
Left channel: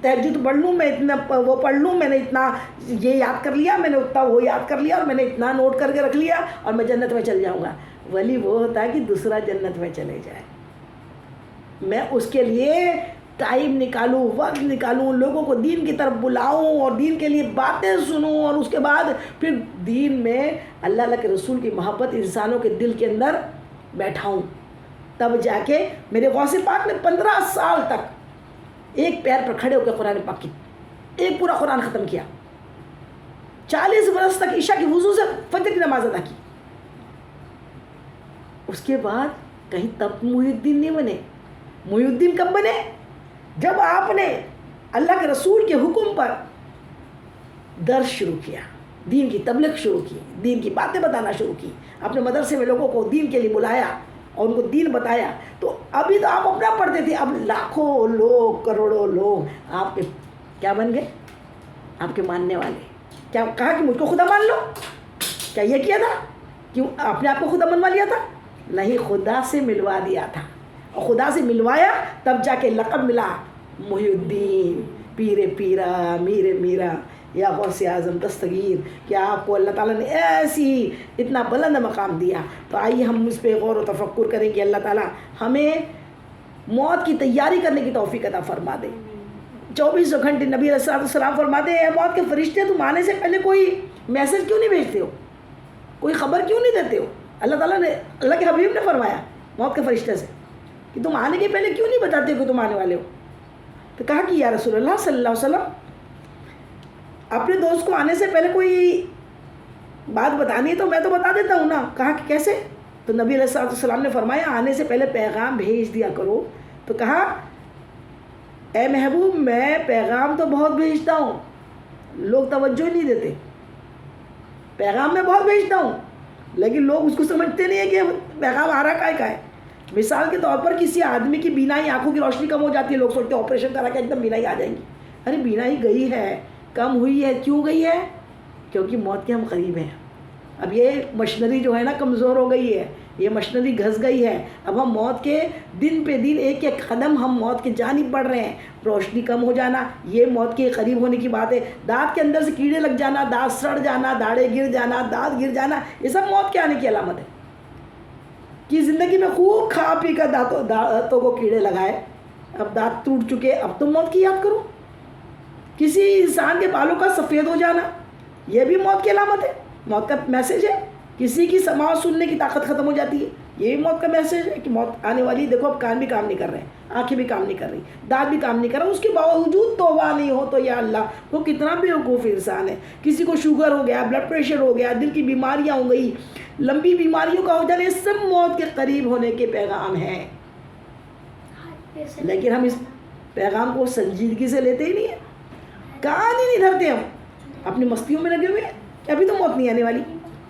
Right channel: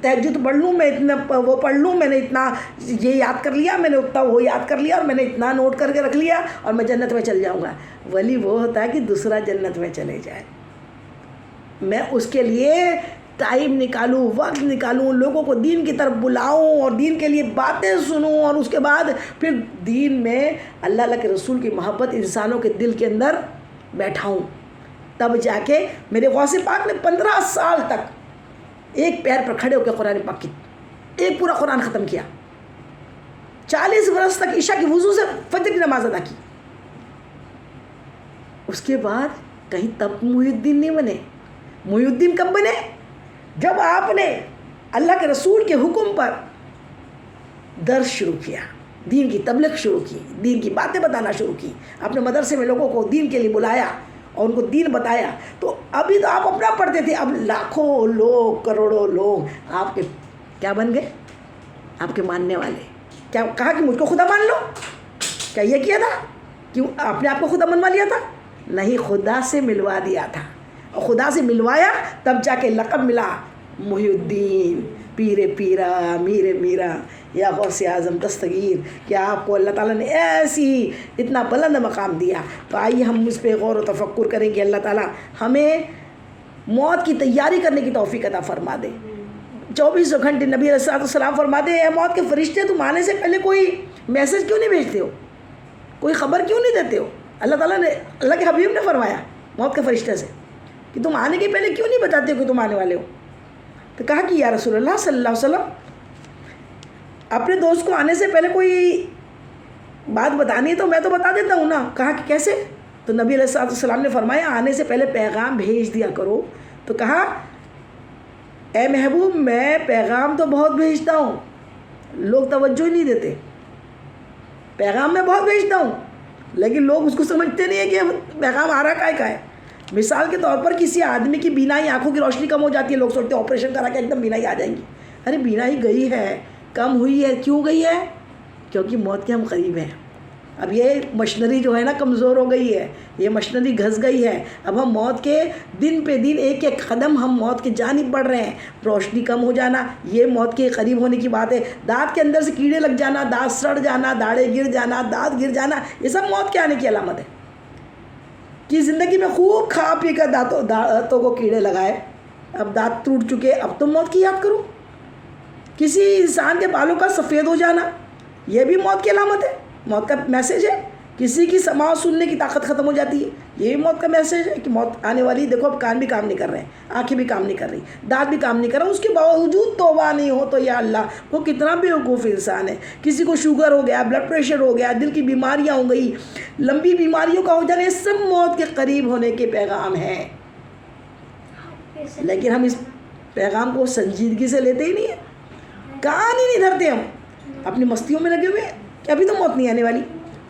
تہجد پڑھ لوں، میں اتنا وہ پڑھ لوں، میں نے اتنا یہ یاد کر لیا، میں نے اتنا وہ یاد کر لیا، اور میں نے اتنا نوٹ کر کے رکھ لیا اور میں جنت میں چل جاؤں گا۔ ولی وہ ہوتا ہے کہ دوسرا جنت میں چلے جائے، میں اس کے لیے ٹائم نکالوں، وقت نکالوں، لوگوں کو دین کی طرف بلاؤں اور دین کے لیے باتیں سنوں، اور اس کے بعد پھر دین میں اللہ کے رسول کی محبت انسانوں کے دل کے اندر بیٹھاؤں، تب جا کے میرے غوث پاک نے 15 سال تک ایک پیر پر کھڑے ہو کے قرآن پاک کی ایک پورا قرآن ختم کیا، 40 برس تک عشاء کی وضو سے فجر کی نماز ادا کی۔ اس کے بعد کہیں تب محی الدین نہیں بنے۔ محی الدین کب بنے؟ جب آپ نے اللہ کے رسول کے حکم پر درس شروع کیا، دین کی تبلیغ شروع کی، دین کی باتیں بتانا شروع کی، اپنے مدرسے میں لوگوں کو دین کے لیے بلایا اور ان کو دین بتایا۔ تو ابھی تو آپ اپنا پڑھتے تھے، اب لاکھوں لوگ، کروڑوں لوگ آپ کے کیا بن گئے؟ آپ کے ماننے والے۔ کیا کہا کہ مجھ کو خدا مان لو؟ کیا یہ کیا تھا؟ کیوں آپ نے آپ کو خدا منوا لیا تھا؟ نہیں، خدا سے ملوا دیا تھا، اور خدا سے ملوایا تب جا کے لقب ملا محی الدین، پیر پیرا، میر میرا، یا غوث اعظم دستگیر، کہ آپ کو اللہ تعالیٰ نے ایسی اتنا بلند مقام دیا۔ تو آئیے ہم اس پہ غور و تفکر کریں کہ اللہ تعالیٰ ہمیں موت کی تیاری کرنے کی توفیق عطا فرما دے۔ 24 گھنٹے نبی علیہ السلام فرماتے ہیں، اے موت کے فرشتے، تم آنے سے پہلے کوئی میسج کیوں نہیں بھیجتے ہو، کوئی خبر کیوں نہیں دیتے ہو؟ اللہ تعالیٰ نے، اللہ کے حبیب نے فرمایا موت کے فرشتے سے کہ تم آنے کے پہلے کیوں نہیں بتاتے کہ تم آنے والے ہو؟ تو کہا کہ یا رسول اللہ صلی اللہ علیہ وسلم، اپنے دوست کو آنے سے پہلے کوئی بات بتانی ہے تو میں تو بتا دیتا ہوں نا۔ کہا کہ کیسے؟ تو نبی علیہ السلام نے فرمایا آنے سے پہلے پیغام بھیج دیا کرو۔ تو کہا اے محبوب، میں پیغام تو بہت بھیجتا ہوں، لوگ توجہ ہی نہیں دیتے، پیغام میں بہت بھیجتا ہوں لیکن لوگ اس کو سمجھتے نہیں ہیں کہ پیغام آ رہا کا ہے۔ مثال کے طور پر کسی آدمی کی بینائی، آنکھوں کی روشنی کم ہو جاتی ہے، لوگ سوچتے ہیں آپریشن کرا کے ایک دم بینائی آ جائیں گی۔ ارے بینائی گئی ہے، کم ہوئی ہے، کیوں گئی ہے؟ کیونکہ موت کے ہم قریب ہیں، اب یہ مشنری جو ہے نا کمزور ہو گئی ہے, یہ مشنری گھس گئی ہے. اب ہم موت کے دن پہ دن ایک ایک قدم ہم موت کی جانب بڑھ رہے ہیں. روشنی کم ہو جانا یہ موت کے قریب ہونے کی بات ہے. دانت کے اندر سے کیڑے لگ جانا, دانت سڑ جانا, داڑھیں گر جانا, دانت گر جانا, یہ سب موت کے آنے کی علامت ہے. کہ زندگی میں خوب کھا پی کر دانتوں کو کیڑے لگائے, اب دانت ٹوٹ چکے, اب تم موت کی یاد کرو. کسی انسان کے بالوں کا سفید ہو جانا یہ بھی موت کی علامت ہے, موت کا میسیج ہے. کسی کی سماع سننے کی طاقت ختم ہو جاتی ہے, یہ بھی موت کا میسیج ہے کہ موت آنے والی. دیکھو اب کان بھی کام نہیں کر رہے ہیں, آنکھیں بھی کام نہیں کر رہی, دانت بھی کام نہیں کر رہا, اس کے باوجود توبہ نہیں ہو تو یا اللہ وہ کتنا بیوقوف انسان ہے. کسی کو شوگر ہو گیا, بلڈ پریشر ہو گیا, دل کی بیماریاں ہو گئی, لمبی بیماریوں کا ہو جانا, یہ سب موت کے قریب ہونے کے پیغام ہیں. لیکن ہم اس پیغام کو سنجیدگی سے لیتے ہی نہیں ہیں, کان ہی نہیں دھرتے, ہم اپنی مستیوں میں لگے ہوئے ہیں کہ ابھی تو موت نہیں آنے والی,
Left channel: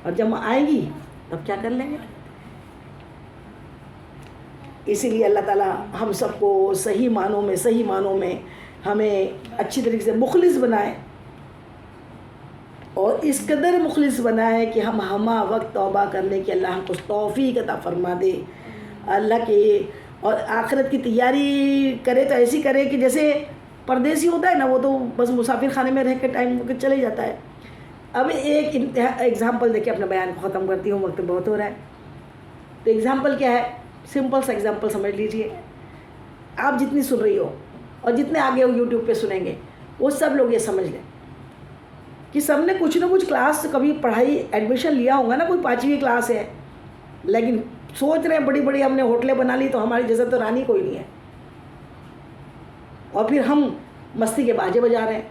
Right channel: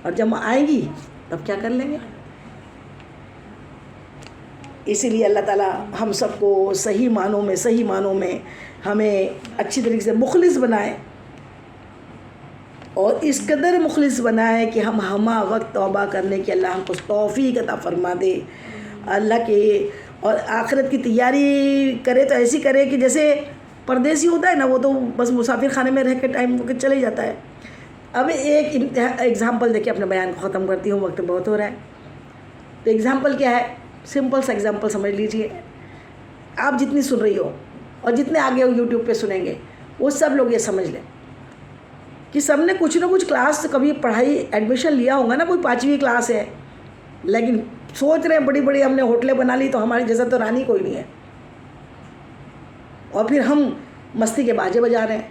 اور جب آئیں گی تب کیا کر لیں گے. اسی لیے اللہ تعالیٰ ہم سب کو صحیح معنوں میں ہمیں اچھی طریقے سے مخلص بنائے, اور اس قدر مخلص بنائے کہ ہم ہمہ وقت توبہ کرنے کی اللہ ہم کو توفیق عطا فرما دے. اللہ کے اور آخرت کی تیاری کرے تو ایسی کرے کہ جیسے پردیسی ہوتا ہے نا, وہ تو بس مسافر خانے میں رہ کے ٹائم ہو کے چلے جاتا ہے. اب ایک ایگزامپل دے کے اپنے بیان کو ختم کرتی ہوں, وقت بہت ہو رہا ہے. تو ایگزامپل کیا ہے, سمپل سا ایگزامپل سمجھ لیجئے. آپ جتنی سن رہی ہو اور جتنے آگے یوٹیوب پہ سنیں گے وہ سب لوگ یہ سمجھ لیں کہ سب نے کچھ نہ کچھ کلاس کبھی پڑھائی ایڈمیشن لیا ہوگا نا, کوئی 5ویں کلاس ہے, لیکن سوچ رہے ہیں بڑی بڑی ہم نے ہوٹلیں بنا لی تو ہماری جیسا تو رانی کوئی نہیں ہے, اور پھر ہم مستی کے باجے بجا رہے ہیں,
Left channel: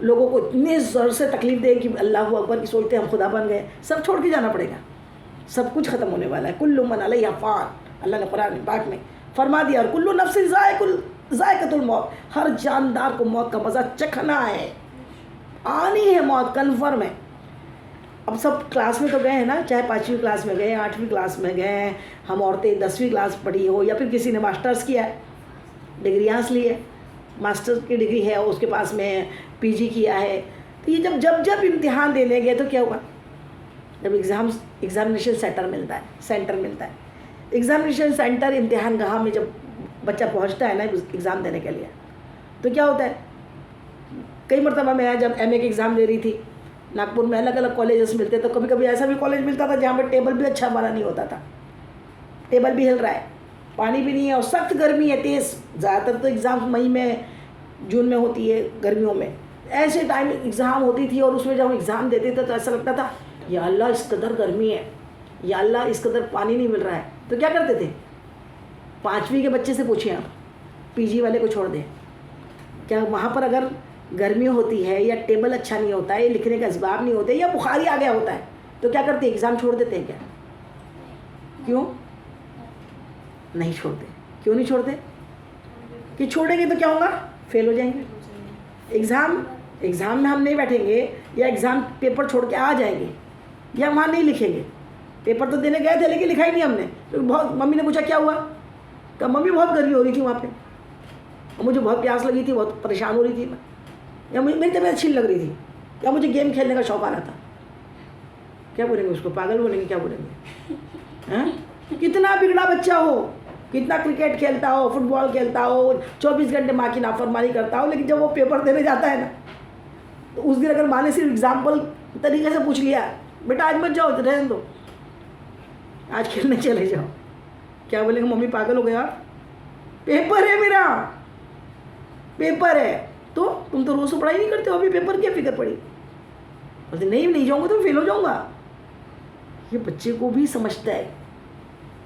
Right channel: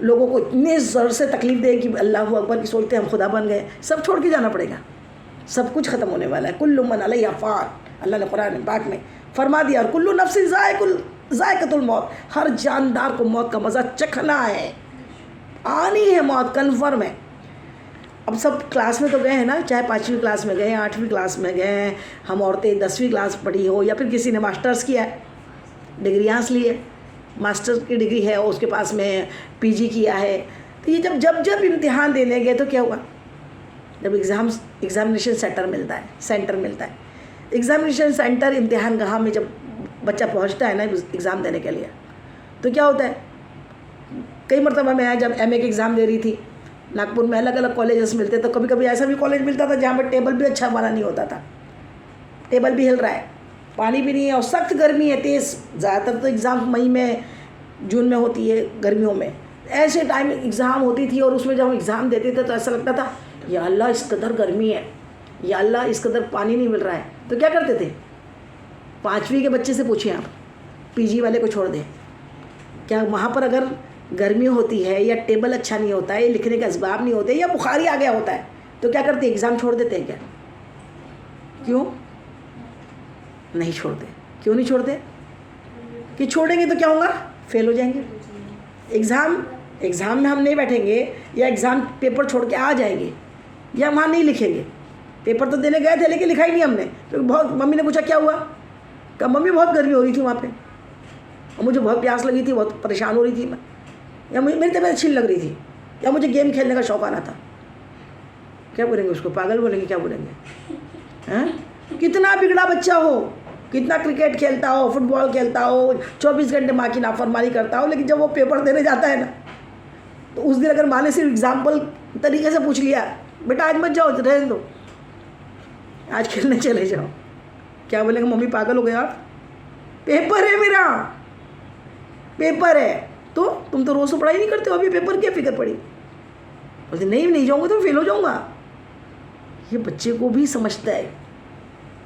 لوگوں کو اتنے زور سے تکلیف دے کہ اللہ اکبر کی سوچتے ہم خدا بن گئے. سب چھوڑ کے جانا پڑے گا, سب کچھ ختم ہونے والا ہے. کل من علیہا فان, اللہ نے قرآن پاک میں فرما دیا, اور کل نفس ذائقۃ الموت, ہر جاندار کو موت کا مزہ چکھنا ہے, آنی ہے موت, کنفرم ہے. اب سب کلاس میں تو گئے ہیں نا, چاہے 5ویں کلاس میں گئے, 8ویں کلاس میں گئے, ہم عورتیں 10ویں کلاس پڑھی ہو, یا پھر کسی نے ماسٹرز کیا ہے, ڈگریاں لی ہے, ماسٹر کی ڈگری ہے, اس کے پاس میں پی جی کیا ہے. تو یہ جب امتحان دینے گئے تو کیا ہوا, جب ایگزامینیشن سینٹر ملتا ہے, ایگزامینیشن سینٹر امتحان گاہ میں جب بچہ پہنچتا ہے نا ایگزام دینے کے لیے, تو کیا ہوتا ہے. کئی مرتبہ میں جب ایم اے کے ایگزام دے رہی تھی, ناگپور میں الگ الگ کالجز ملتے, تو کبھی کبھی ایسا بھی کالج ملتا تھا جہاں پر ٹیبل بھی اچھا ہمارا نہیں ہوتا تھا, ٹیبل بھی ہل رہا ہے, پانی بھی نہیں ہے, اور سخت گرمی ہے تیز. زیادہ تر تو ایگزام مئی میں جون میں ہوتی ہے, گرمیوں میں ایسے ٹائم ایگزام ہوتی تھی, اور اس میں جب ہم ایگزام دیتے تھے تو ایسا لگتا تھا یا اللہ اس قدر گرمی ہے, یا اللہ اس قدر پانی نہیں مل رہا ہے. تو کیا کرتے تھے, 5ویں کے بچے سے پوچھیں آپ, پی جی والے کو چھوڑ دیں, کیا وہاں پر اگر گرمی ہوتی ہے یا ٹیبل اچھا نہیں ہوتا ہے, لکھنے کا اسباب نہیں ہوتے, یا بخار ہی آ گیا ہوتا ہے, تو کیا کرتے ہیں, ایگزام چھوڑ دیتے ہیں کیا؟ کیوں نہیں چھوڑتے؟ کیوں نہیں چھوڑتے؟ کہ چھوڑیں گے تو کیا ہوگا, فیل ہو جائیں گے. ایگزام میں ہم نہیں بیٹھیں گے, یا ایگزام پیپر چھوڑ کے آ جائیں گے, یا وہاں نہیں لکھیں گے. پیپر تو دینے گئے تھے لیکن لکھا ہی نہیں ہم نے. تو بہت ممی نے پوچھا کیا ہوا, کہ ممی بہت گرمی ہو رہی تھی وہاں پہ, اور مجھے بہت پیاس لگی تھی, بہت پریشان ہو رہی تھی میں, یا میری طبیعت اچھی لگ رہی تھی, یا مجھے گیم کھیلنے کا شوق آ رہا تھا. کیا بولیں گے اس کو, پاگل بولیں گے, کیا بولیں گے؟ کتنا بگڑا بچہ ہو, کتنا کرکٹ کھیلتا ہو, فٹ بال کھیلتا ہو, 24 گھنٹے ماں کی نافرمانی کرتا ہو, لیکن جب وہ پیپر دینے جاتا ہے نا, تو اس دن اگر ماں نے صرف ایگزامپل طریقے سے پوچھ لیا, بیٹا آج مت جاؤ, رہنے دو, آج کھیلنے چلے جاؤ, کیا بولیں گے, ممی پاگل ہو گیا, پیپر ہے میرا, پیپر ہے. تو تم تو روز تو پڑھائی نہیں کرتے ہو, ابھی پیپر کیا فکر پڑی, بولتے نہیں جاؤں گا تو فیل ہو جاؤں گا. یہ بچے کو بھی سمجھتا ہے.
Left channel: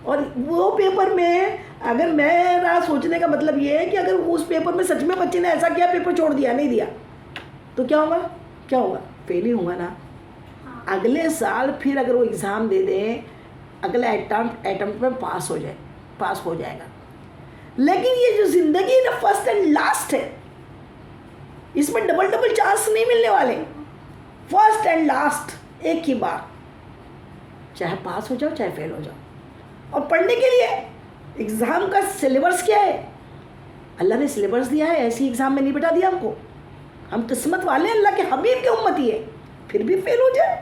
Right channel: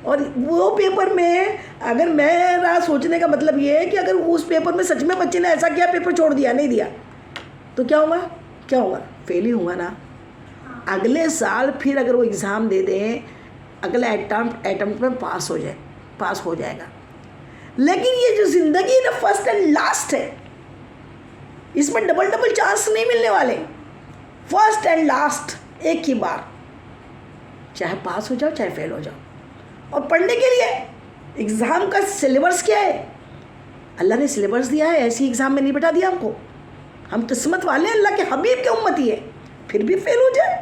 اور وہ پیپر میں اگر میرا سوچنے کا مطلب یہ ہے کہ اگر اس پیپر میں سچ میں بچے نے ایسا کیا, پیپر چھوڑ دیا, نہیں دیا, تو کیا ہوگا, فیل ہی ہوگا نا. اگلے سال پھر اگر وہ ایگزام دے دیں, اگلا اٹمپٹ میں پاس ہو جائے گا. لیکن یہ جو زندگی نا فرسٹ اینڈ لاسٹ ہے, اس میں ڈبل چانس نہیں ملنے والے, فرسٹ اینڈ لاسٹ ایک ہی بار, چاہے پاس ہو جاؤ چاہے فیل ہو جاؤ. اور پڑھنے کے لیے ایگزام کا سلیبس کیا ہے, اللہ نے سلیبس دیا ہے, ایسی ایگزام میں نہیں بٹھا دیا ہم کو. ہم قسمت والے, اللہ کے حبیب کے امتی ہے, پھر بھی فیل ہو جائے.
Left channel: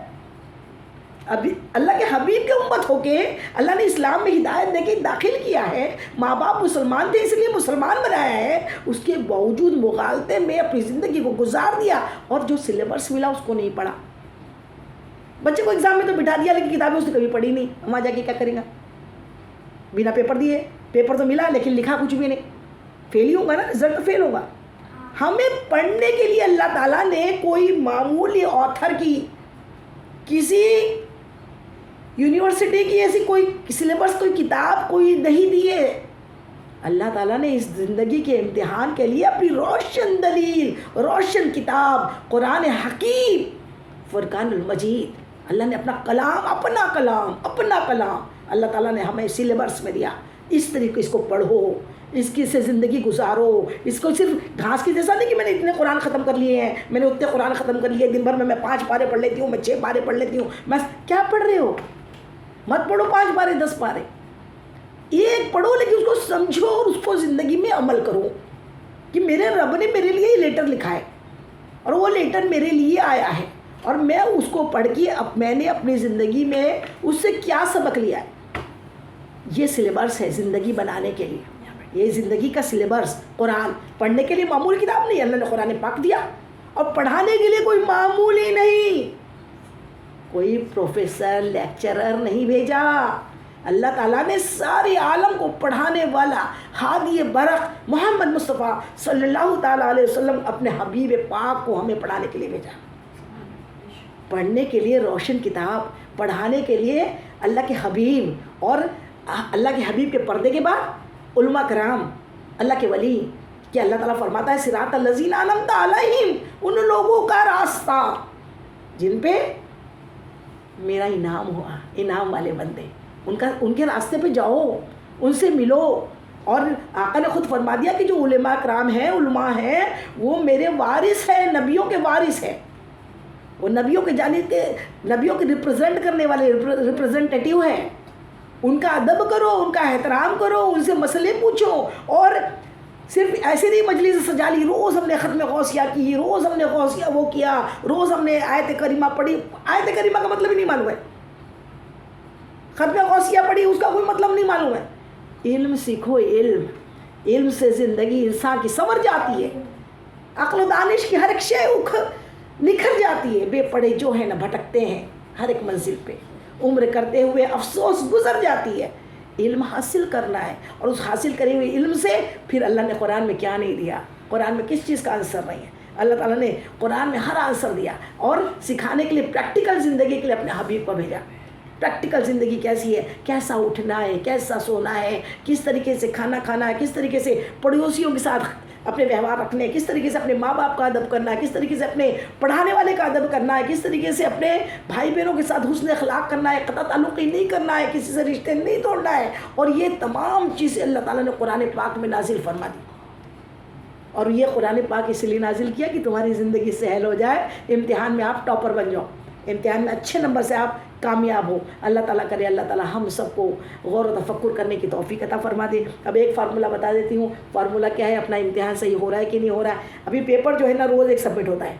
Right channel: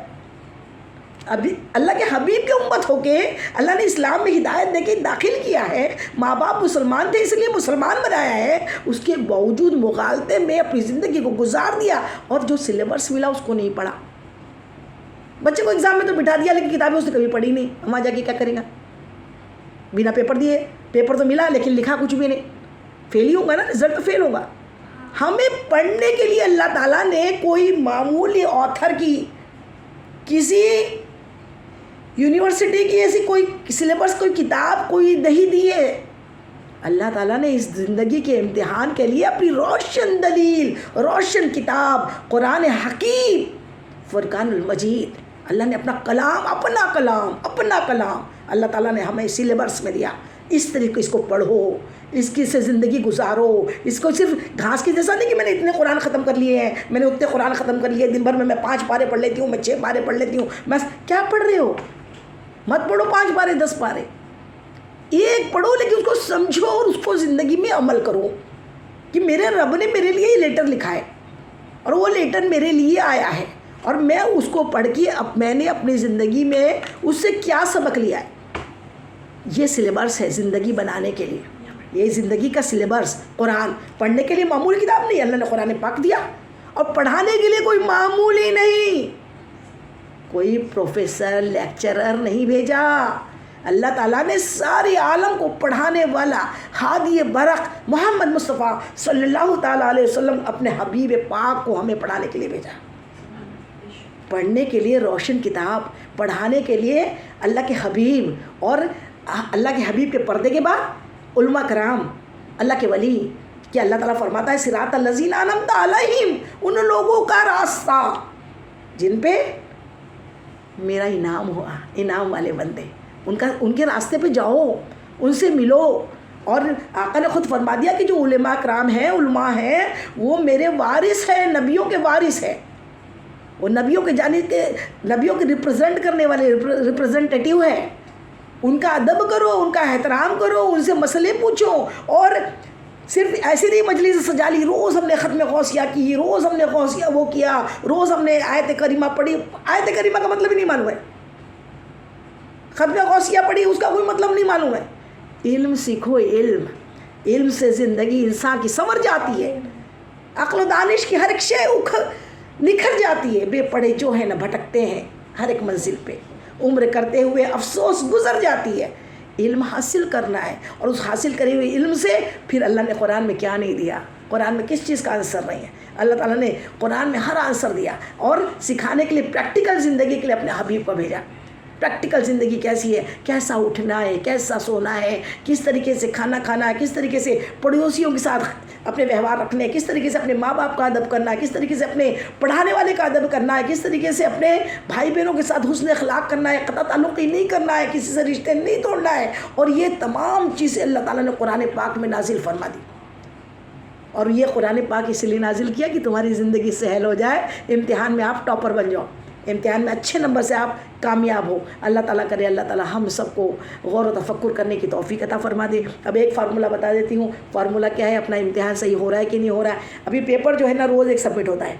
ابھی اللہ کے حبیب کی امت ہو کے اللہ نے اسلام میں ہدایت دے کے داخل کیا ہے، ماں باپ مسلمان تھے اس لیے مسلمان بنایا ہے، اس کے باوجود مغالطے میں اپنی زندگی کو گزار دیا اور جو سلیبس ملا اس کو نہیں پڑھا۔ بچے کو ایگزام میں تو بٹھا دیا لیکن کتابیں اس نے کبھی پڑھی نہیں، وہاں جا کے کیا کرے گا؟ بنا پیپر دیے، پیپر تو ملا لیکن لکھا کچھ بھی نہیں، فیل ہی ہوگا نا، رزلٹ تو فیل ہوگا۔ ہمیں پڑھنے کے لیے اللہ تعالیٰ نے کوئی معمولی آتھر کی، کسی یونیورسٹی کی ایسی کوئی سلیبس، کوئی کتاب کوئی نہیں دی ہے۔ اللہ تعالیٰ نے اس زندگی کے امتحان کے لیے اپنی روشن دلیل، روشن کتاب قرآن حکیم، فرقان المجید، اللہ نے اپنا کلام اللہ تعالیٰ نے ہمیں سلیبس میں دیا، اس طریقے اس کو پڑھو، اس کی سے زندگی گزارو۔ اس کو صرف گھاس کی جیسا نہیں کہ میں نے اتنے قرآن ختم کر لیے ہیں، میں نے اتنے قرآن ختم کر لیے، دن بھر میں 5 پارے پڑھ لیتی ہوں، میں 6 پارے پڑھ لیتی ہوں، میں کیا پڑھ رہے ہو؟ مت پڑھو 5 پارے 10 پارے، ایک پڑھو لیکن اس کو سمجھو اور اس کو زندگی میں عمل کرو کہ میرے رب نے میرے لیے یہ لیٹر لکھا ہے اور وہ لیٹر میرے لیے آیا ہے اور میں اس کو پڑھ کے میں نے اپنی زندگی میں اس سے کیا سبق لیا ہے۔ یہ سلیبس ہے زندگی بنانے کے لیے، یہ زندگی کا سلیبس قرآن پڑھنے کے لیے معمولی کتاب نہیں، اللہ نے قرآن پاک دیا اور پڑھانے کے لیے کوئی معمولی نہیں، کوئی پروفیسر لیکچرر نہیں بھیجا، اللہ تعالیٰ نے سارے عالم کو پڑھانے والا ہادی برق محمد مصطفیٰ صلی اللہ تعالیٰ علیہ وسلم اپنے حبیب پاک کو ہمیں پڑھانے کے لیے بھیجا، پڑھنے کے لیے روشن کتاب، پڑھانے کے لیے اللہ کے حبیب، اور اللہ کے حبیب کے پردے کے بعد علماء کرام، اللہ کے ولی، کہ اللہ تعالیٰ فرماتا ہے صراط الذین انعمت علیہم، ان لوگوں کا راستہ جن پہ میرا انعام ہوا، انعام والے بندے، ان کے راستے پہ جاؤ، ان سے ملو۔ اور آقا نے خود فرما دیا کہ جو علماء کرام ہیں، علماء ہیں، وہ میرے وارث ہیں، نبیوں کے وارث ہیں، وہ نبیوں کے جانب کے، نبیوں کے ریپرزینٹ کرنے والے ریپرزینٹیٹیو ہیں، ان کا ادب کرو، ان کا احترام کرو، ان سے مسئلے پوچھو، اور صرف ایسے نہیں مجلس سجا لی، روز ہم نے ختم غوثیہ کی، روز ہم نے غوثیہ وہ کیا، روز ہم نے آیت کریمہ پڑھی، آیت کریمہ کا مطلب ہی نہیں معلوم ہے، ختم غوثیہ پڑھی اس کا کوئی مطلب نہیں معلوم ہے۔ علم سیکھو، علم سے زندگی انسان کی سنور جاتی ہے، عقل و دانش کی ہر ایک شے نکھر جاتی ہے، بے پڑھے جو ہے نا بھٹکتے ہیں ہر ایک منزل پہ، عمر کرتے ہوئے افسوس گزر جاتی ہے۔ علم حاصل کرنا ہے، اور اس حاصل کرے ہوئے علم سے پھر اللہ نے قرآن میں کیا نہیں دیا، قرآن میں کس چیز کا آنسر نہیں ہے، اللہ تعالیٰ نے قرآن میں ہر آنسر دیا، اور سکھانے کے لیے پریکٹیکل زندگی کے لیے اپنے حبیب کو بھیجا۔ پریکٹیکل زندگی کیسی ہے، کیسا اٹھنا ہے، کیسا سونا ہے، کس طریقے سے کھانا کھانا ہے، کس طریقے سے پڑوسیوں کے ساتھ اپنے ویوہار رکھنے، کس طریقے سے اپنے ماں باپ کا ادب کرنا ہے، کس طریقے سے اپنے پڑھانے والے کا ادب کرنا ہے، کس طریقے سے اپنے بھائی بہنوں کے ساتھ حسن اخلاق کرنا ہے، قطع تعلقی نہیں کرنا ہے، کسی سے رشتے نہیں توڑنا ہے، اور یہ تمام چیزیں اللہ تعالیٰ نے قرآن پاک میں نازل فرما دی۔ اور یہ قرآن پاک اس لیے نازل کیا کہ تمہاری زندگی سہل ہو جائے، امتحان میں آپ ٹاپر بن جاؤ، امتحان میں اچھے نمبر سے آپ کامیاب ہو۔ اللہ تعالیٰ کرے اللہ تعالیٰ ہم سب کو غور و تفکر کرنے کی توفیق عطا فرما دے۔ اب ایک فارمولہ بتا دیتی ہوں، فارمولہ کیا ہے، اپنا امتحان صحیح ہو رہا ہے کہ نہیں ہو رہا ہے۔ ابھی پیپر جو ہے نا روز ایک سبمٹ ہوتا ہے،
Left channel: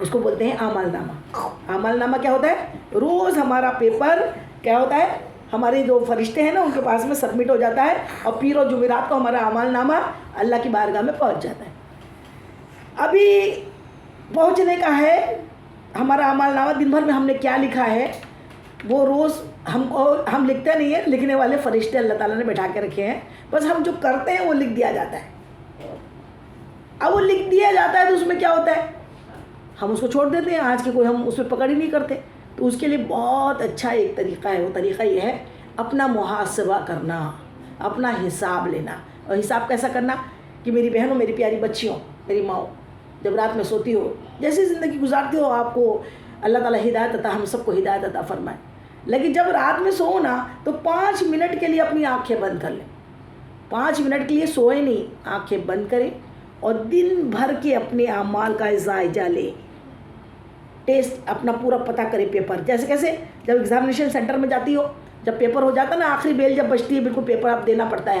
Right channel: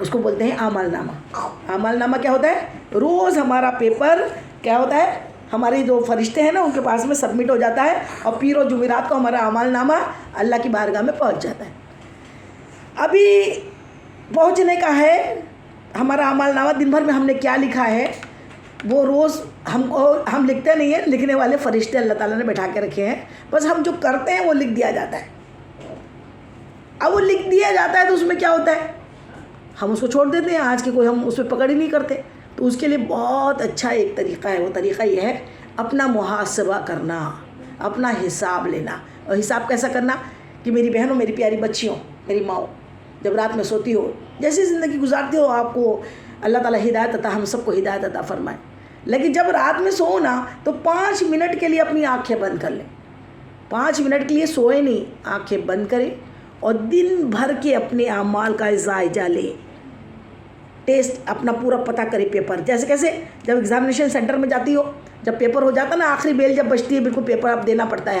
اس کو بولتے ہیں اعمال نامہ۔ اعمال نامہ کیا ہوتا ہے؟ روز ہمارا پیپر کیا ہوتا ہے، ہمارے جو فرشتے ہیں نا ان کے پاس میں سبمٹ ہو جاتا ہے، اور پیر و جمعرات کو ہمارا اعمال نامہ اللہ کی بارگاہ میں پہنچ جاتا ہے۔ ابھی پہنچنے کا ہے ہمارا اعمال نامہ، دن بھر میں ہم نے کیا لکھا ہے وہ روز ہم لکھتے نہیں ہیں، لکھنے والے فرشتے اللہ تعالیٰ نے بٹھا کے رکھے ہیں، بس ہم جو کرتے ہیں وہ لکھ دیا جاتا ہے۔ اب وہ لکھ دیا جاتا ہے تو اس میں کیا ہوتا ہے، ہم اس کو چھوڑ دیتے ہیں، آج کے کوئی ہم اس پہ پکڑ ہی نہیں کرتے۔ تو اس کے لیے بہت اچھا ایک طریقہ ہے، وہ طریقہ یہ ہے اپنا محاسبہ کرنا، اپنا حساب لینا۔ اور حساب کیسا کرنا کہ میری بہنوں، میری پیاری بچیوں، میری ماؤں، جب رات میں سوتی ہو، جیسی زندگی گزارتی ہو، آپ کو اللہ تعالیٰ ہدایت عطا، ہم سب کو ہدایت عطا فرمائے، لیکن جب رات میں سو نا تو 5 منٹ کے لیے اپنی آنکھیں بند کر لیں، 5 منٹ کے لیے سوئے نہیں، آنکھیں بند کریں اور دن بھر کے اپنے اعمال کا جائزہ لیں، ٹیسٹ اپنا پورا پتہ کرے پیپر، جیسے کیسے جب ایگزامینیشن سینٹر میں جاتی ہو، جب پیپر ہو جاتا نا، آخری بیل جب بجتی ہے، بالکل پیپر آپ دینا پڑتا ہے،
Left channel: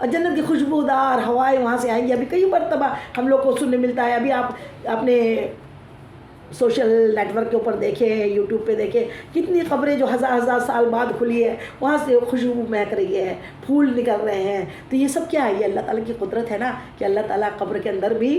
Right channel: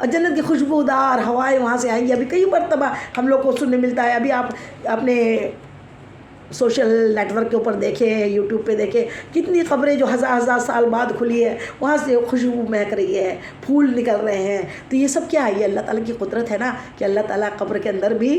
اور جنت کی خوشبودار ہوائیں وہاں سے آئیں گی. ابھی کئی مرتبہ ہم لوگ کو سننے ملتا ہے. ابھی آپ اپنے سوشل نیٹ ورک کے اوپر دیکھیں, یوٹیوب پہ دیکھیں, کتنی قبریں جو ہزار سال بعد کھلی ہے, وہاں سے خوشبو مہک رہی ہے, پھول نکل رہے ہیں. تو یہ سب کیا ہے؟ یہ اللہ تعالیٰ کی قدرت ہے نا, کہ اللہ تعالیٰ قبر کے اندر بھی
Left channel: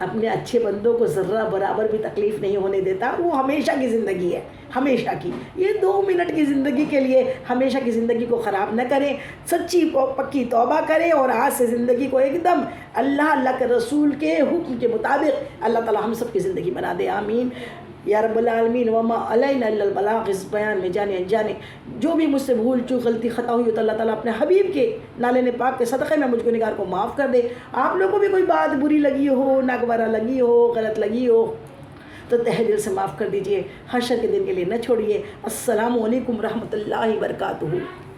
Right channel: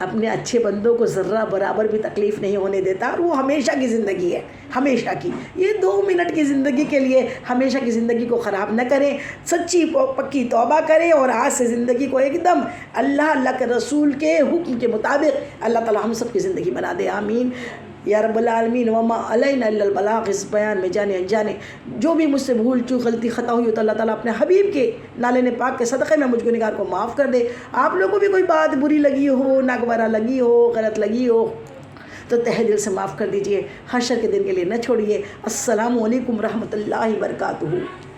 اپنے اچھے بندوں کو ذرہ برابر بھی تکلیف نہیں ہونے دیتا. وہ ہمیشہ کی زندگی ہے, ہمیشہ کی. یہ 2 منٹ کی زندگی کے لیے ہمیشہ کی زندگی کو خراب نہ کریں, سچی پکی توبہ کریں, اور آج سے زندگی کو ایک دم اللہ کے رسول کے حکم کے مطابق اللہ تعالی ہم سب کی زندگی بنا دے. آمین یا رب العالمین. وما علینا الا البلاغ, اس بیان میں جانے انجانے جو بھی مجھ سے بھول چوک غلطی خطا ہوئی تو اللہ تعالیٰ اپنے حبیب کے نالے پاک کے صدقے میں مجھ کو نگار کو معاف کر دے. آپ لوگوں کو بھی کوئی بات بری لگی ہو, ناگوارہ لگی ہو, غلط لگی ہو تو تہ دل سے معاف کر دیجئے. حشر کے دن کے لیے نہ چھوڑیے. السلام علیکم ورحمۃ اللہ وبرکاتہ.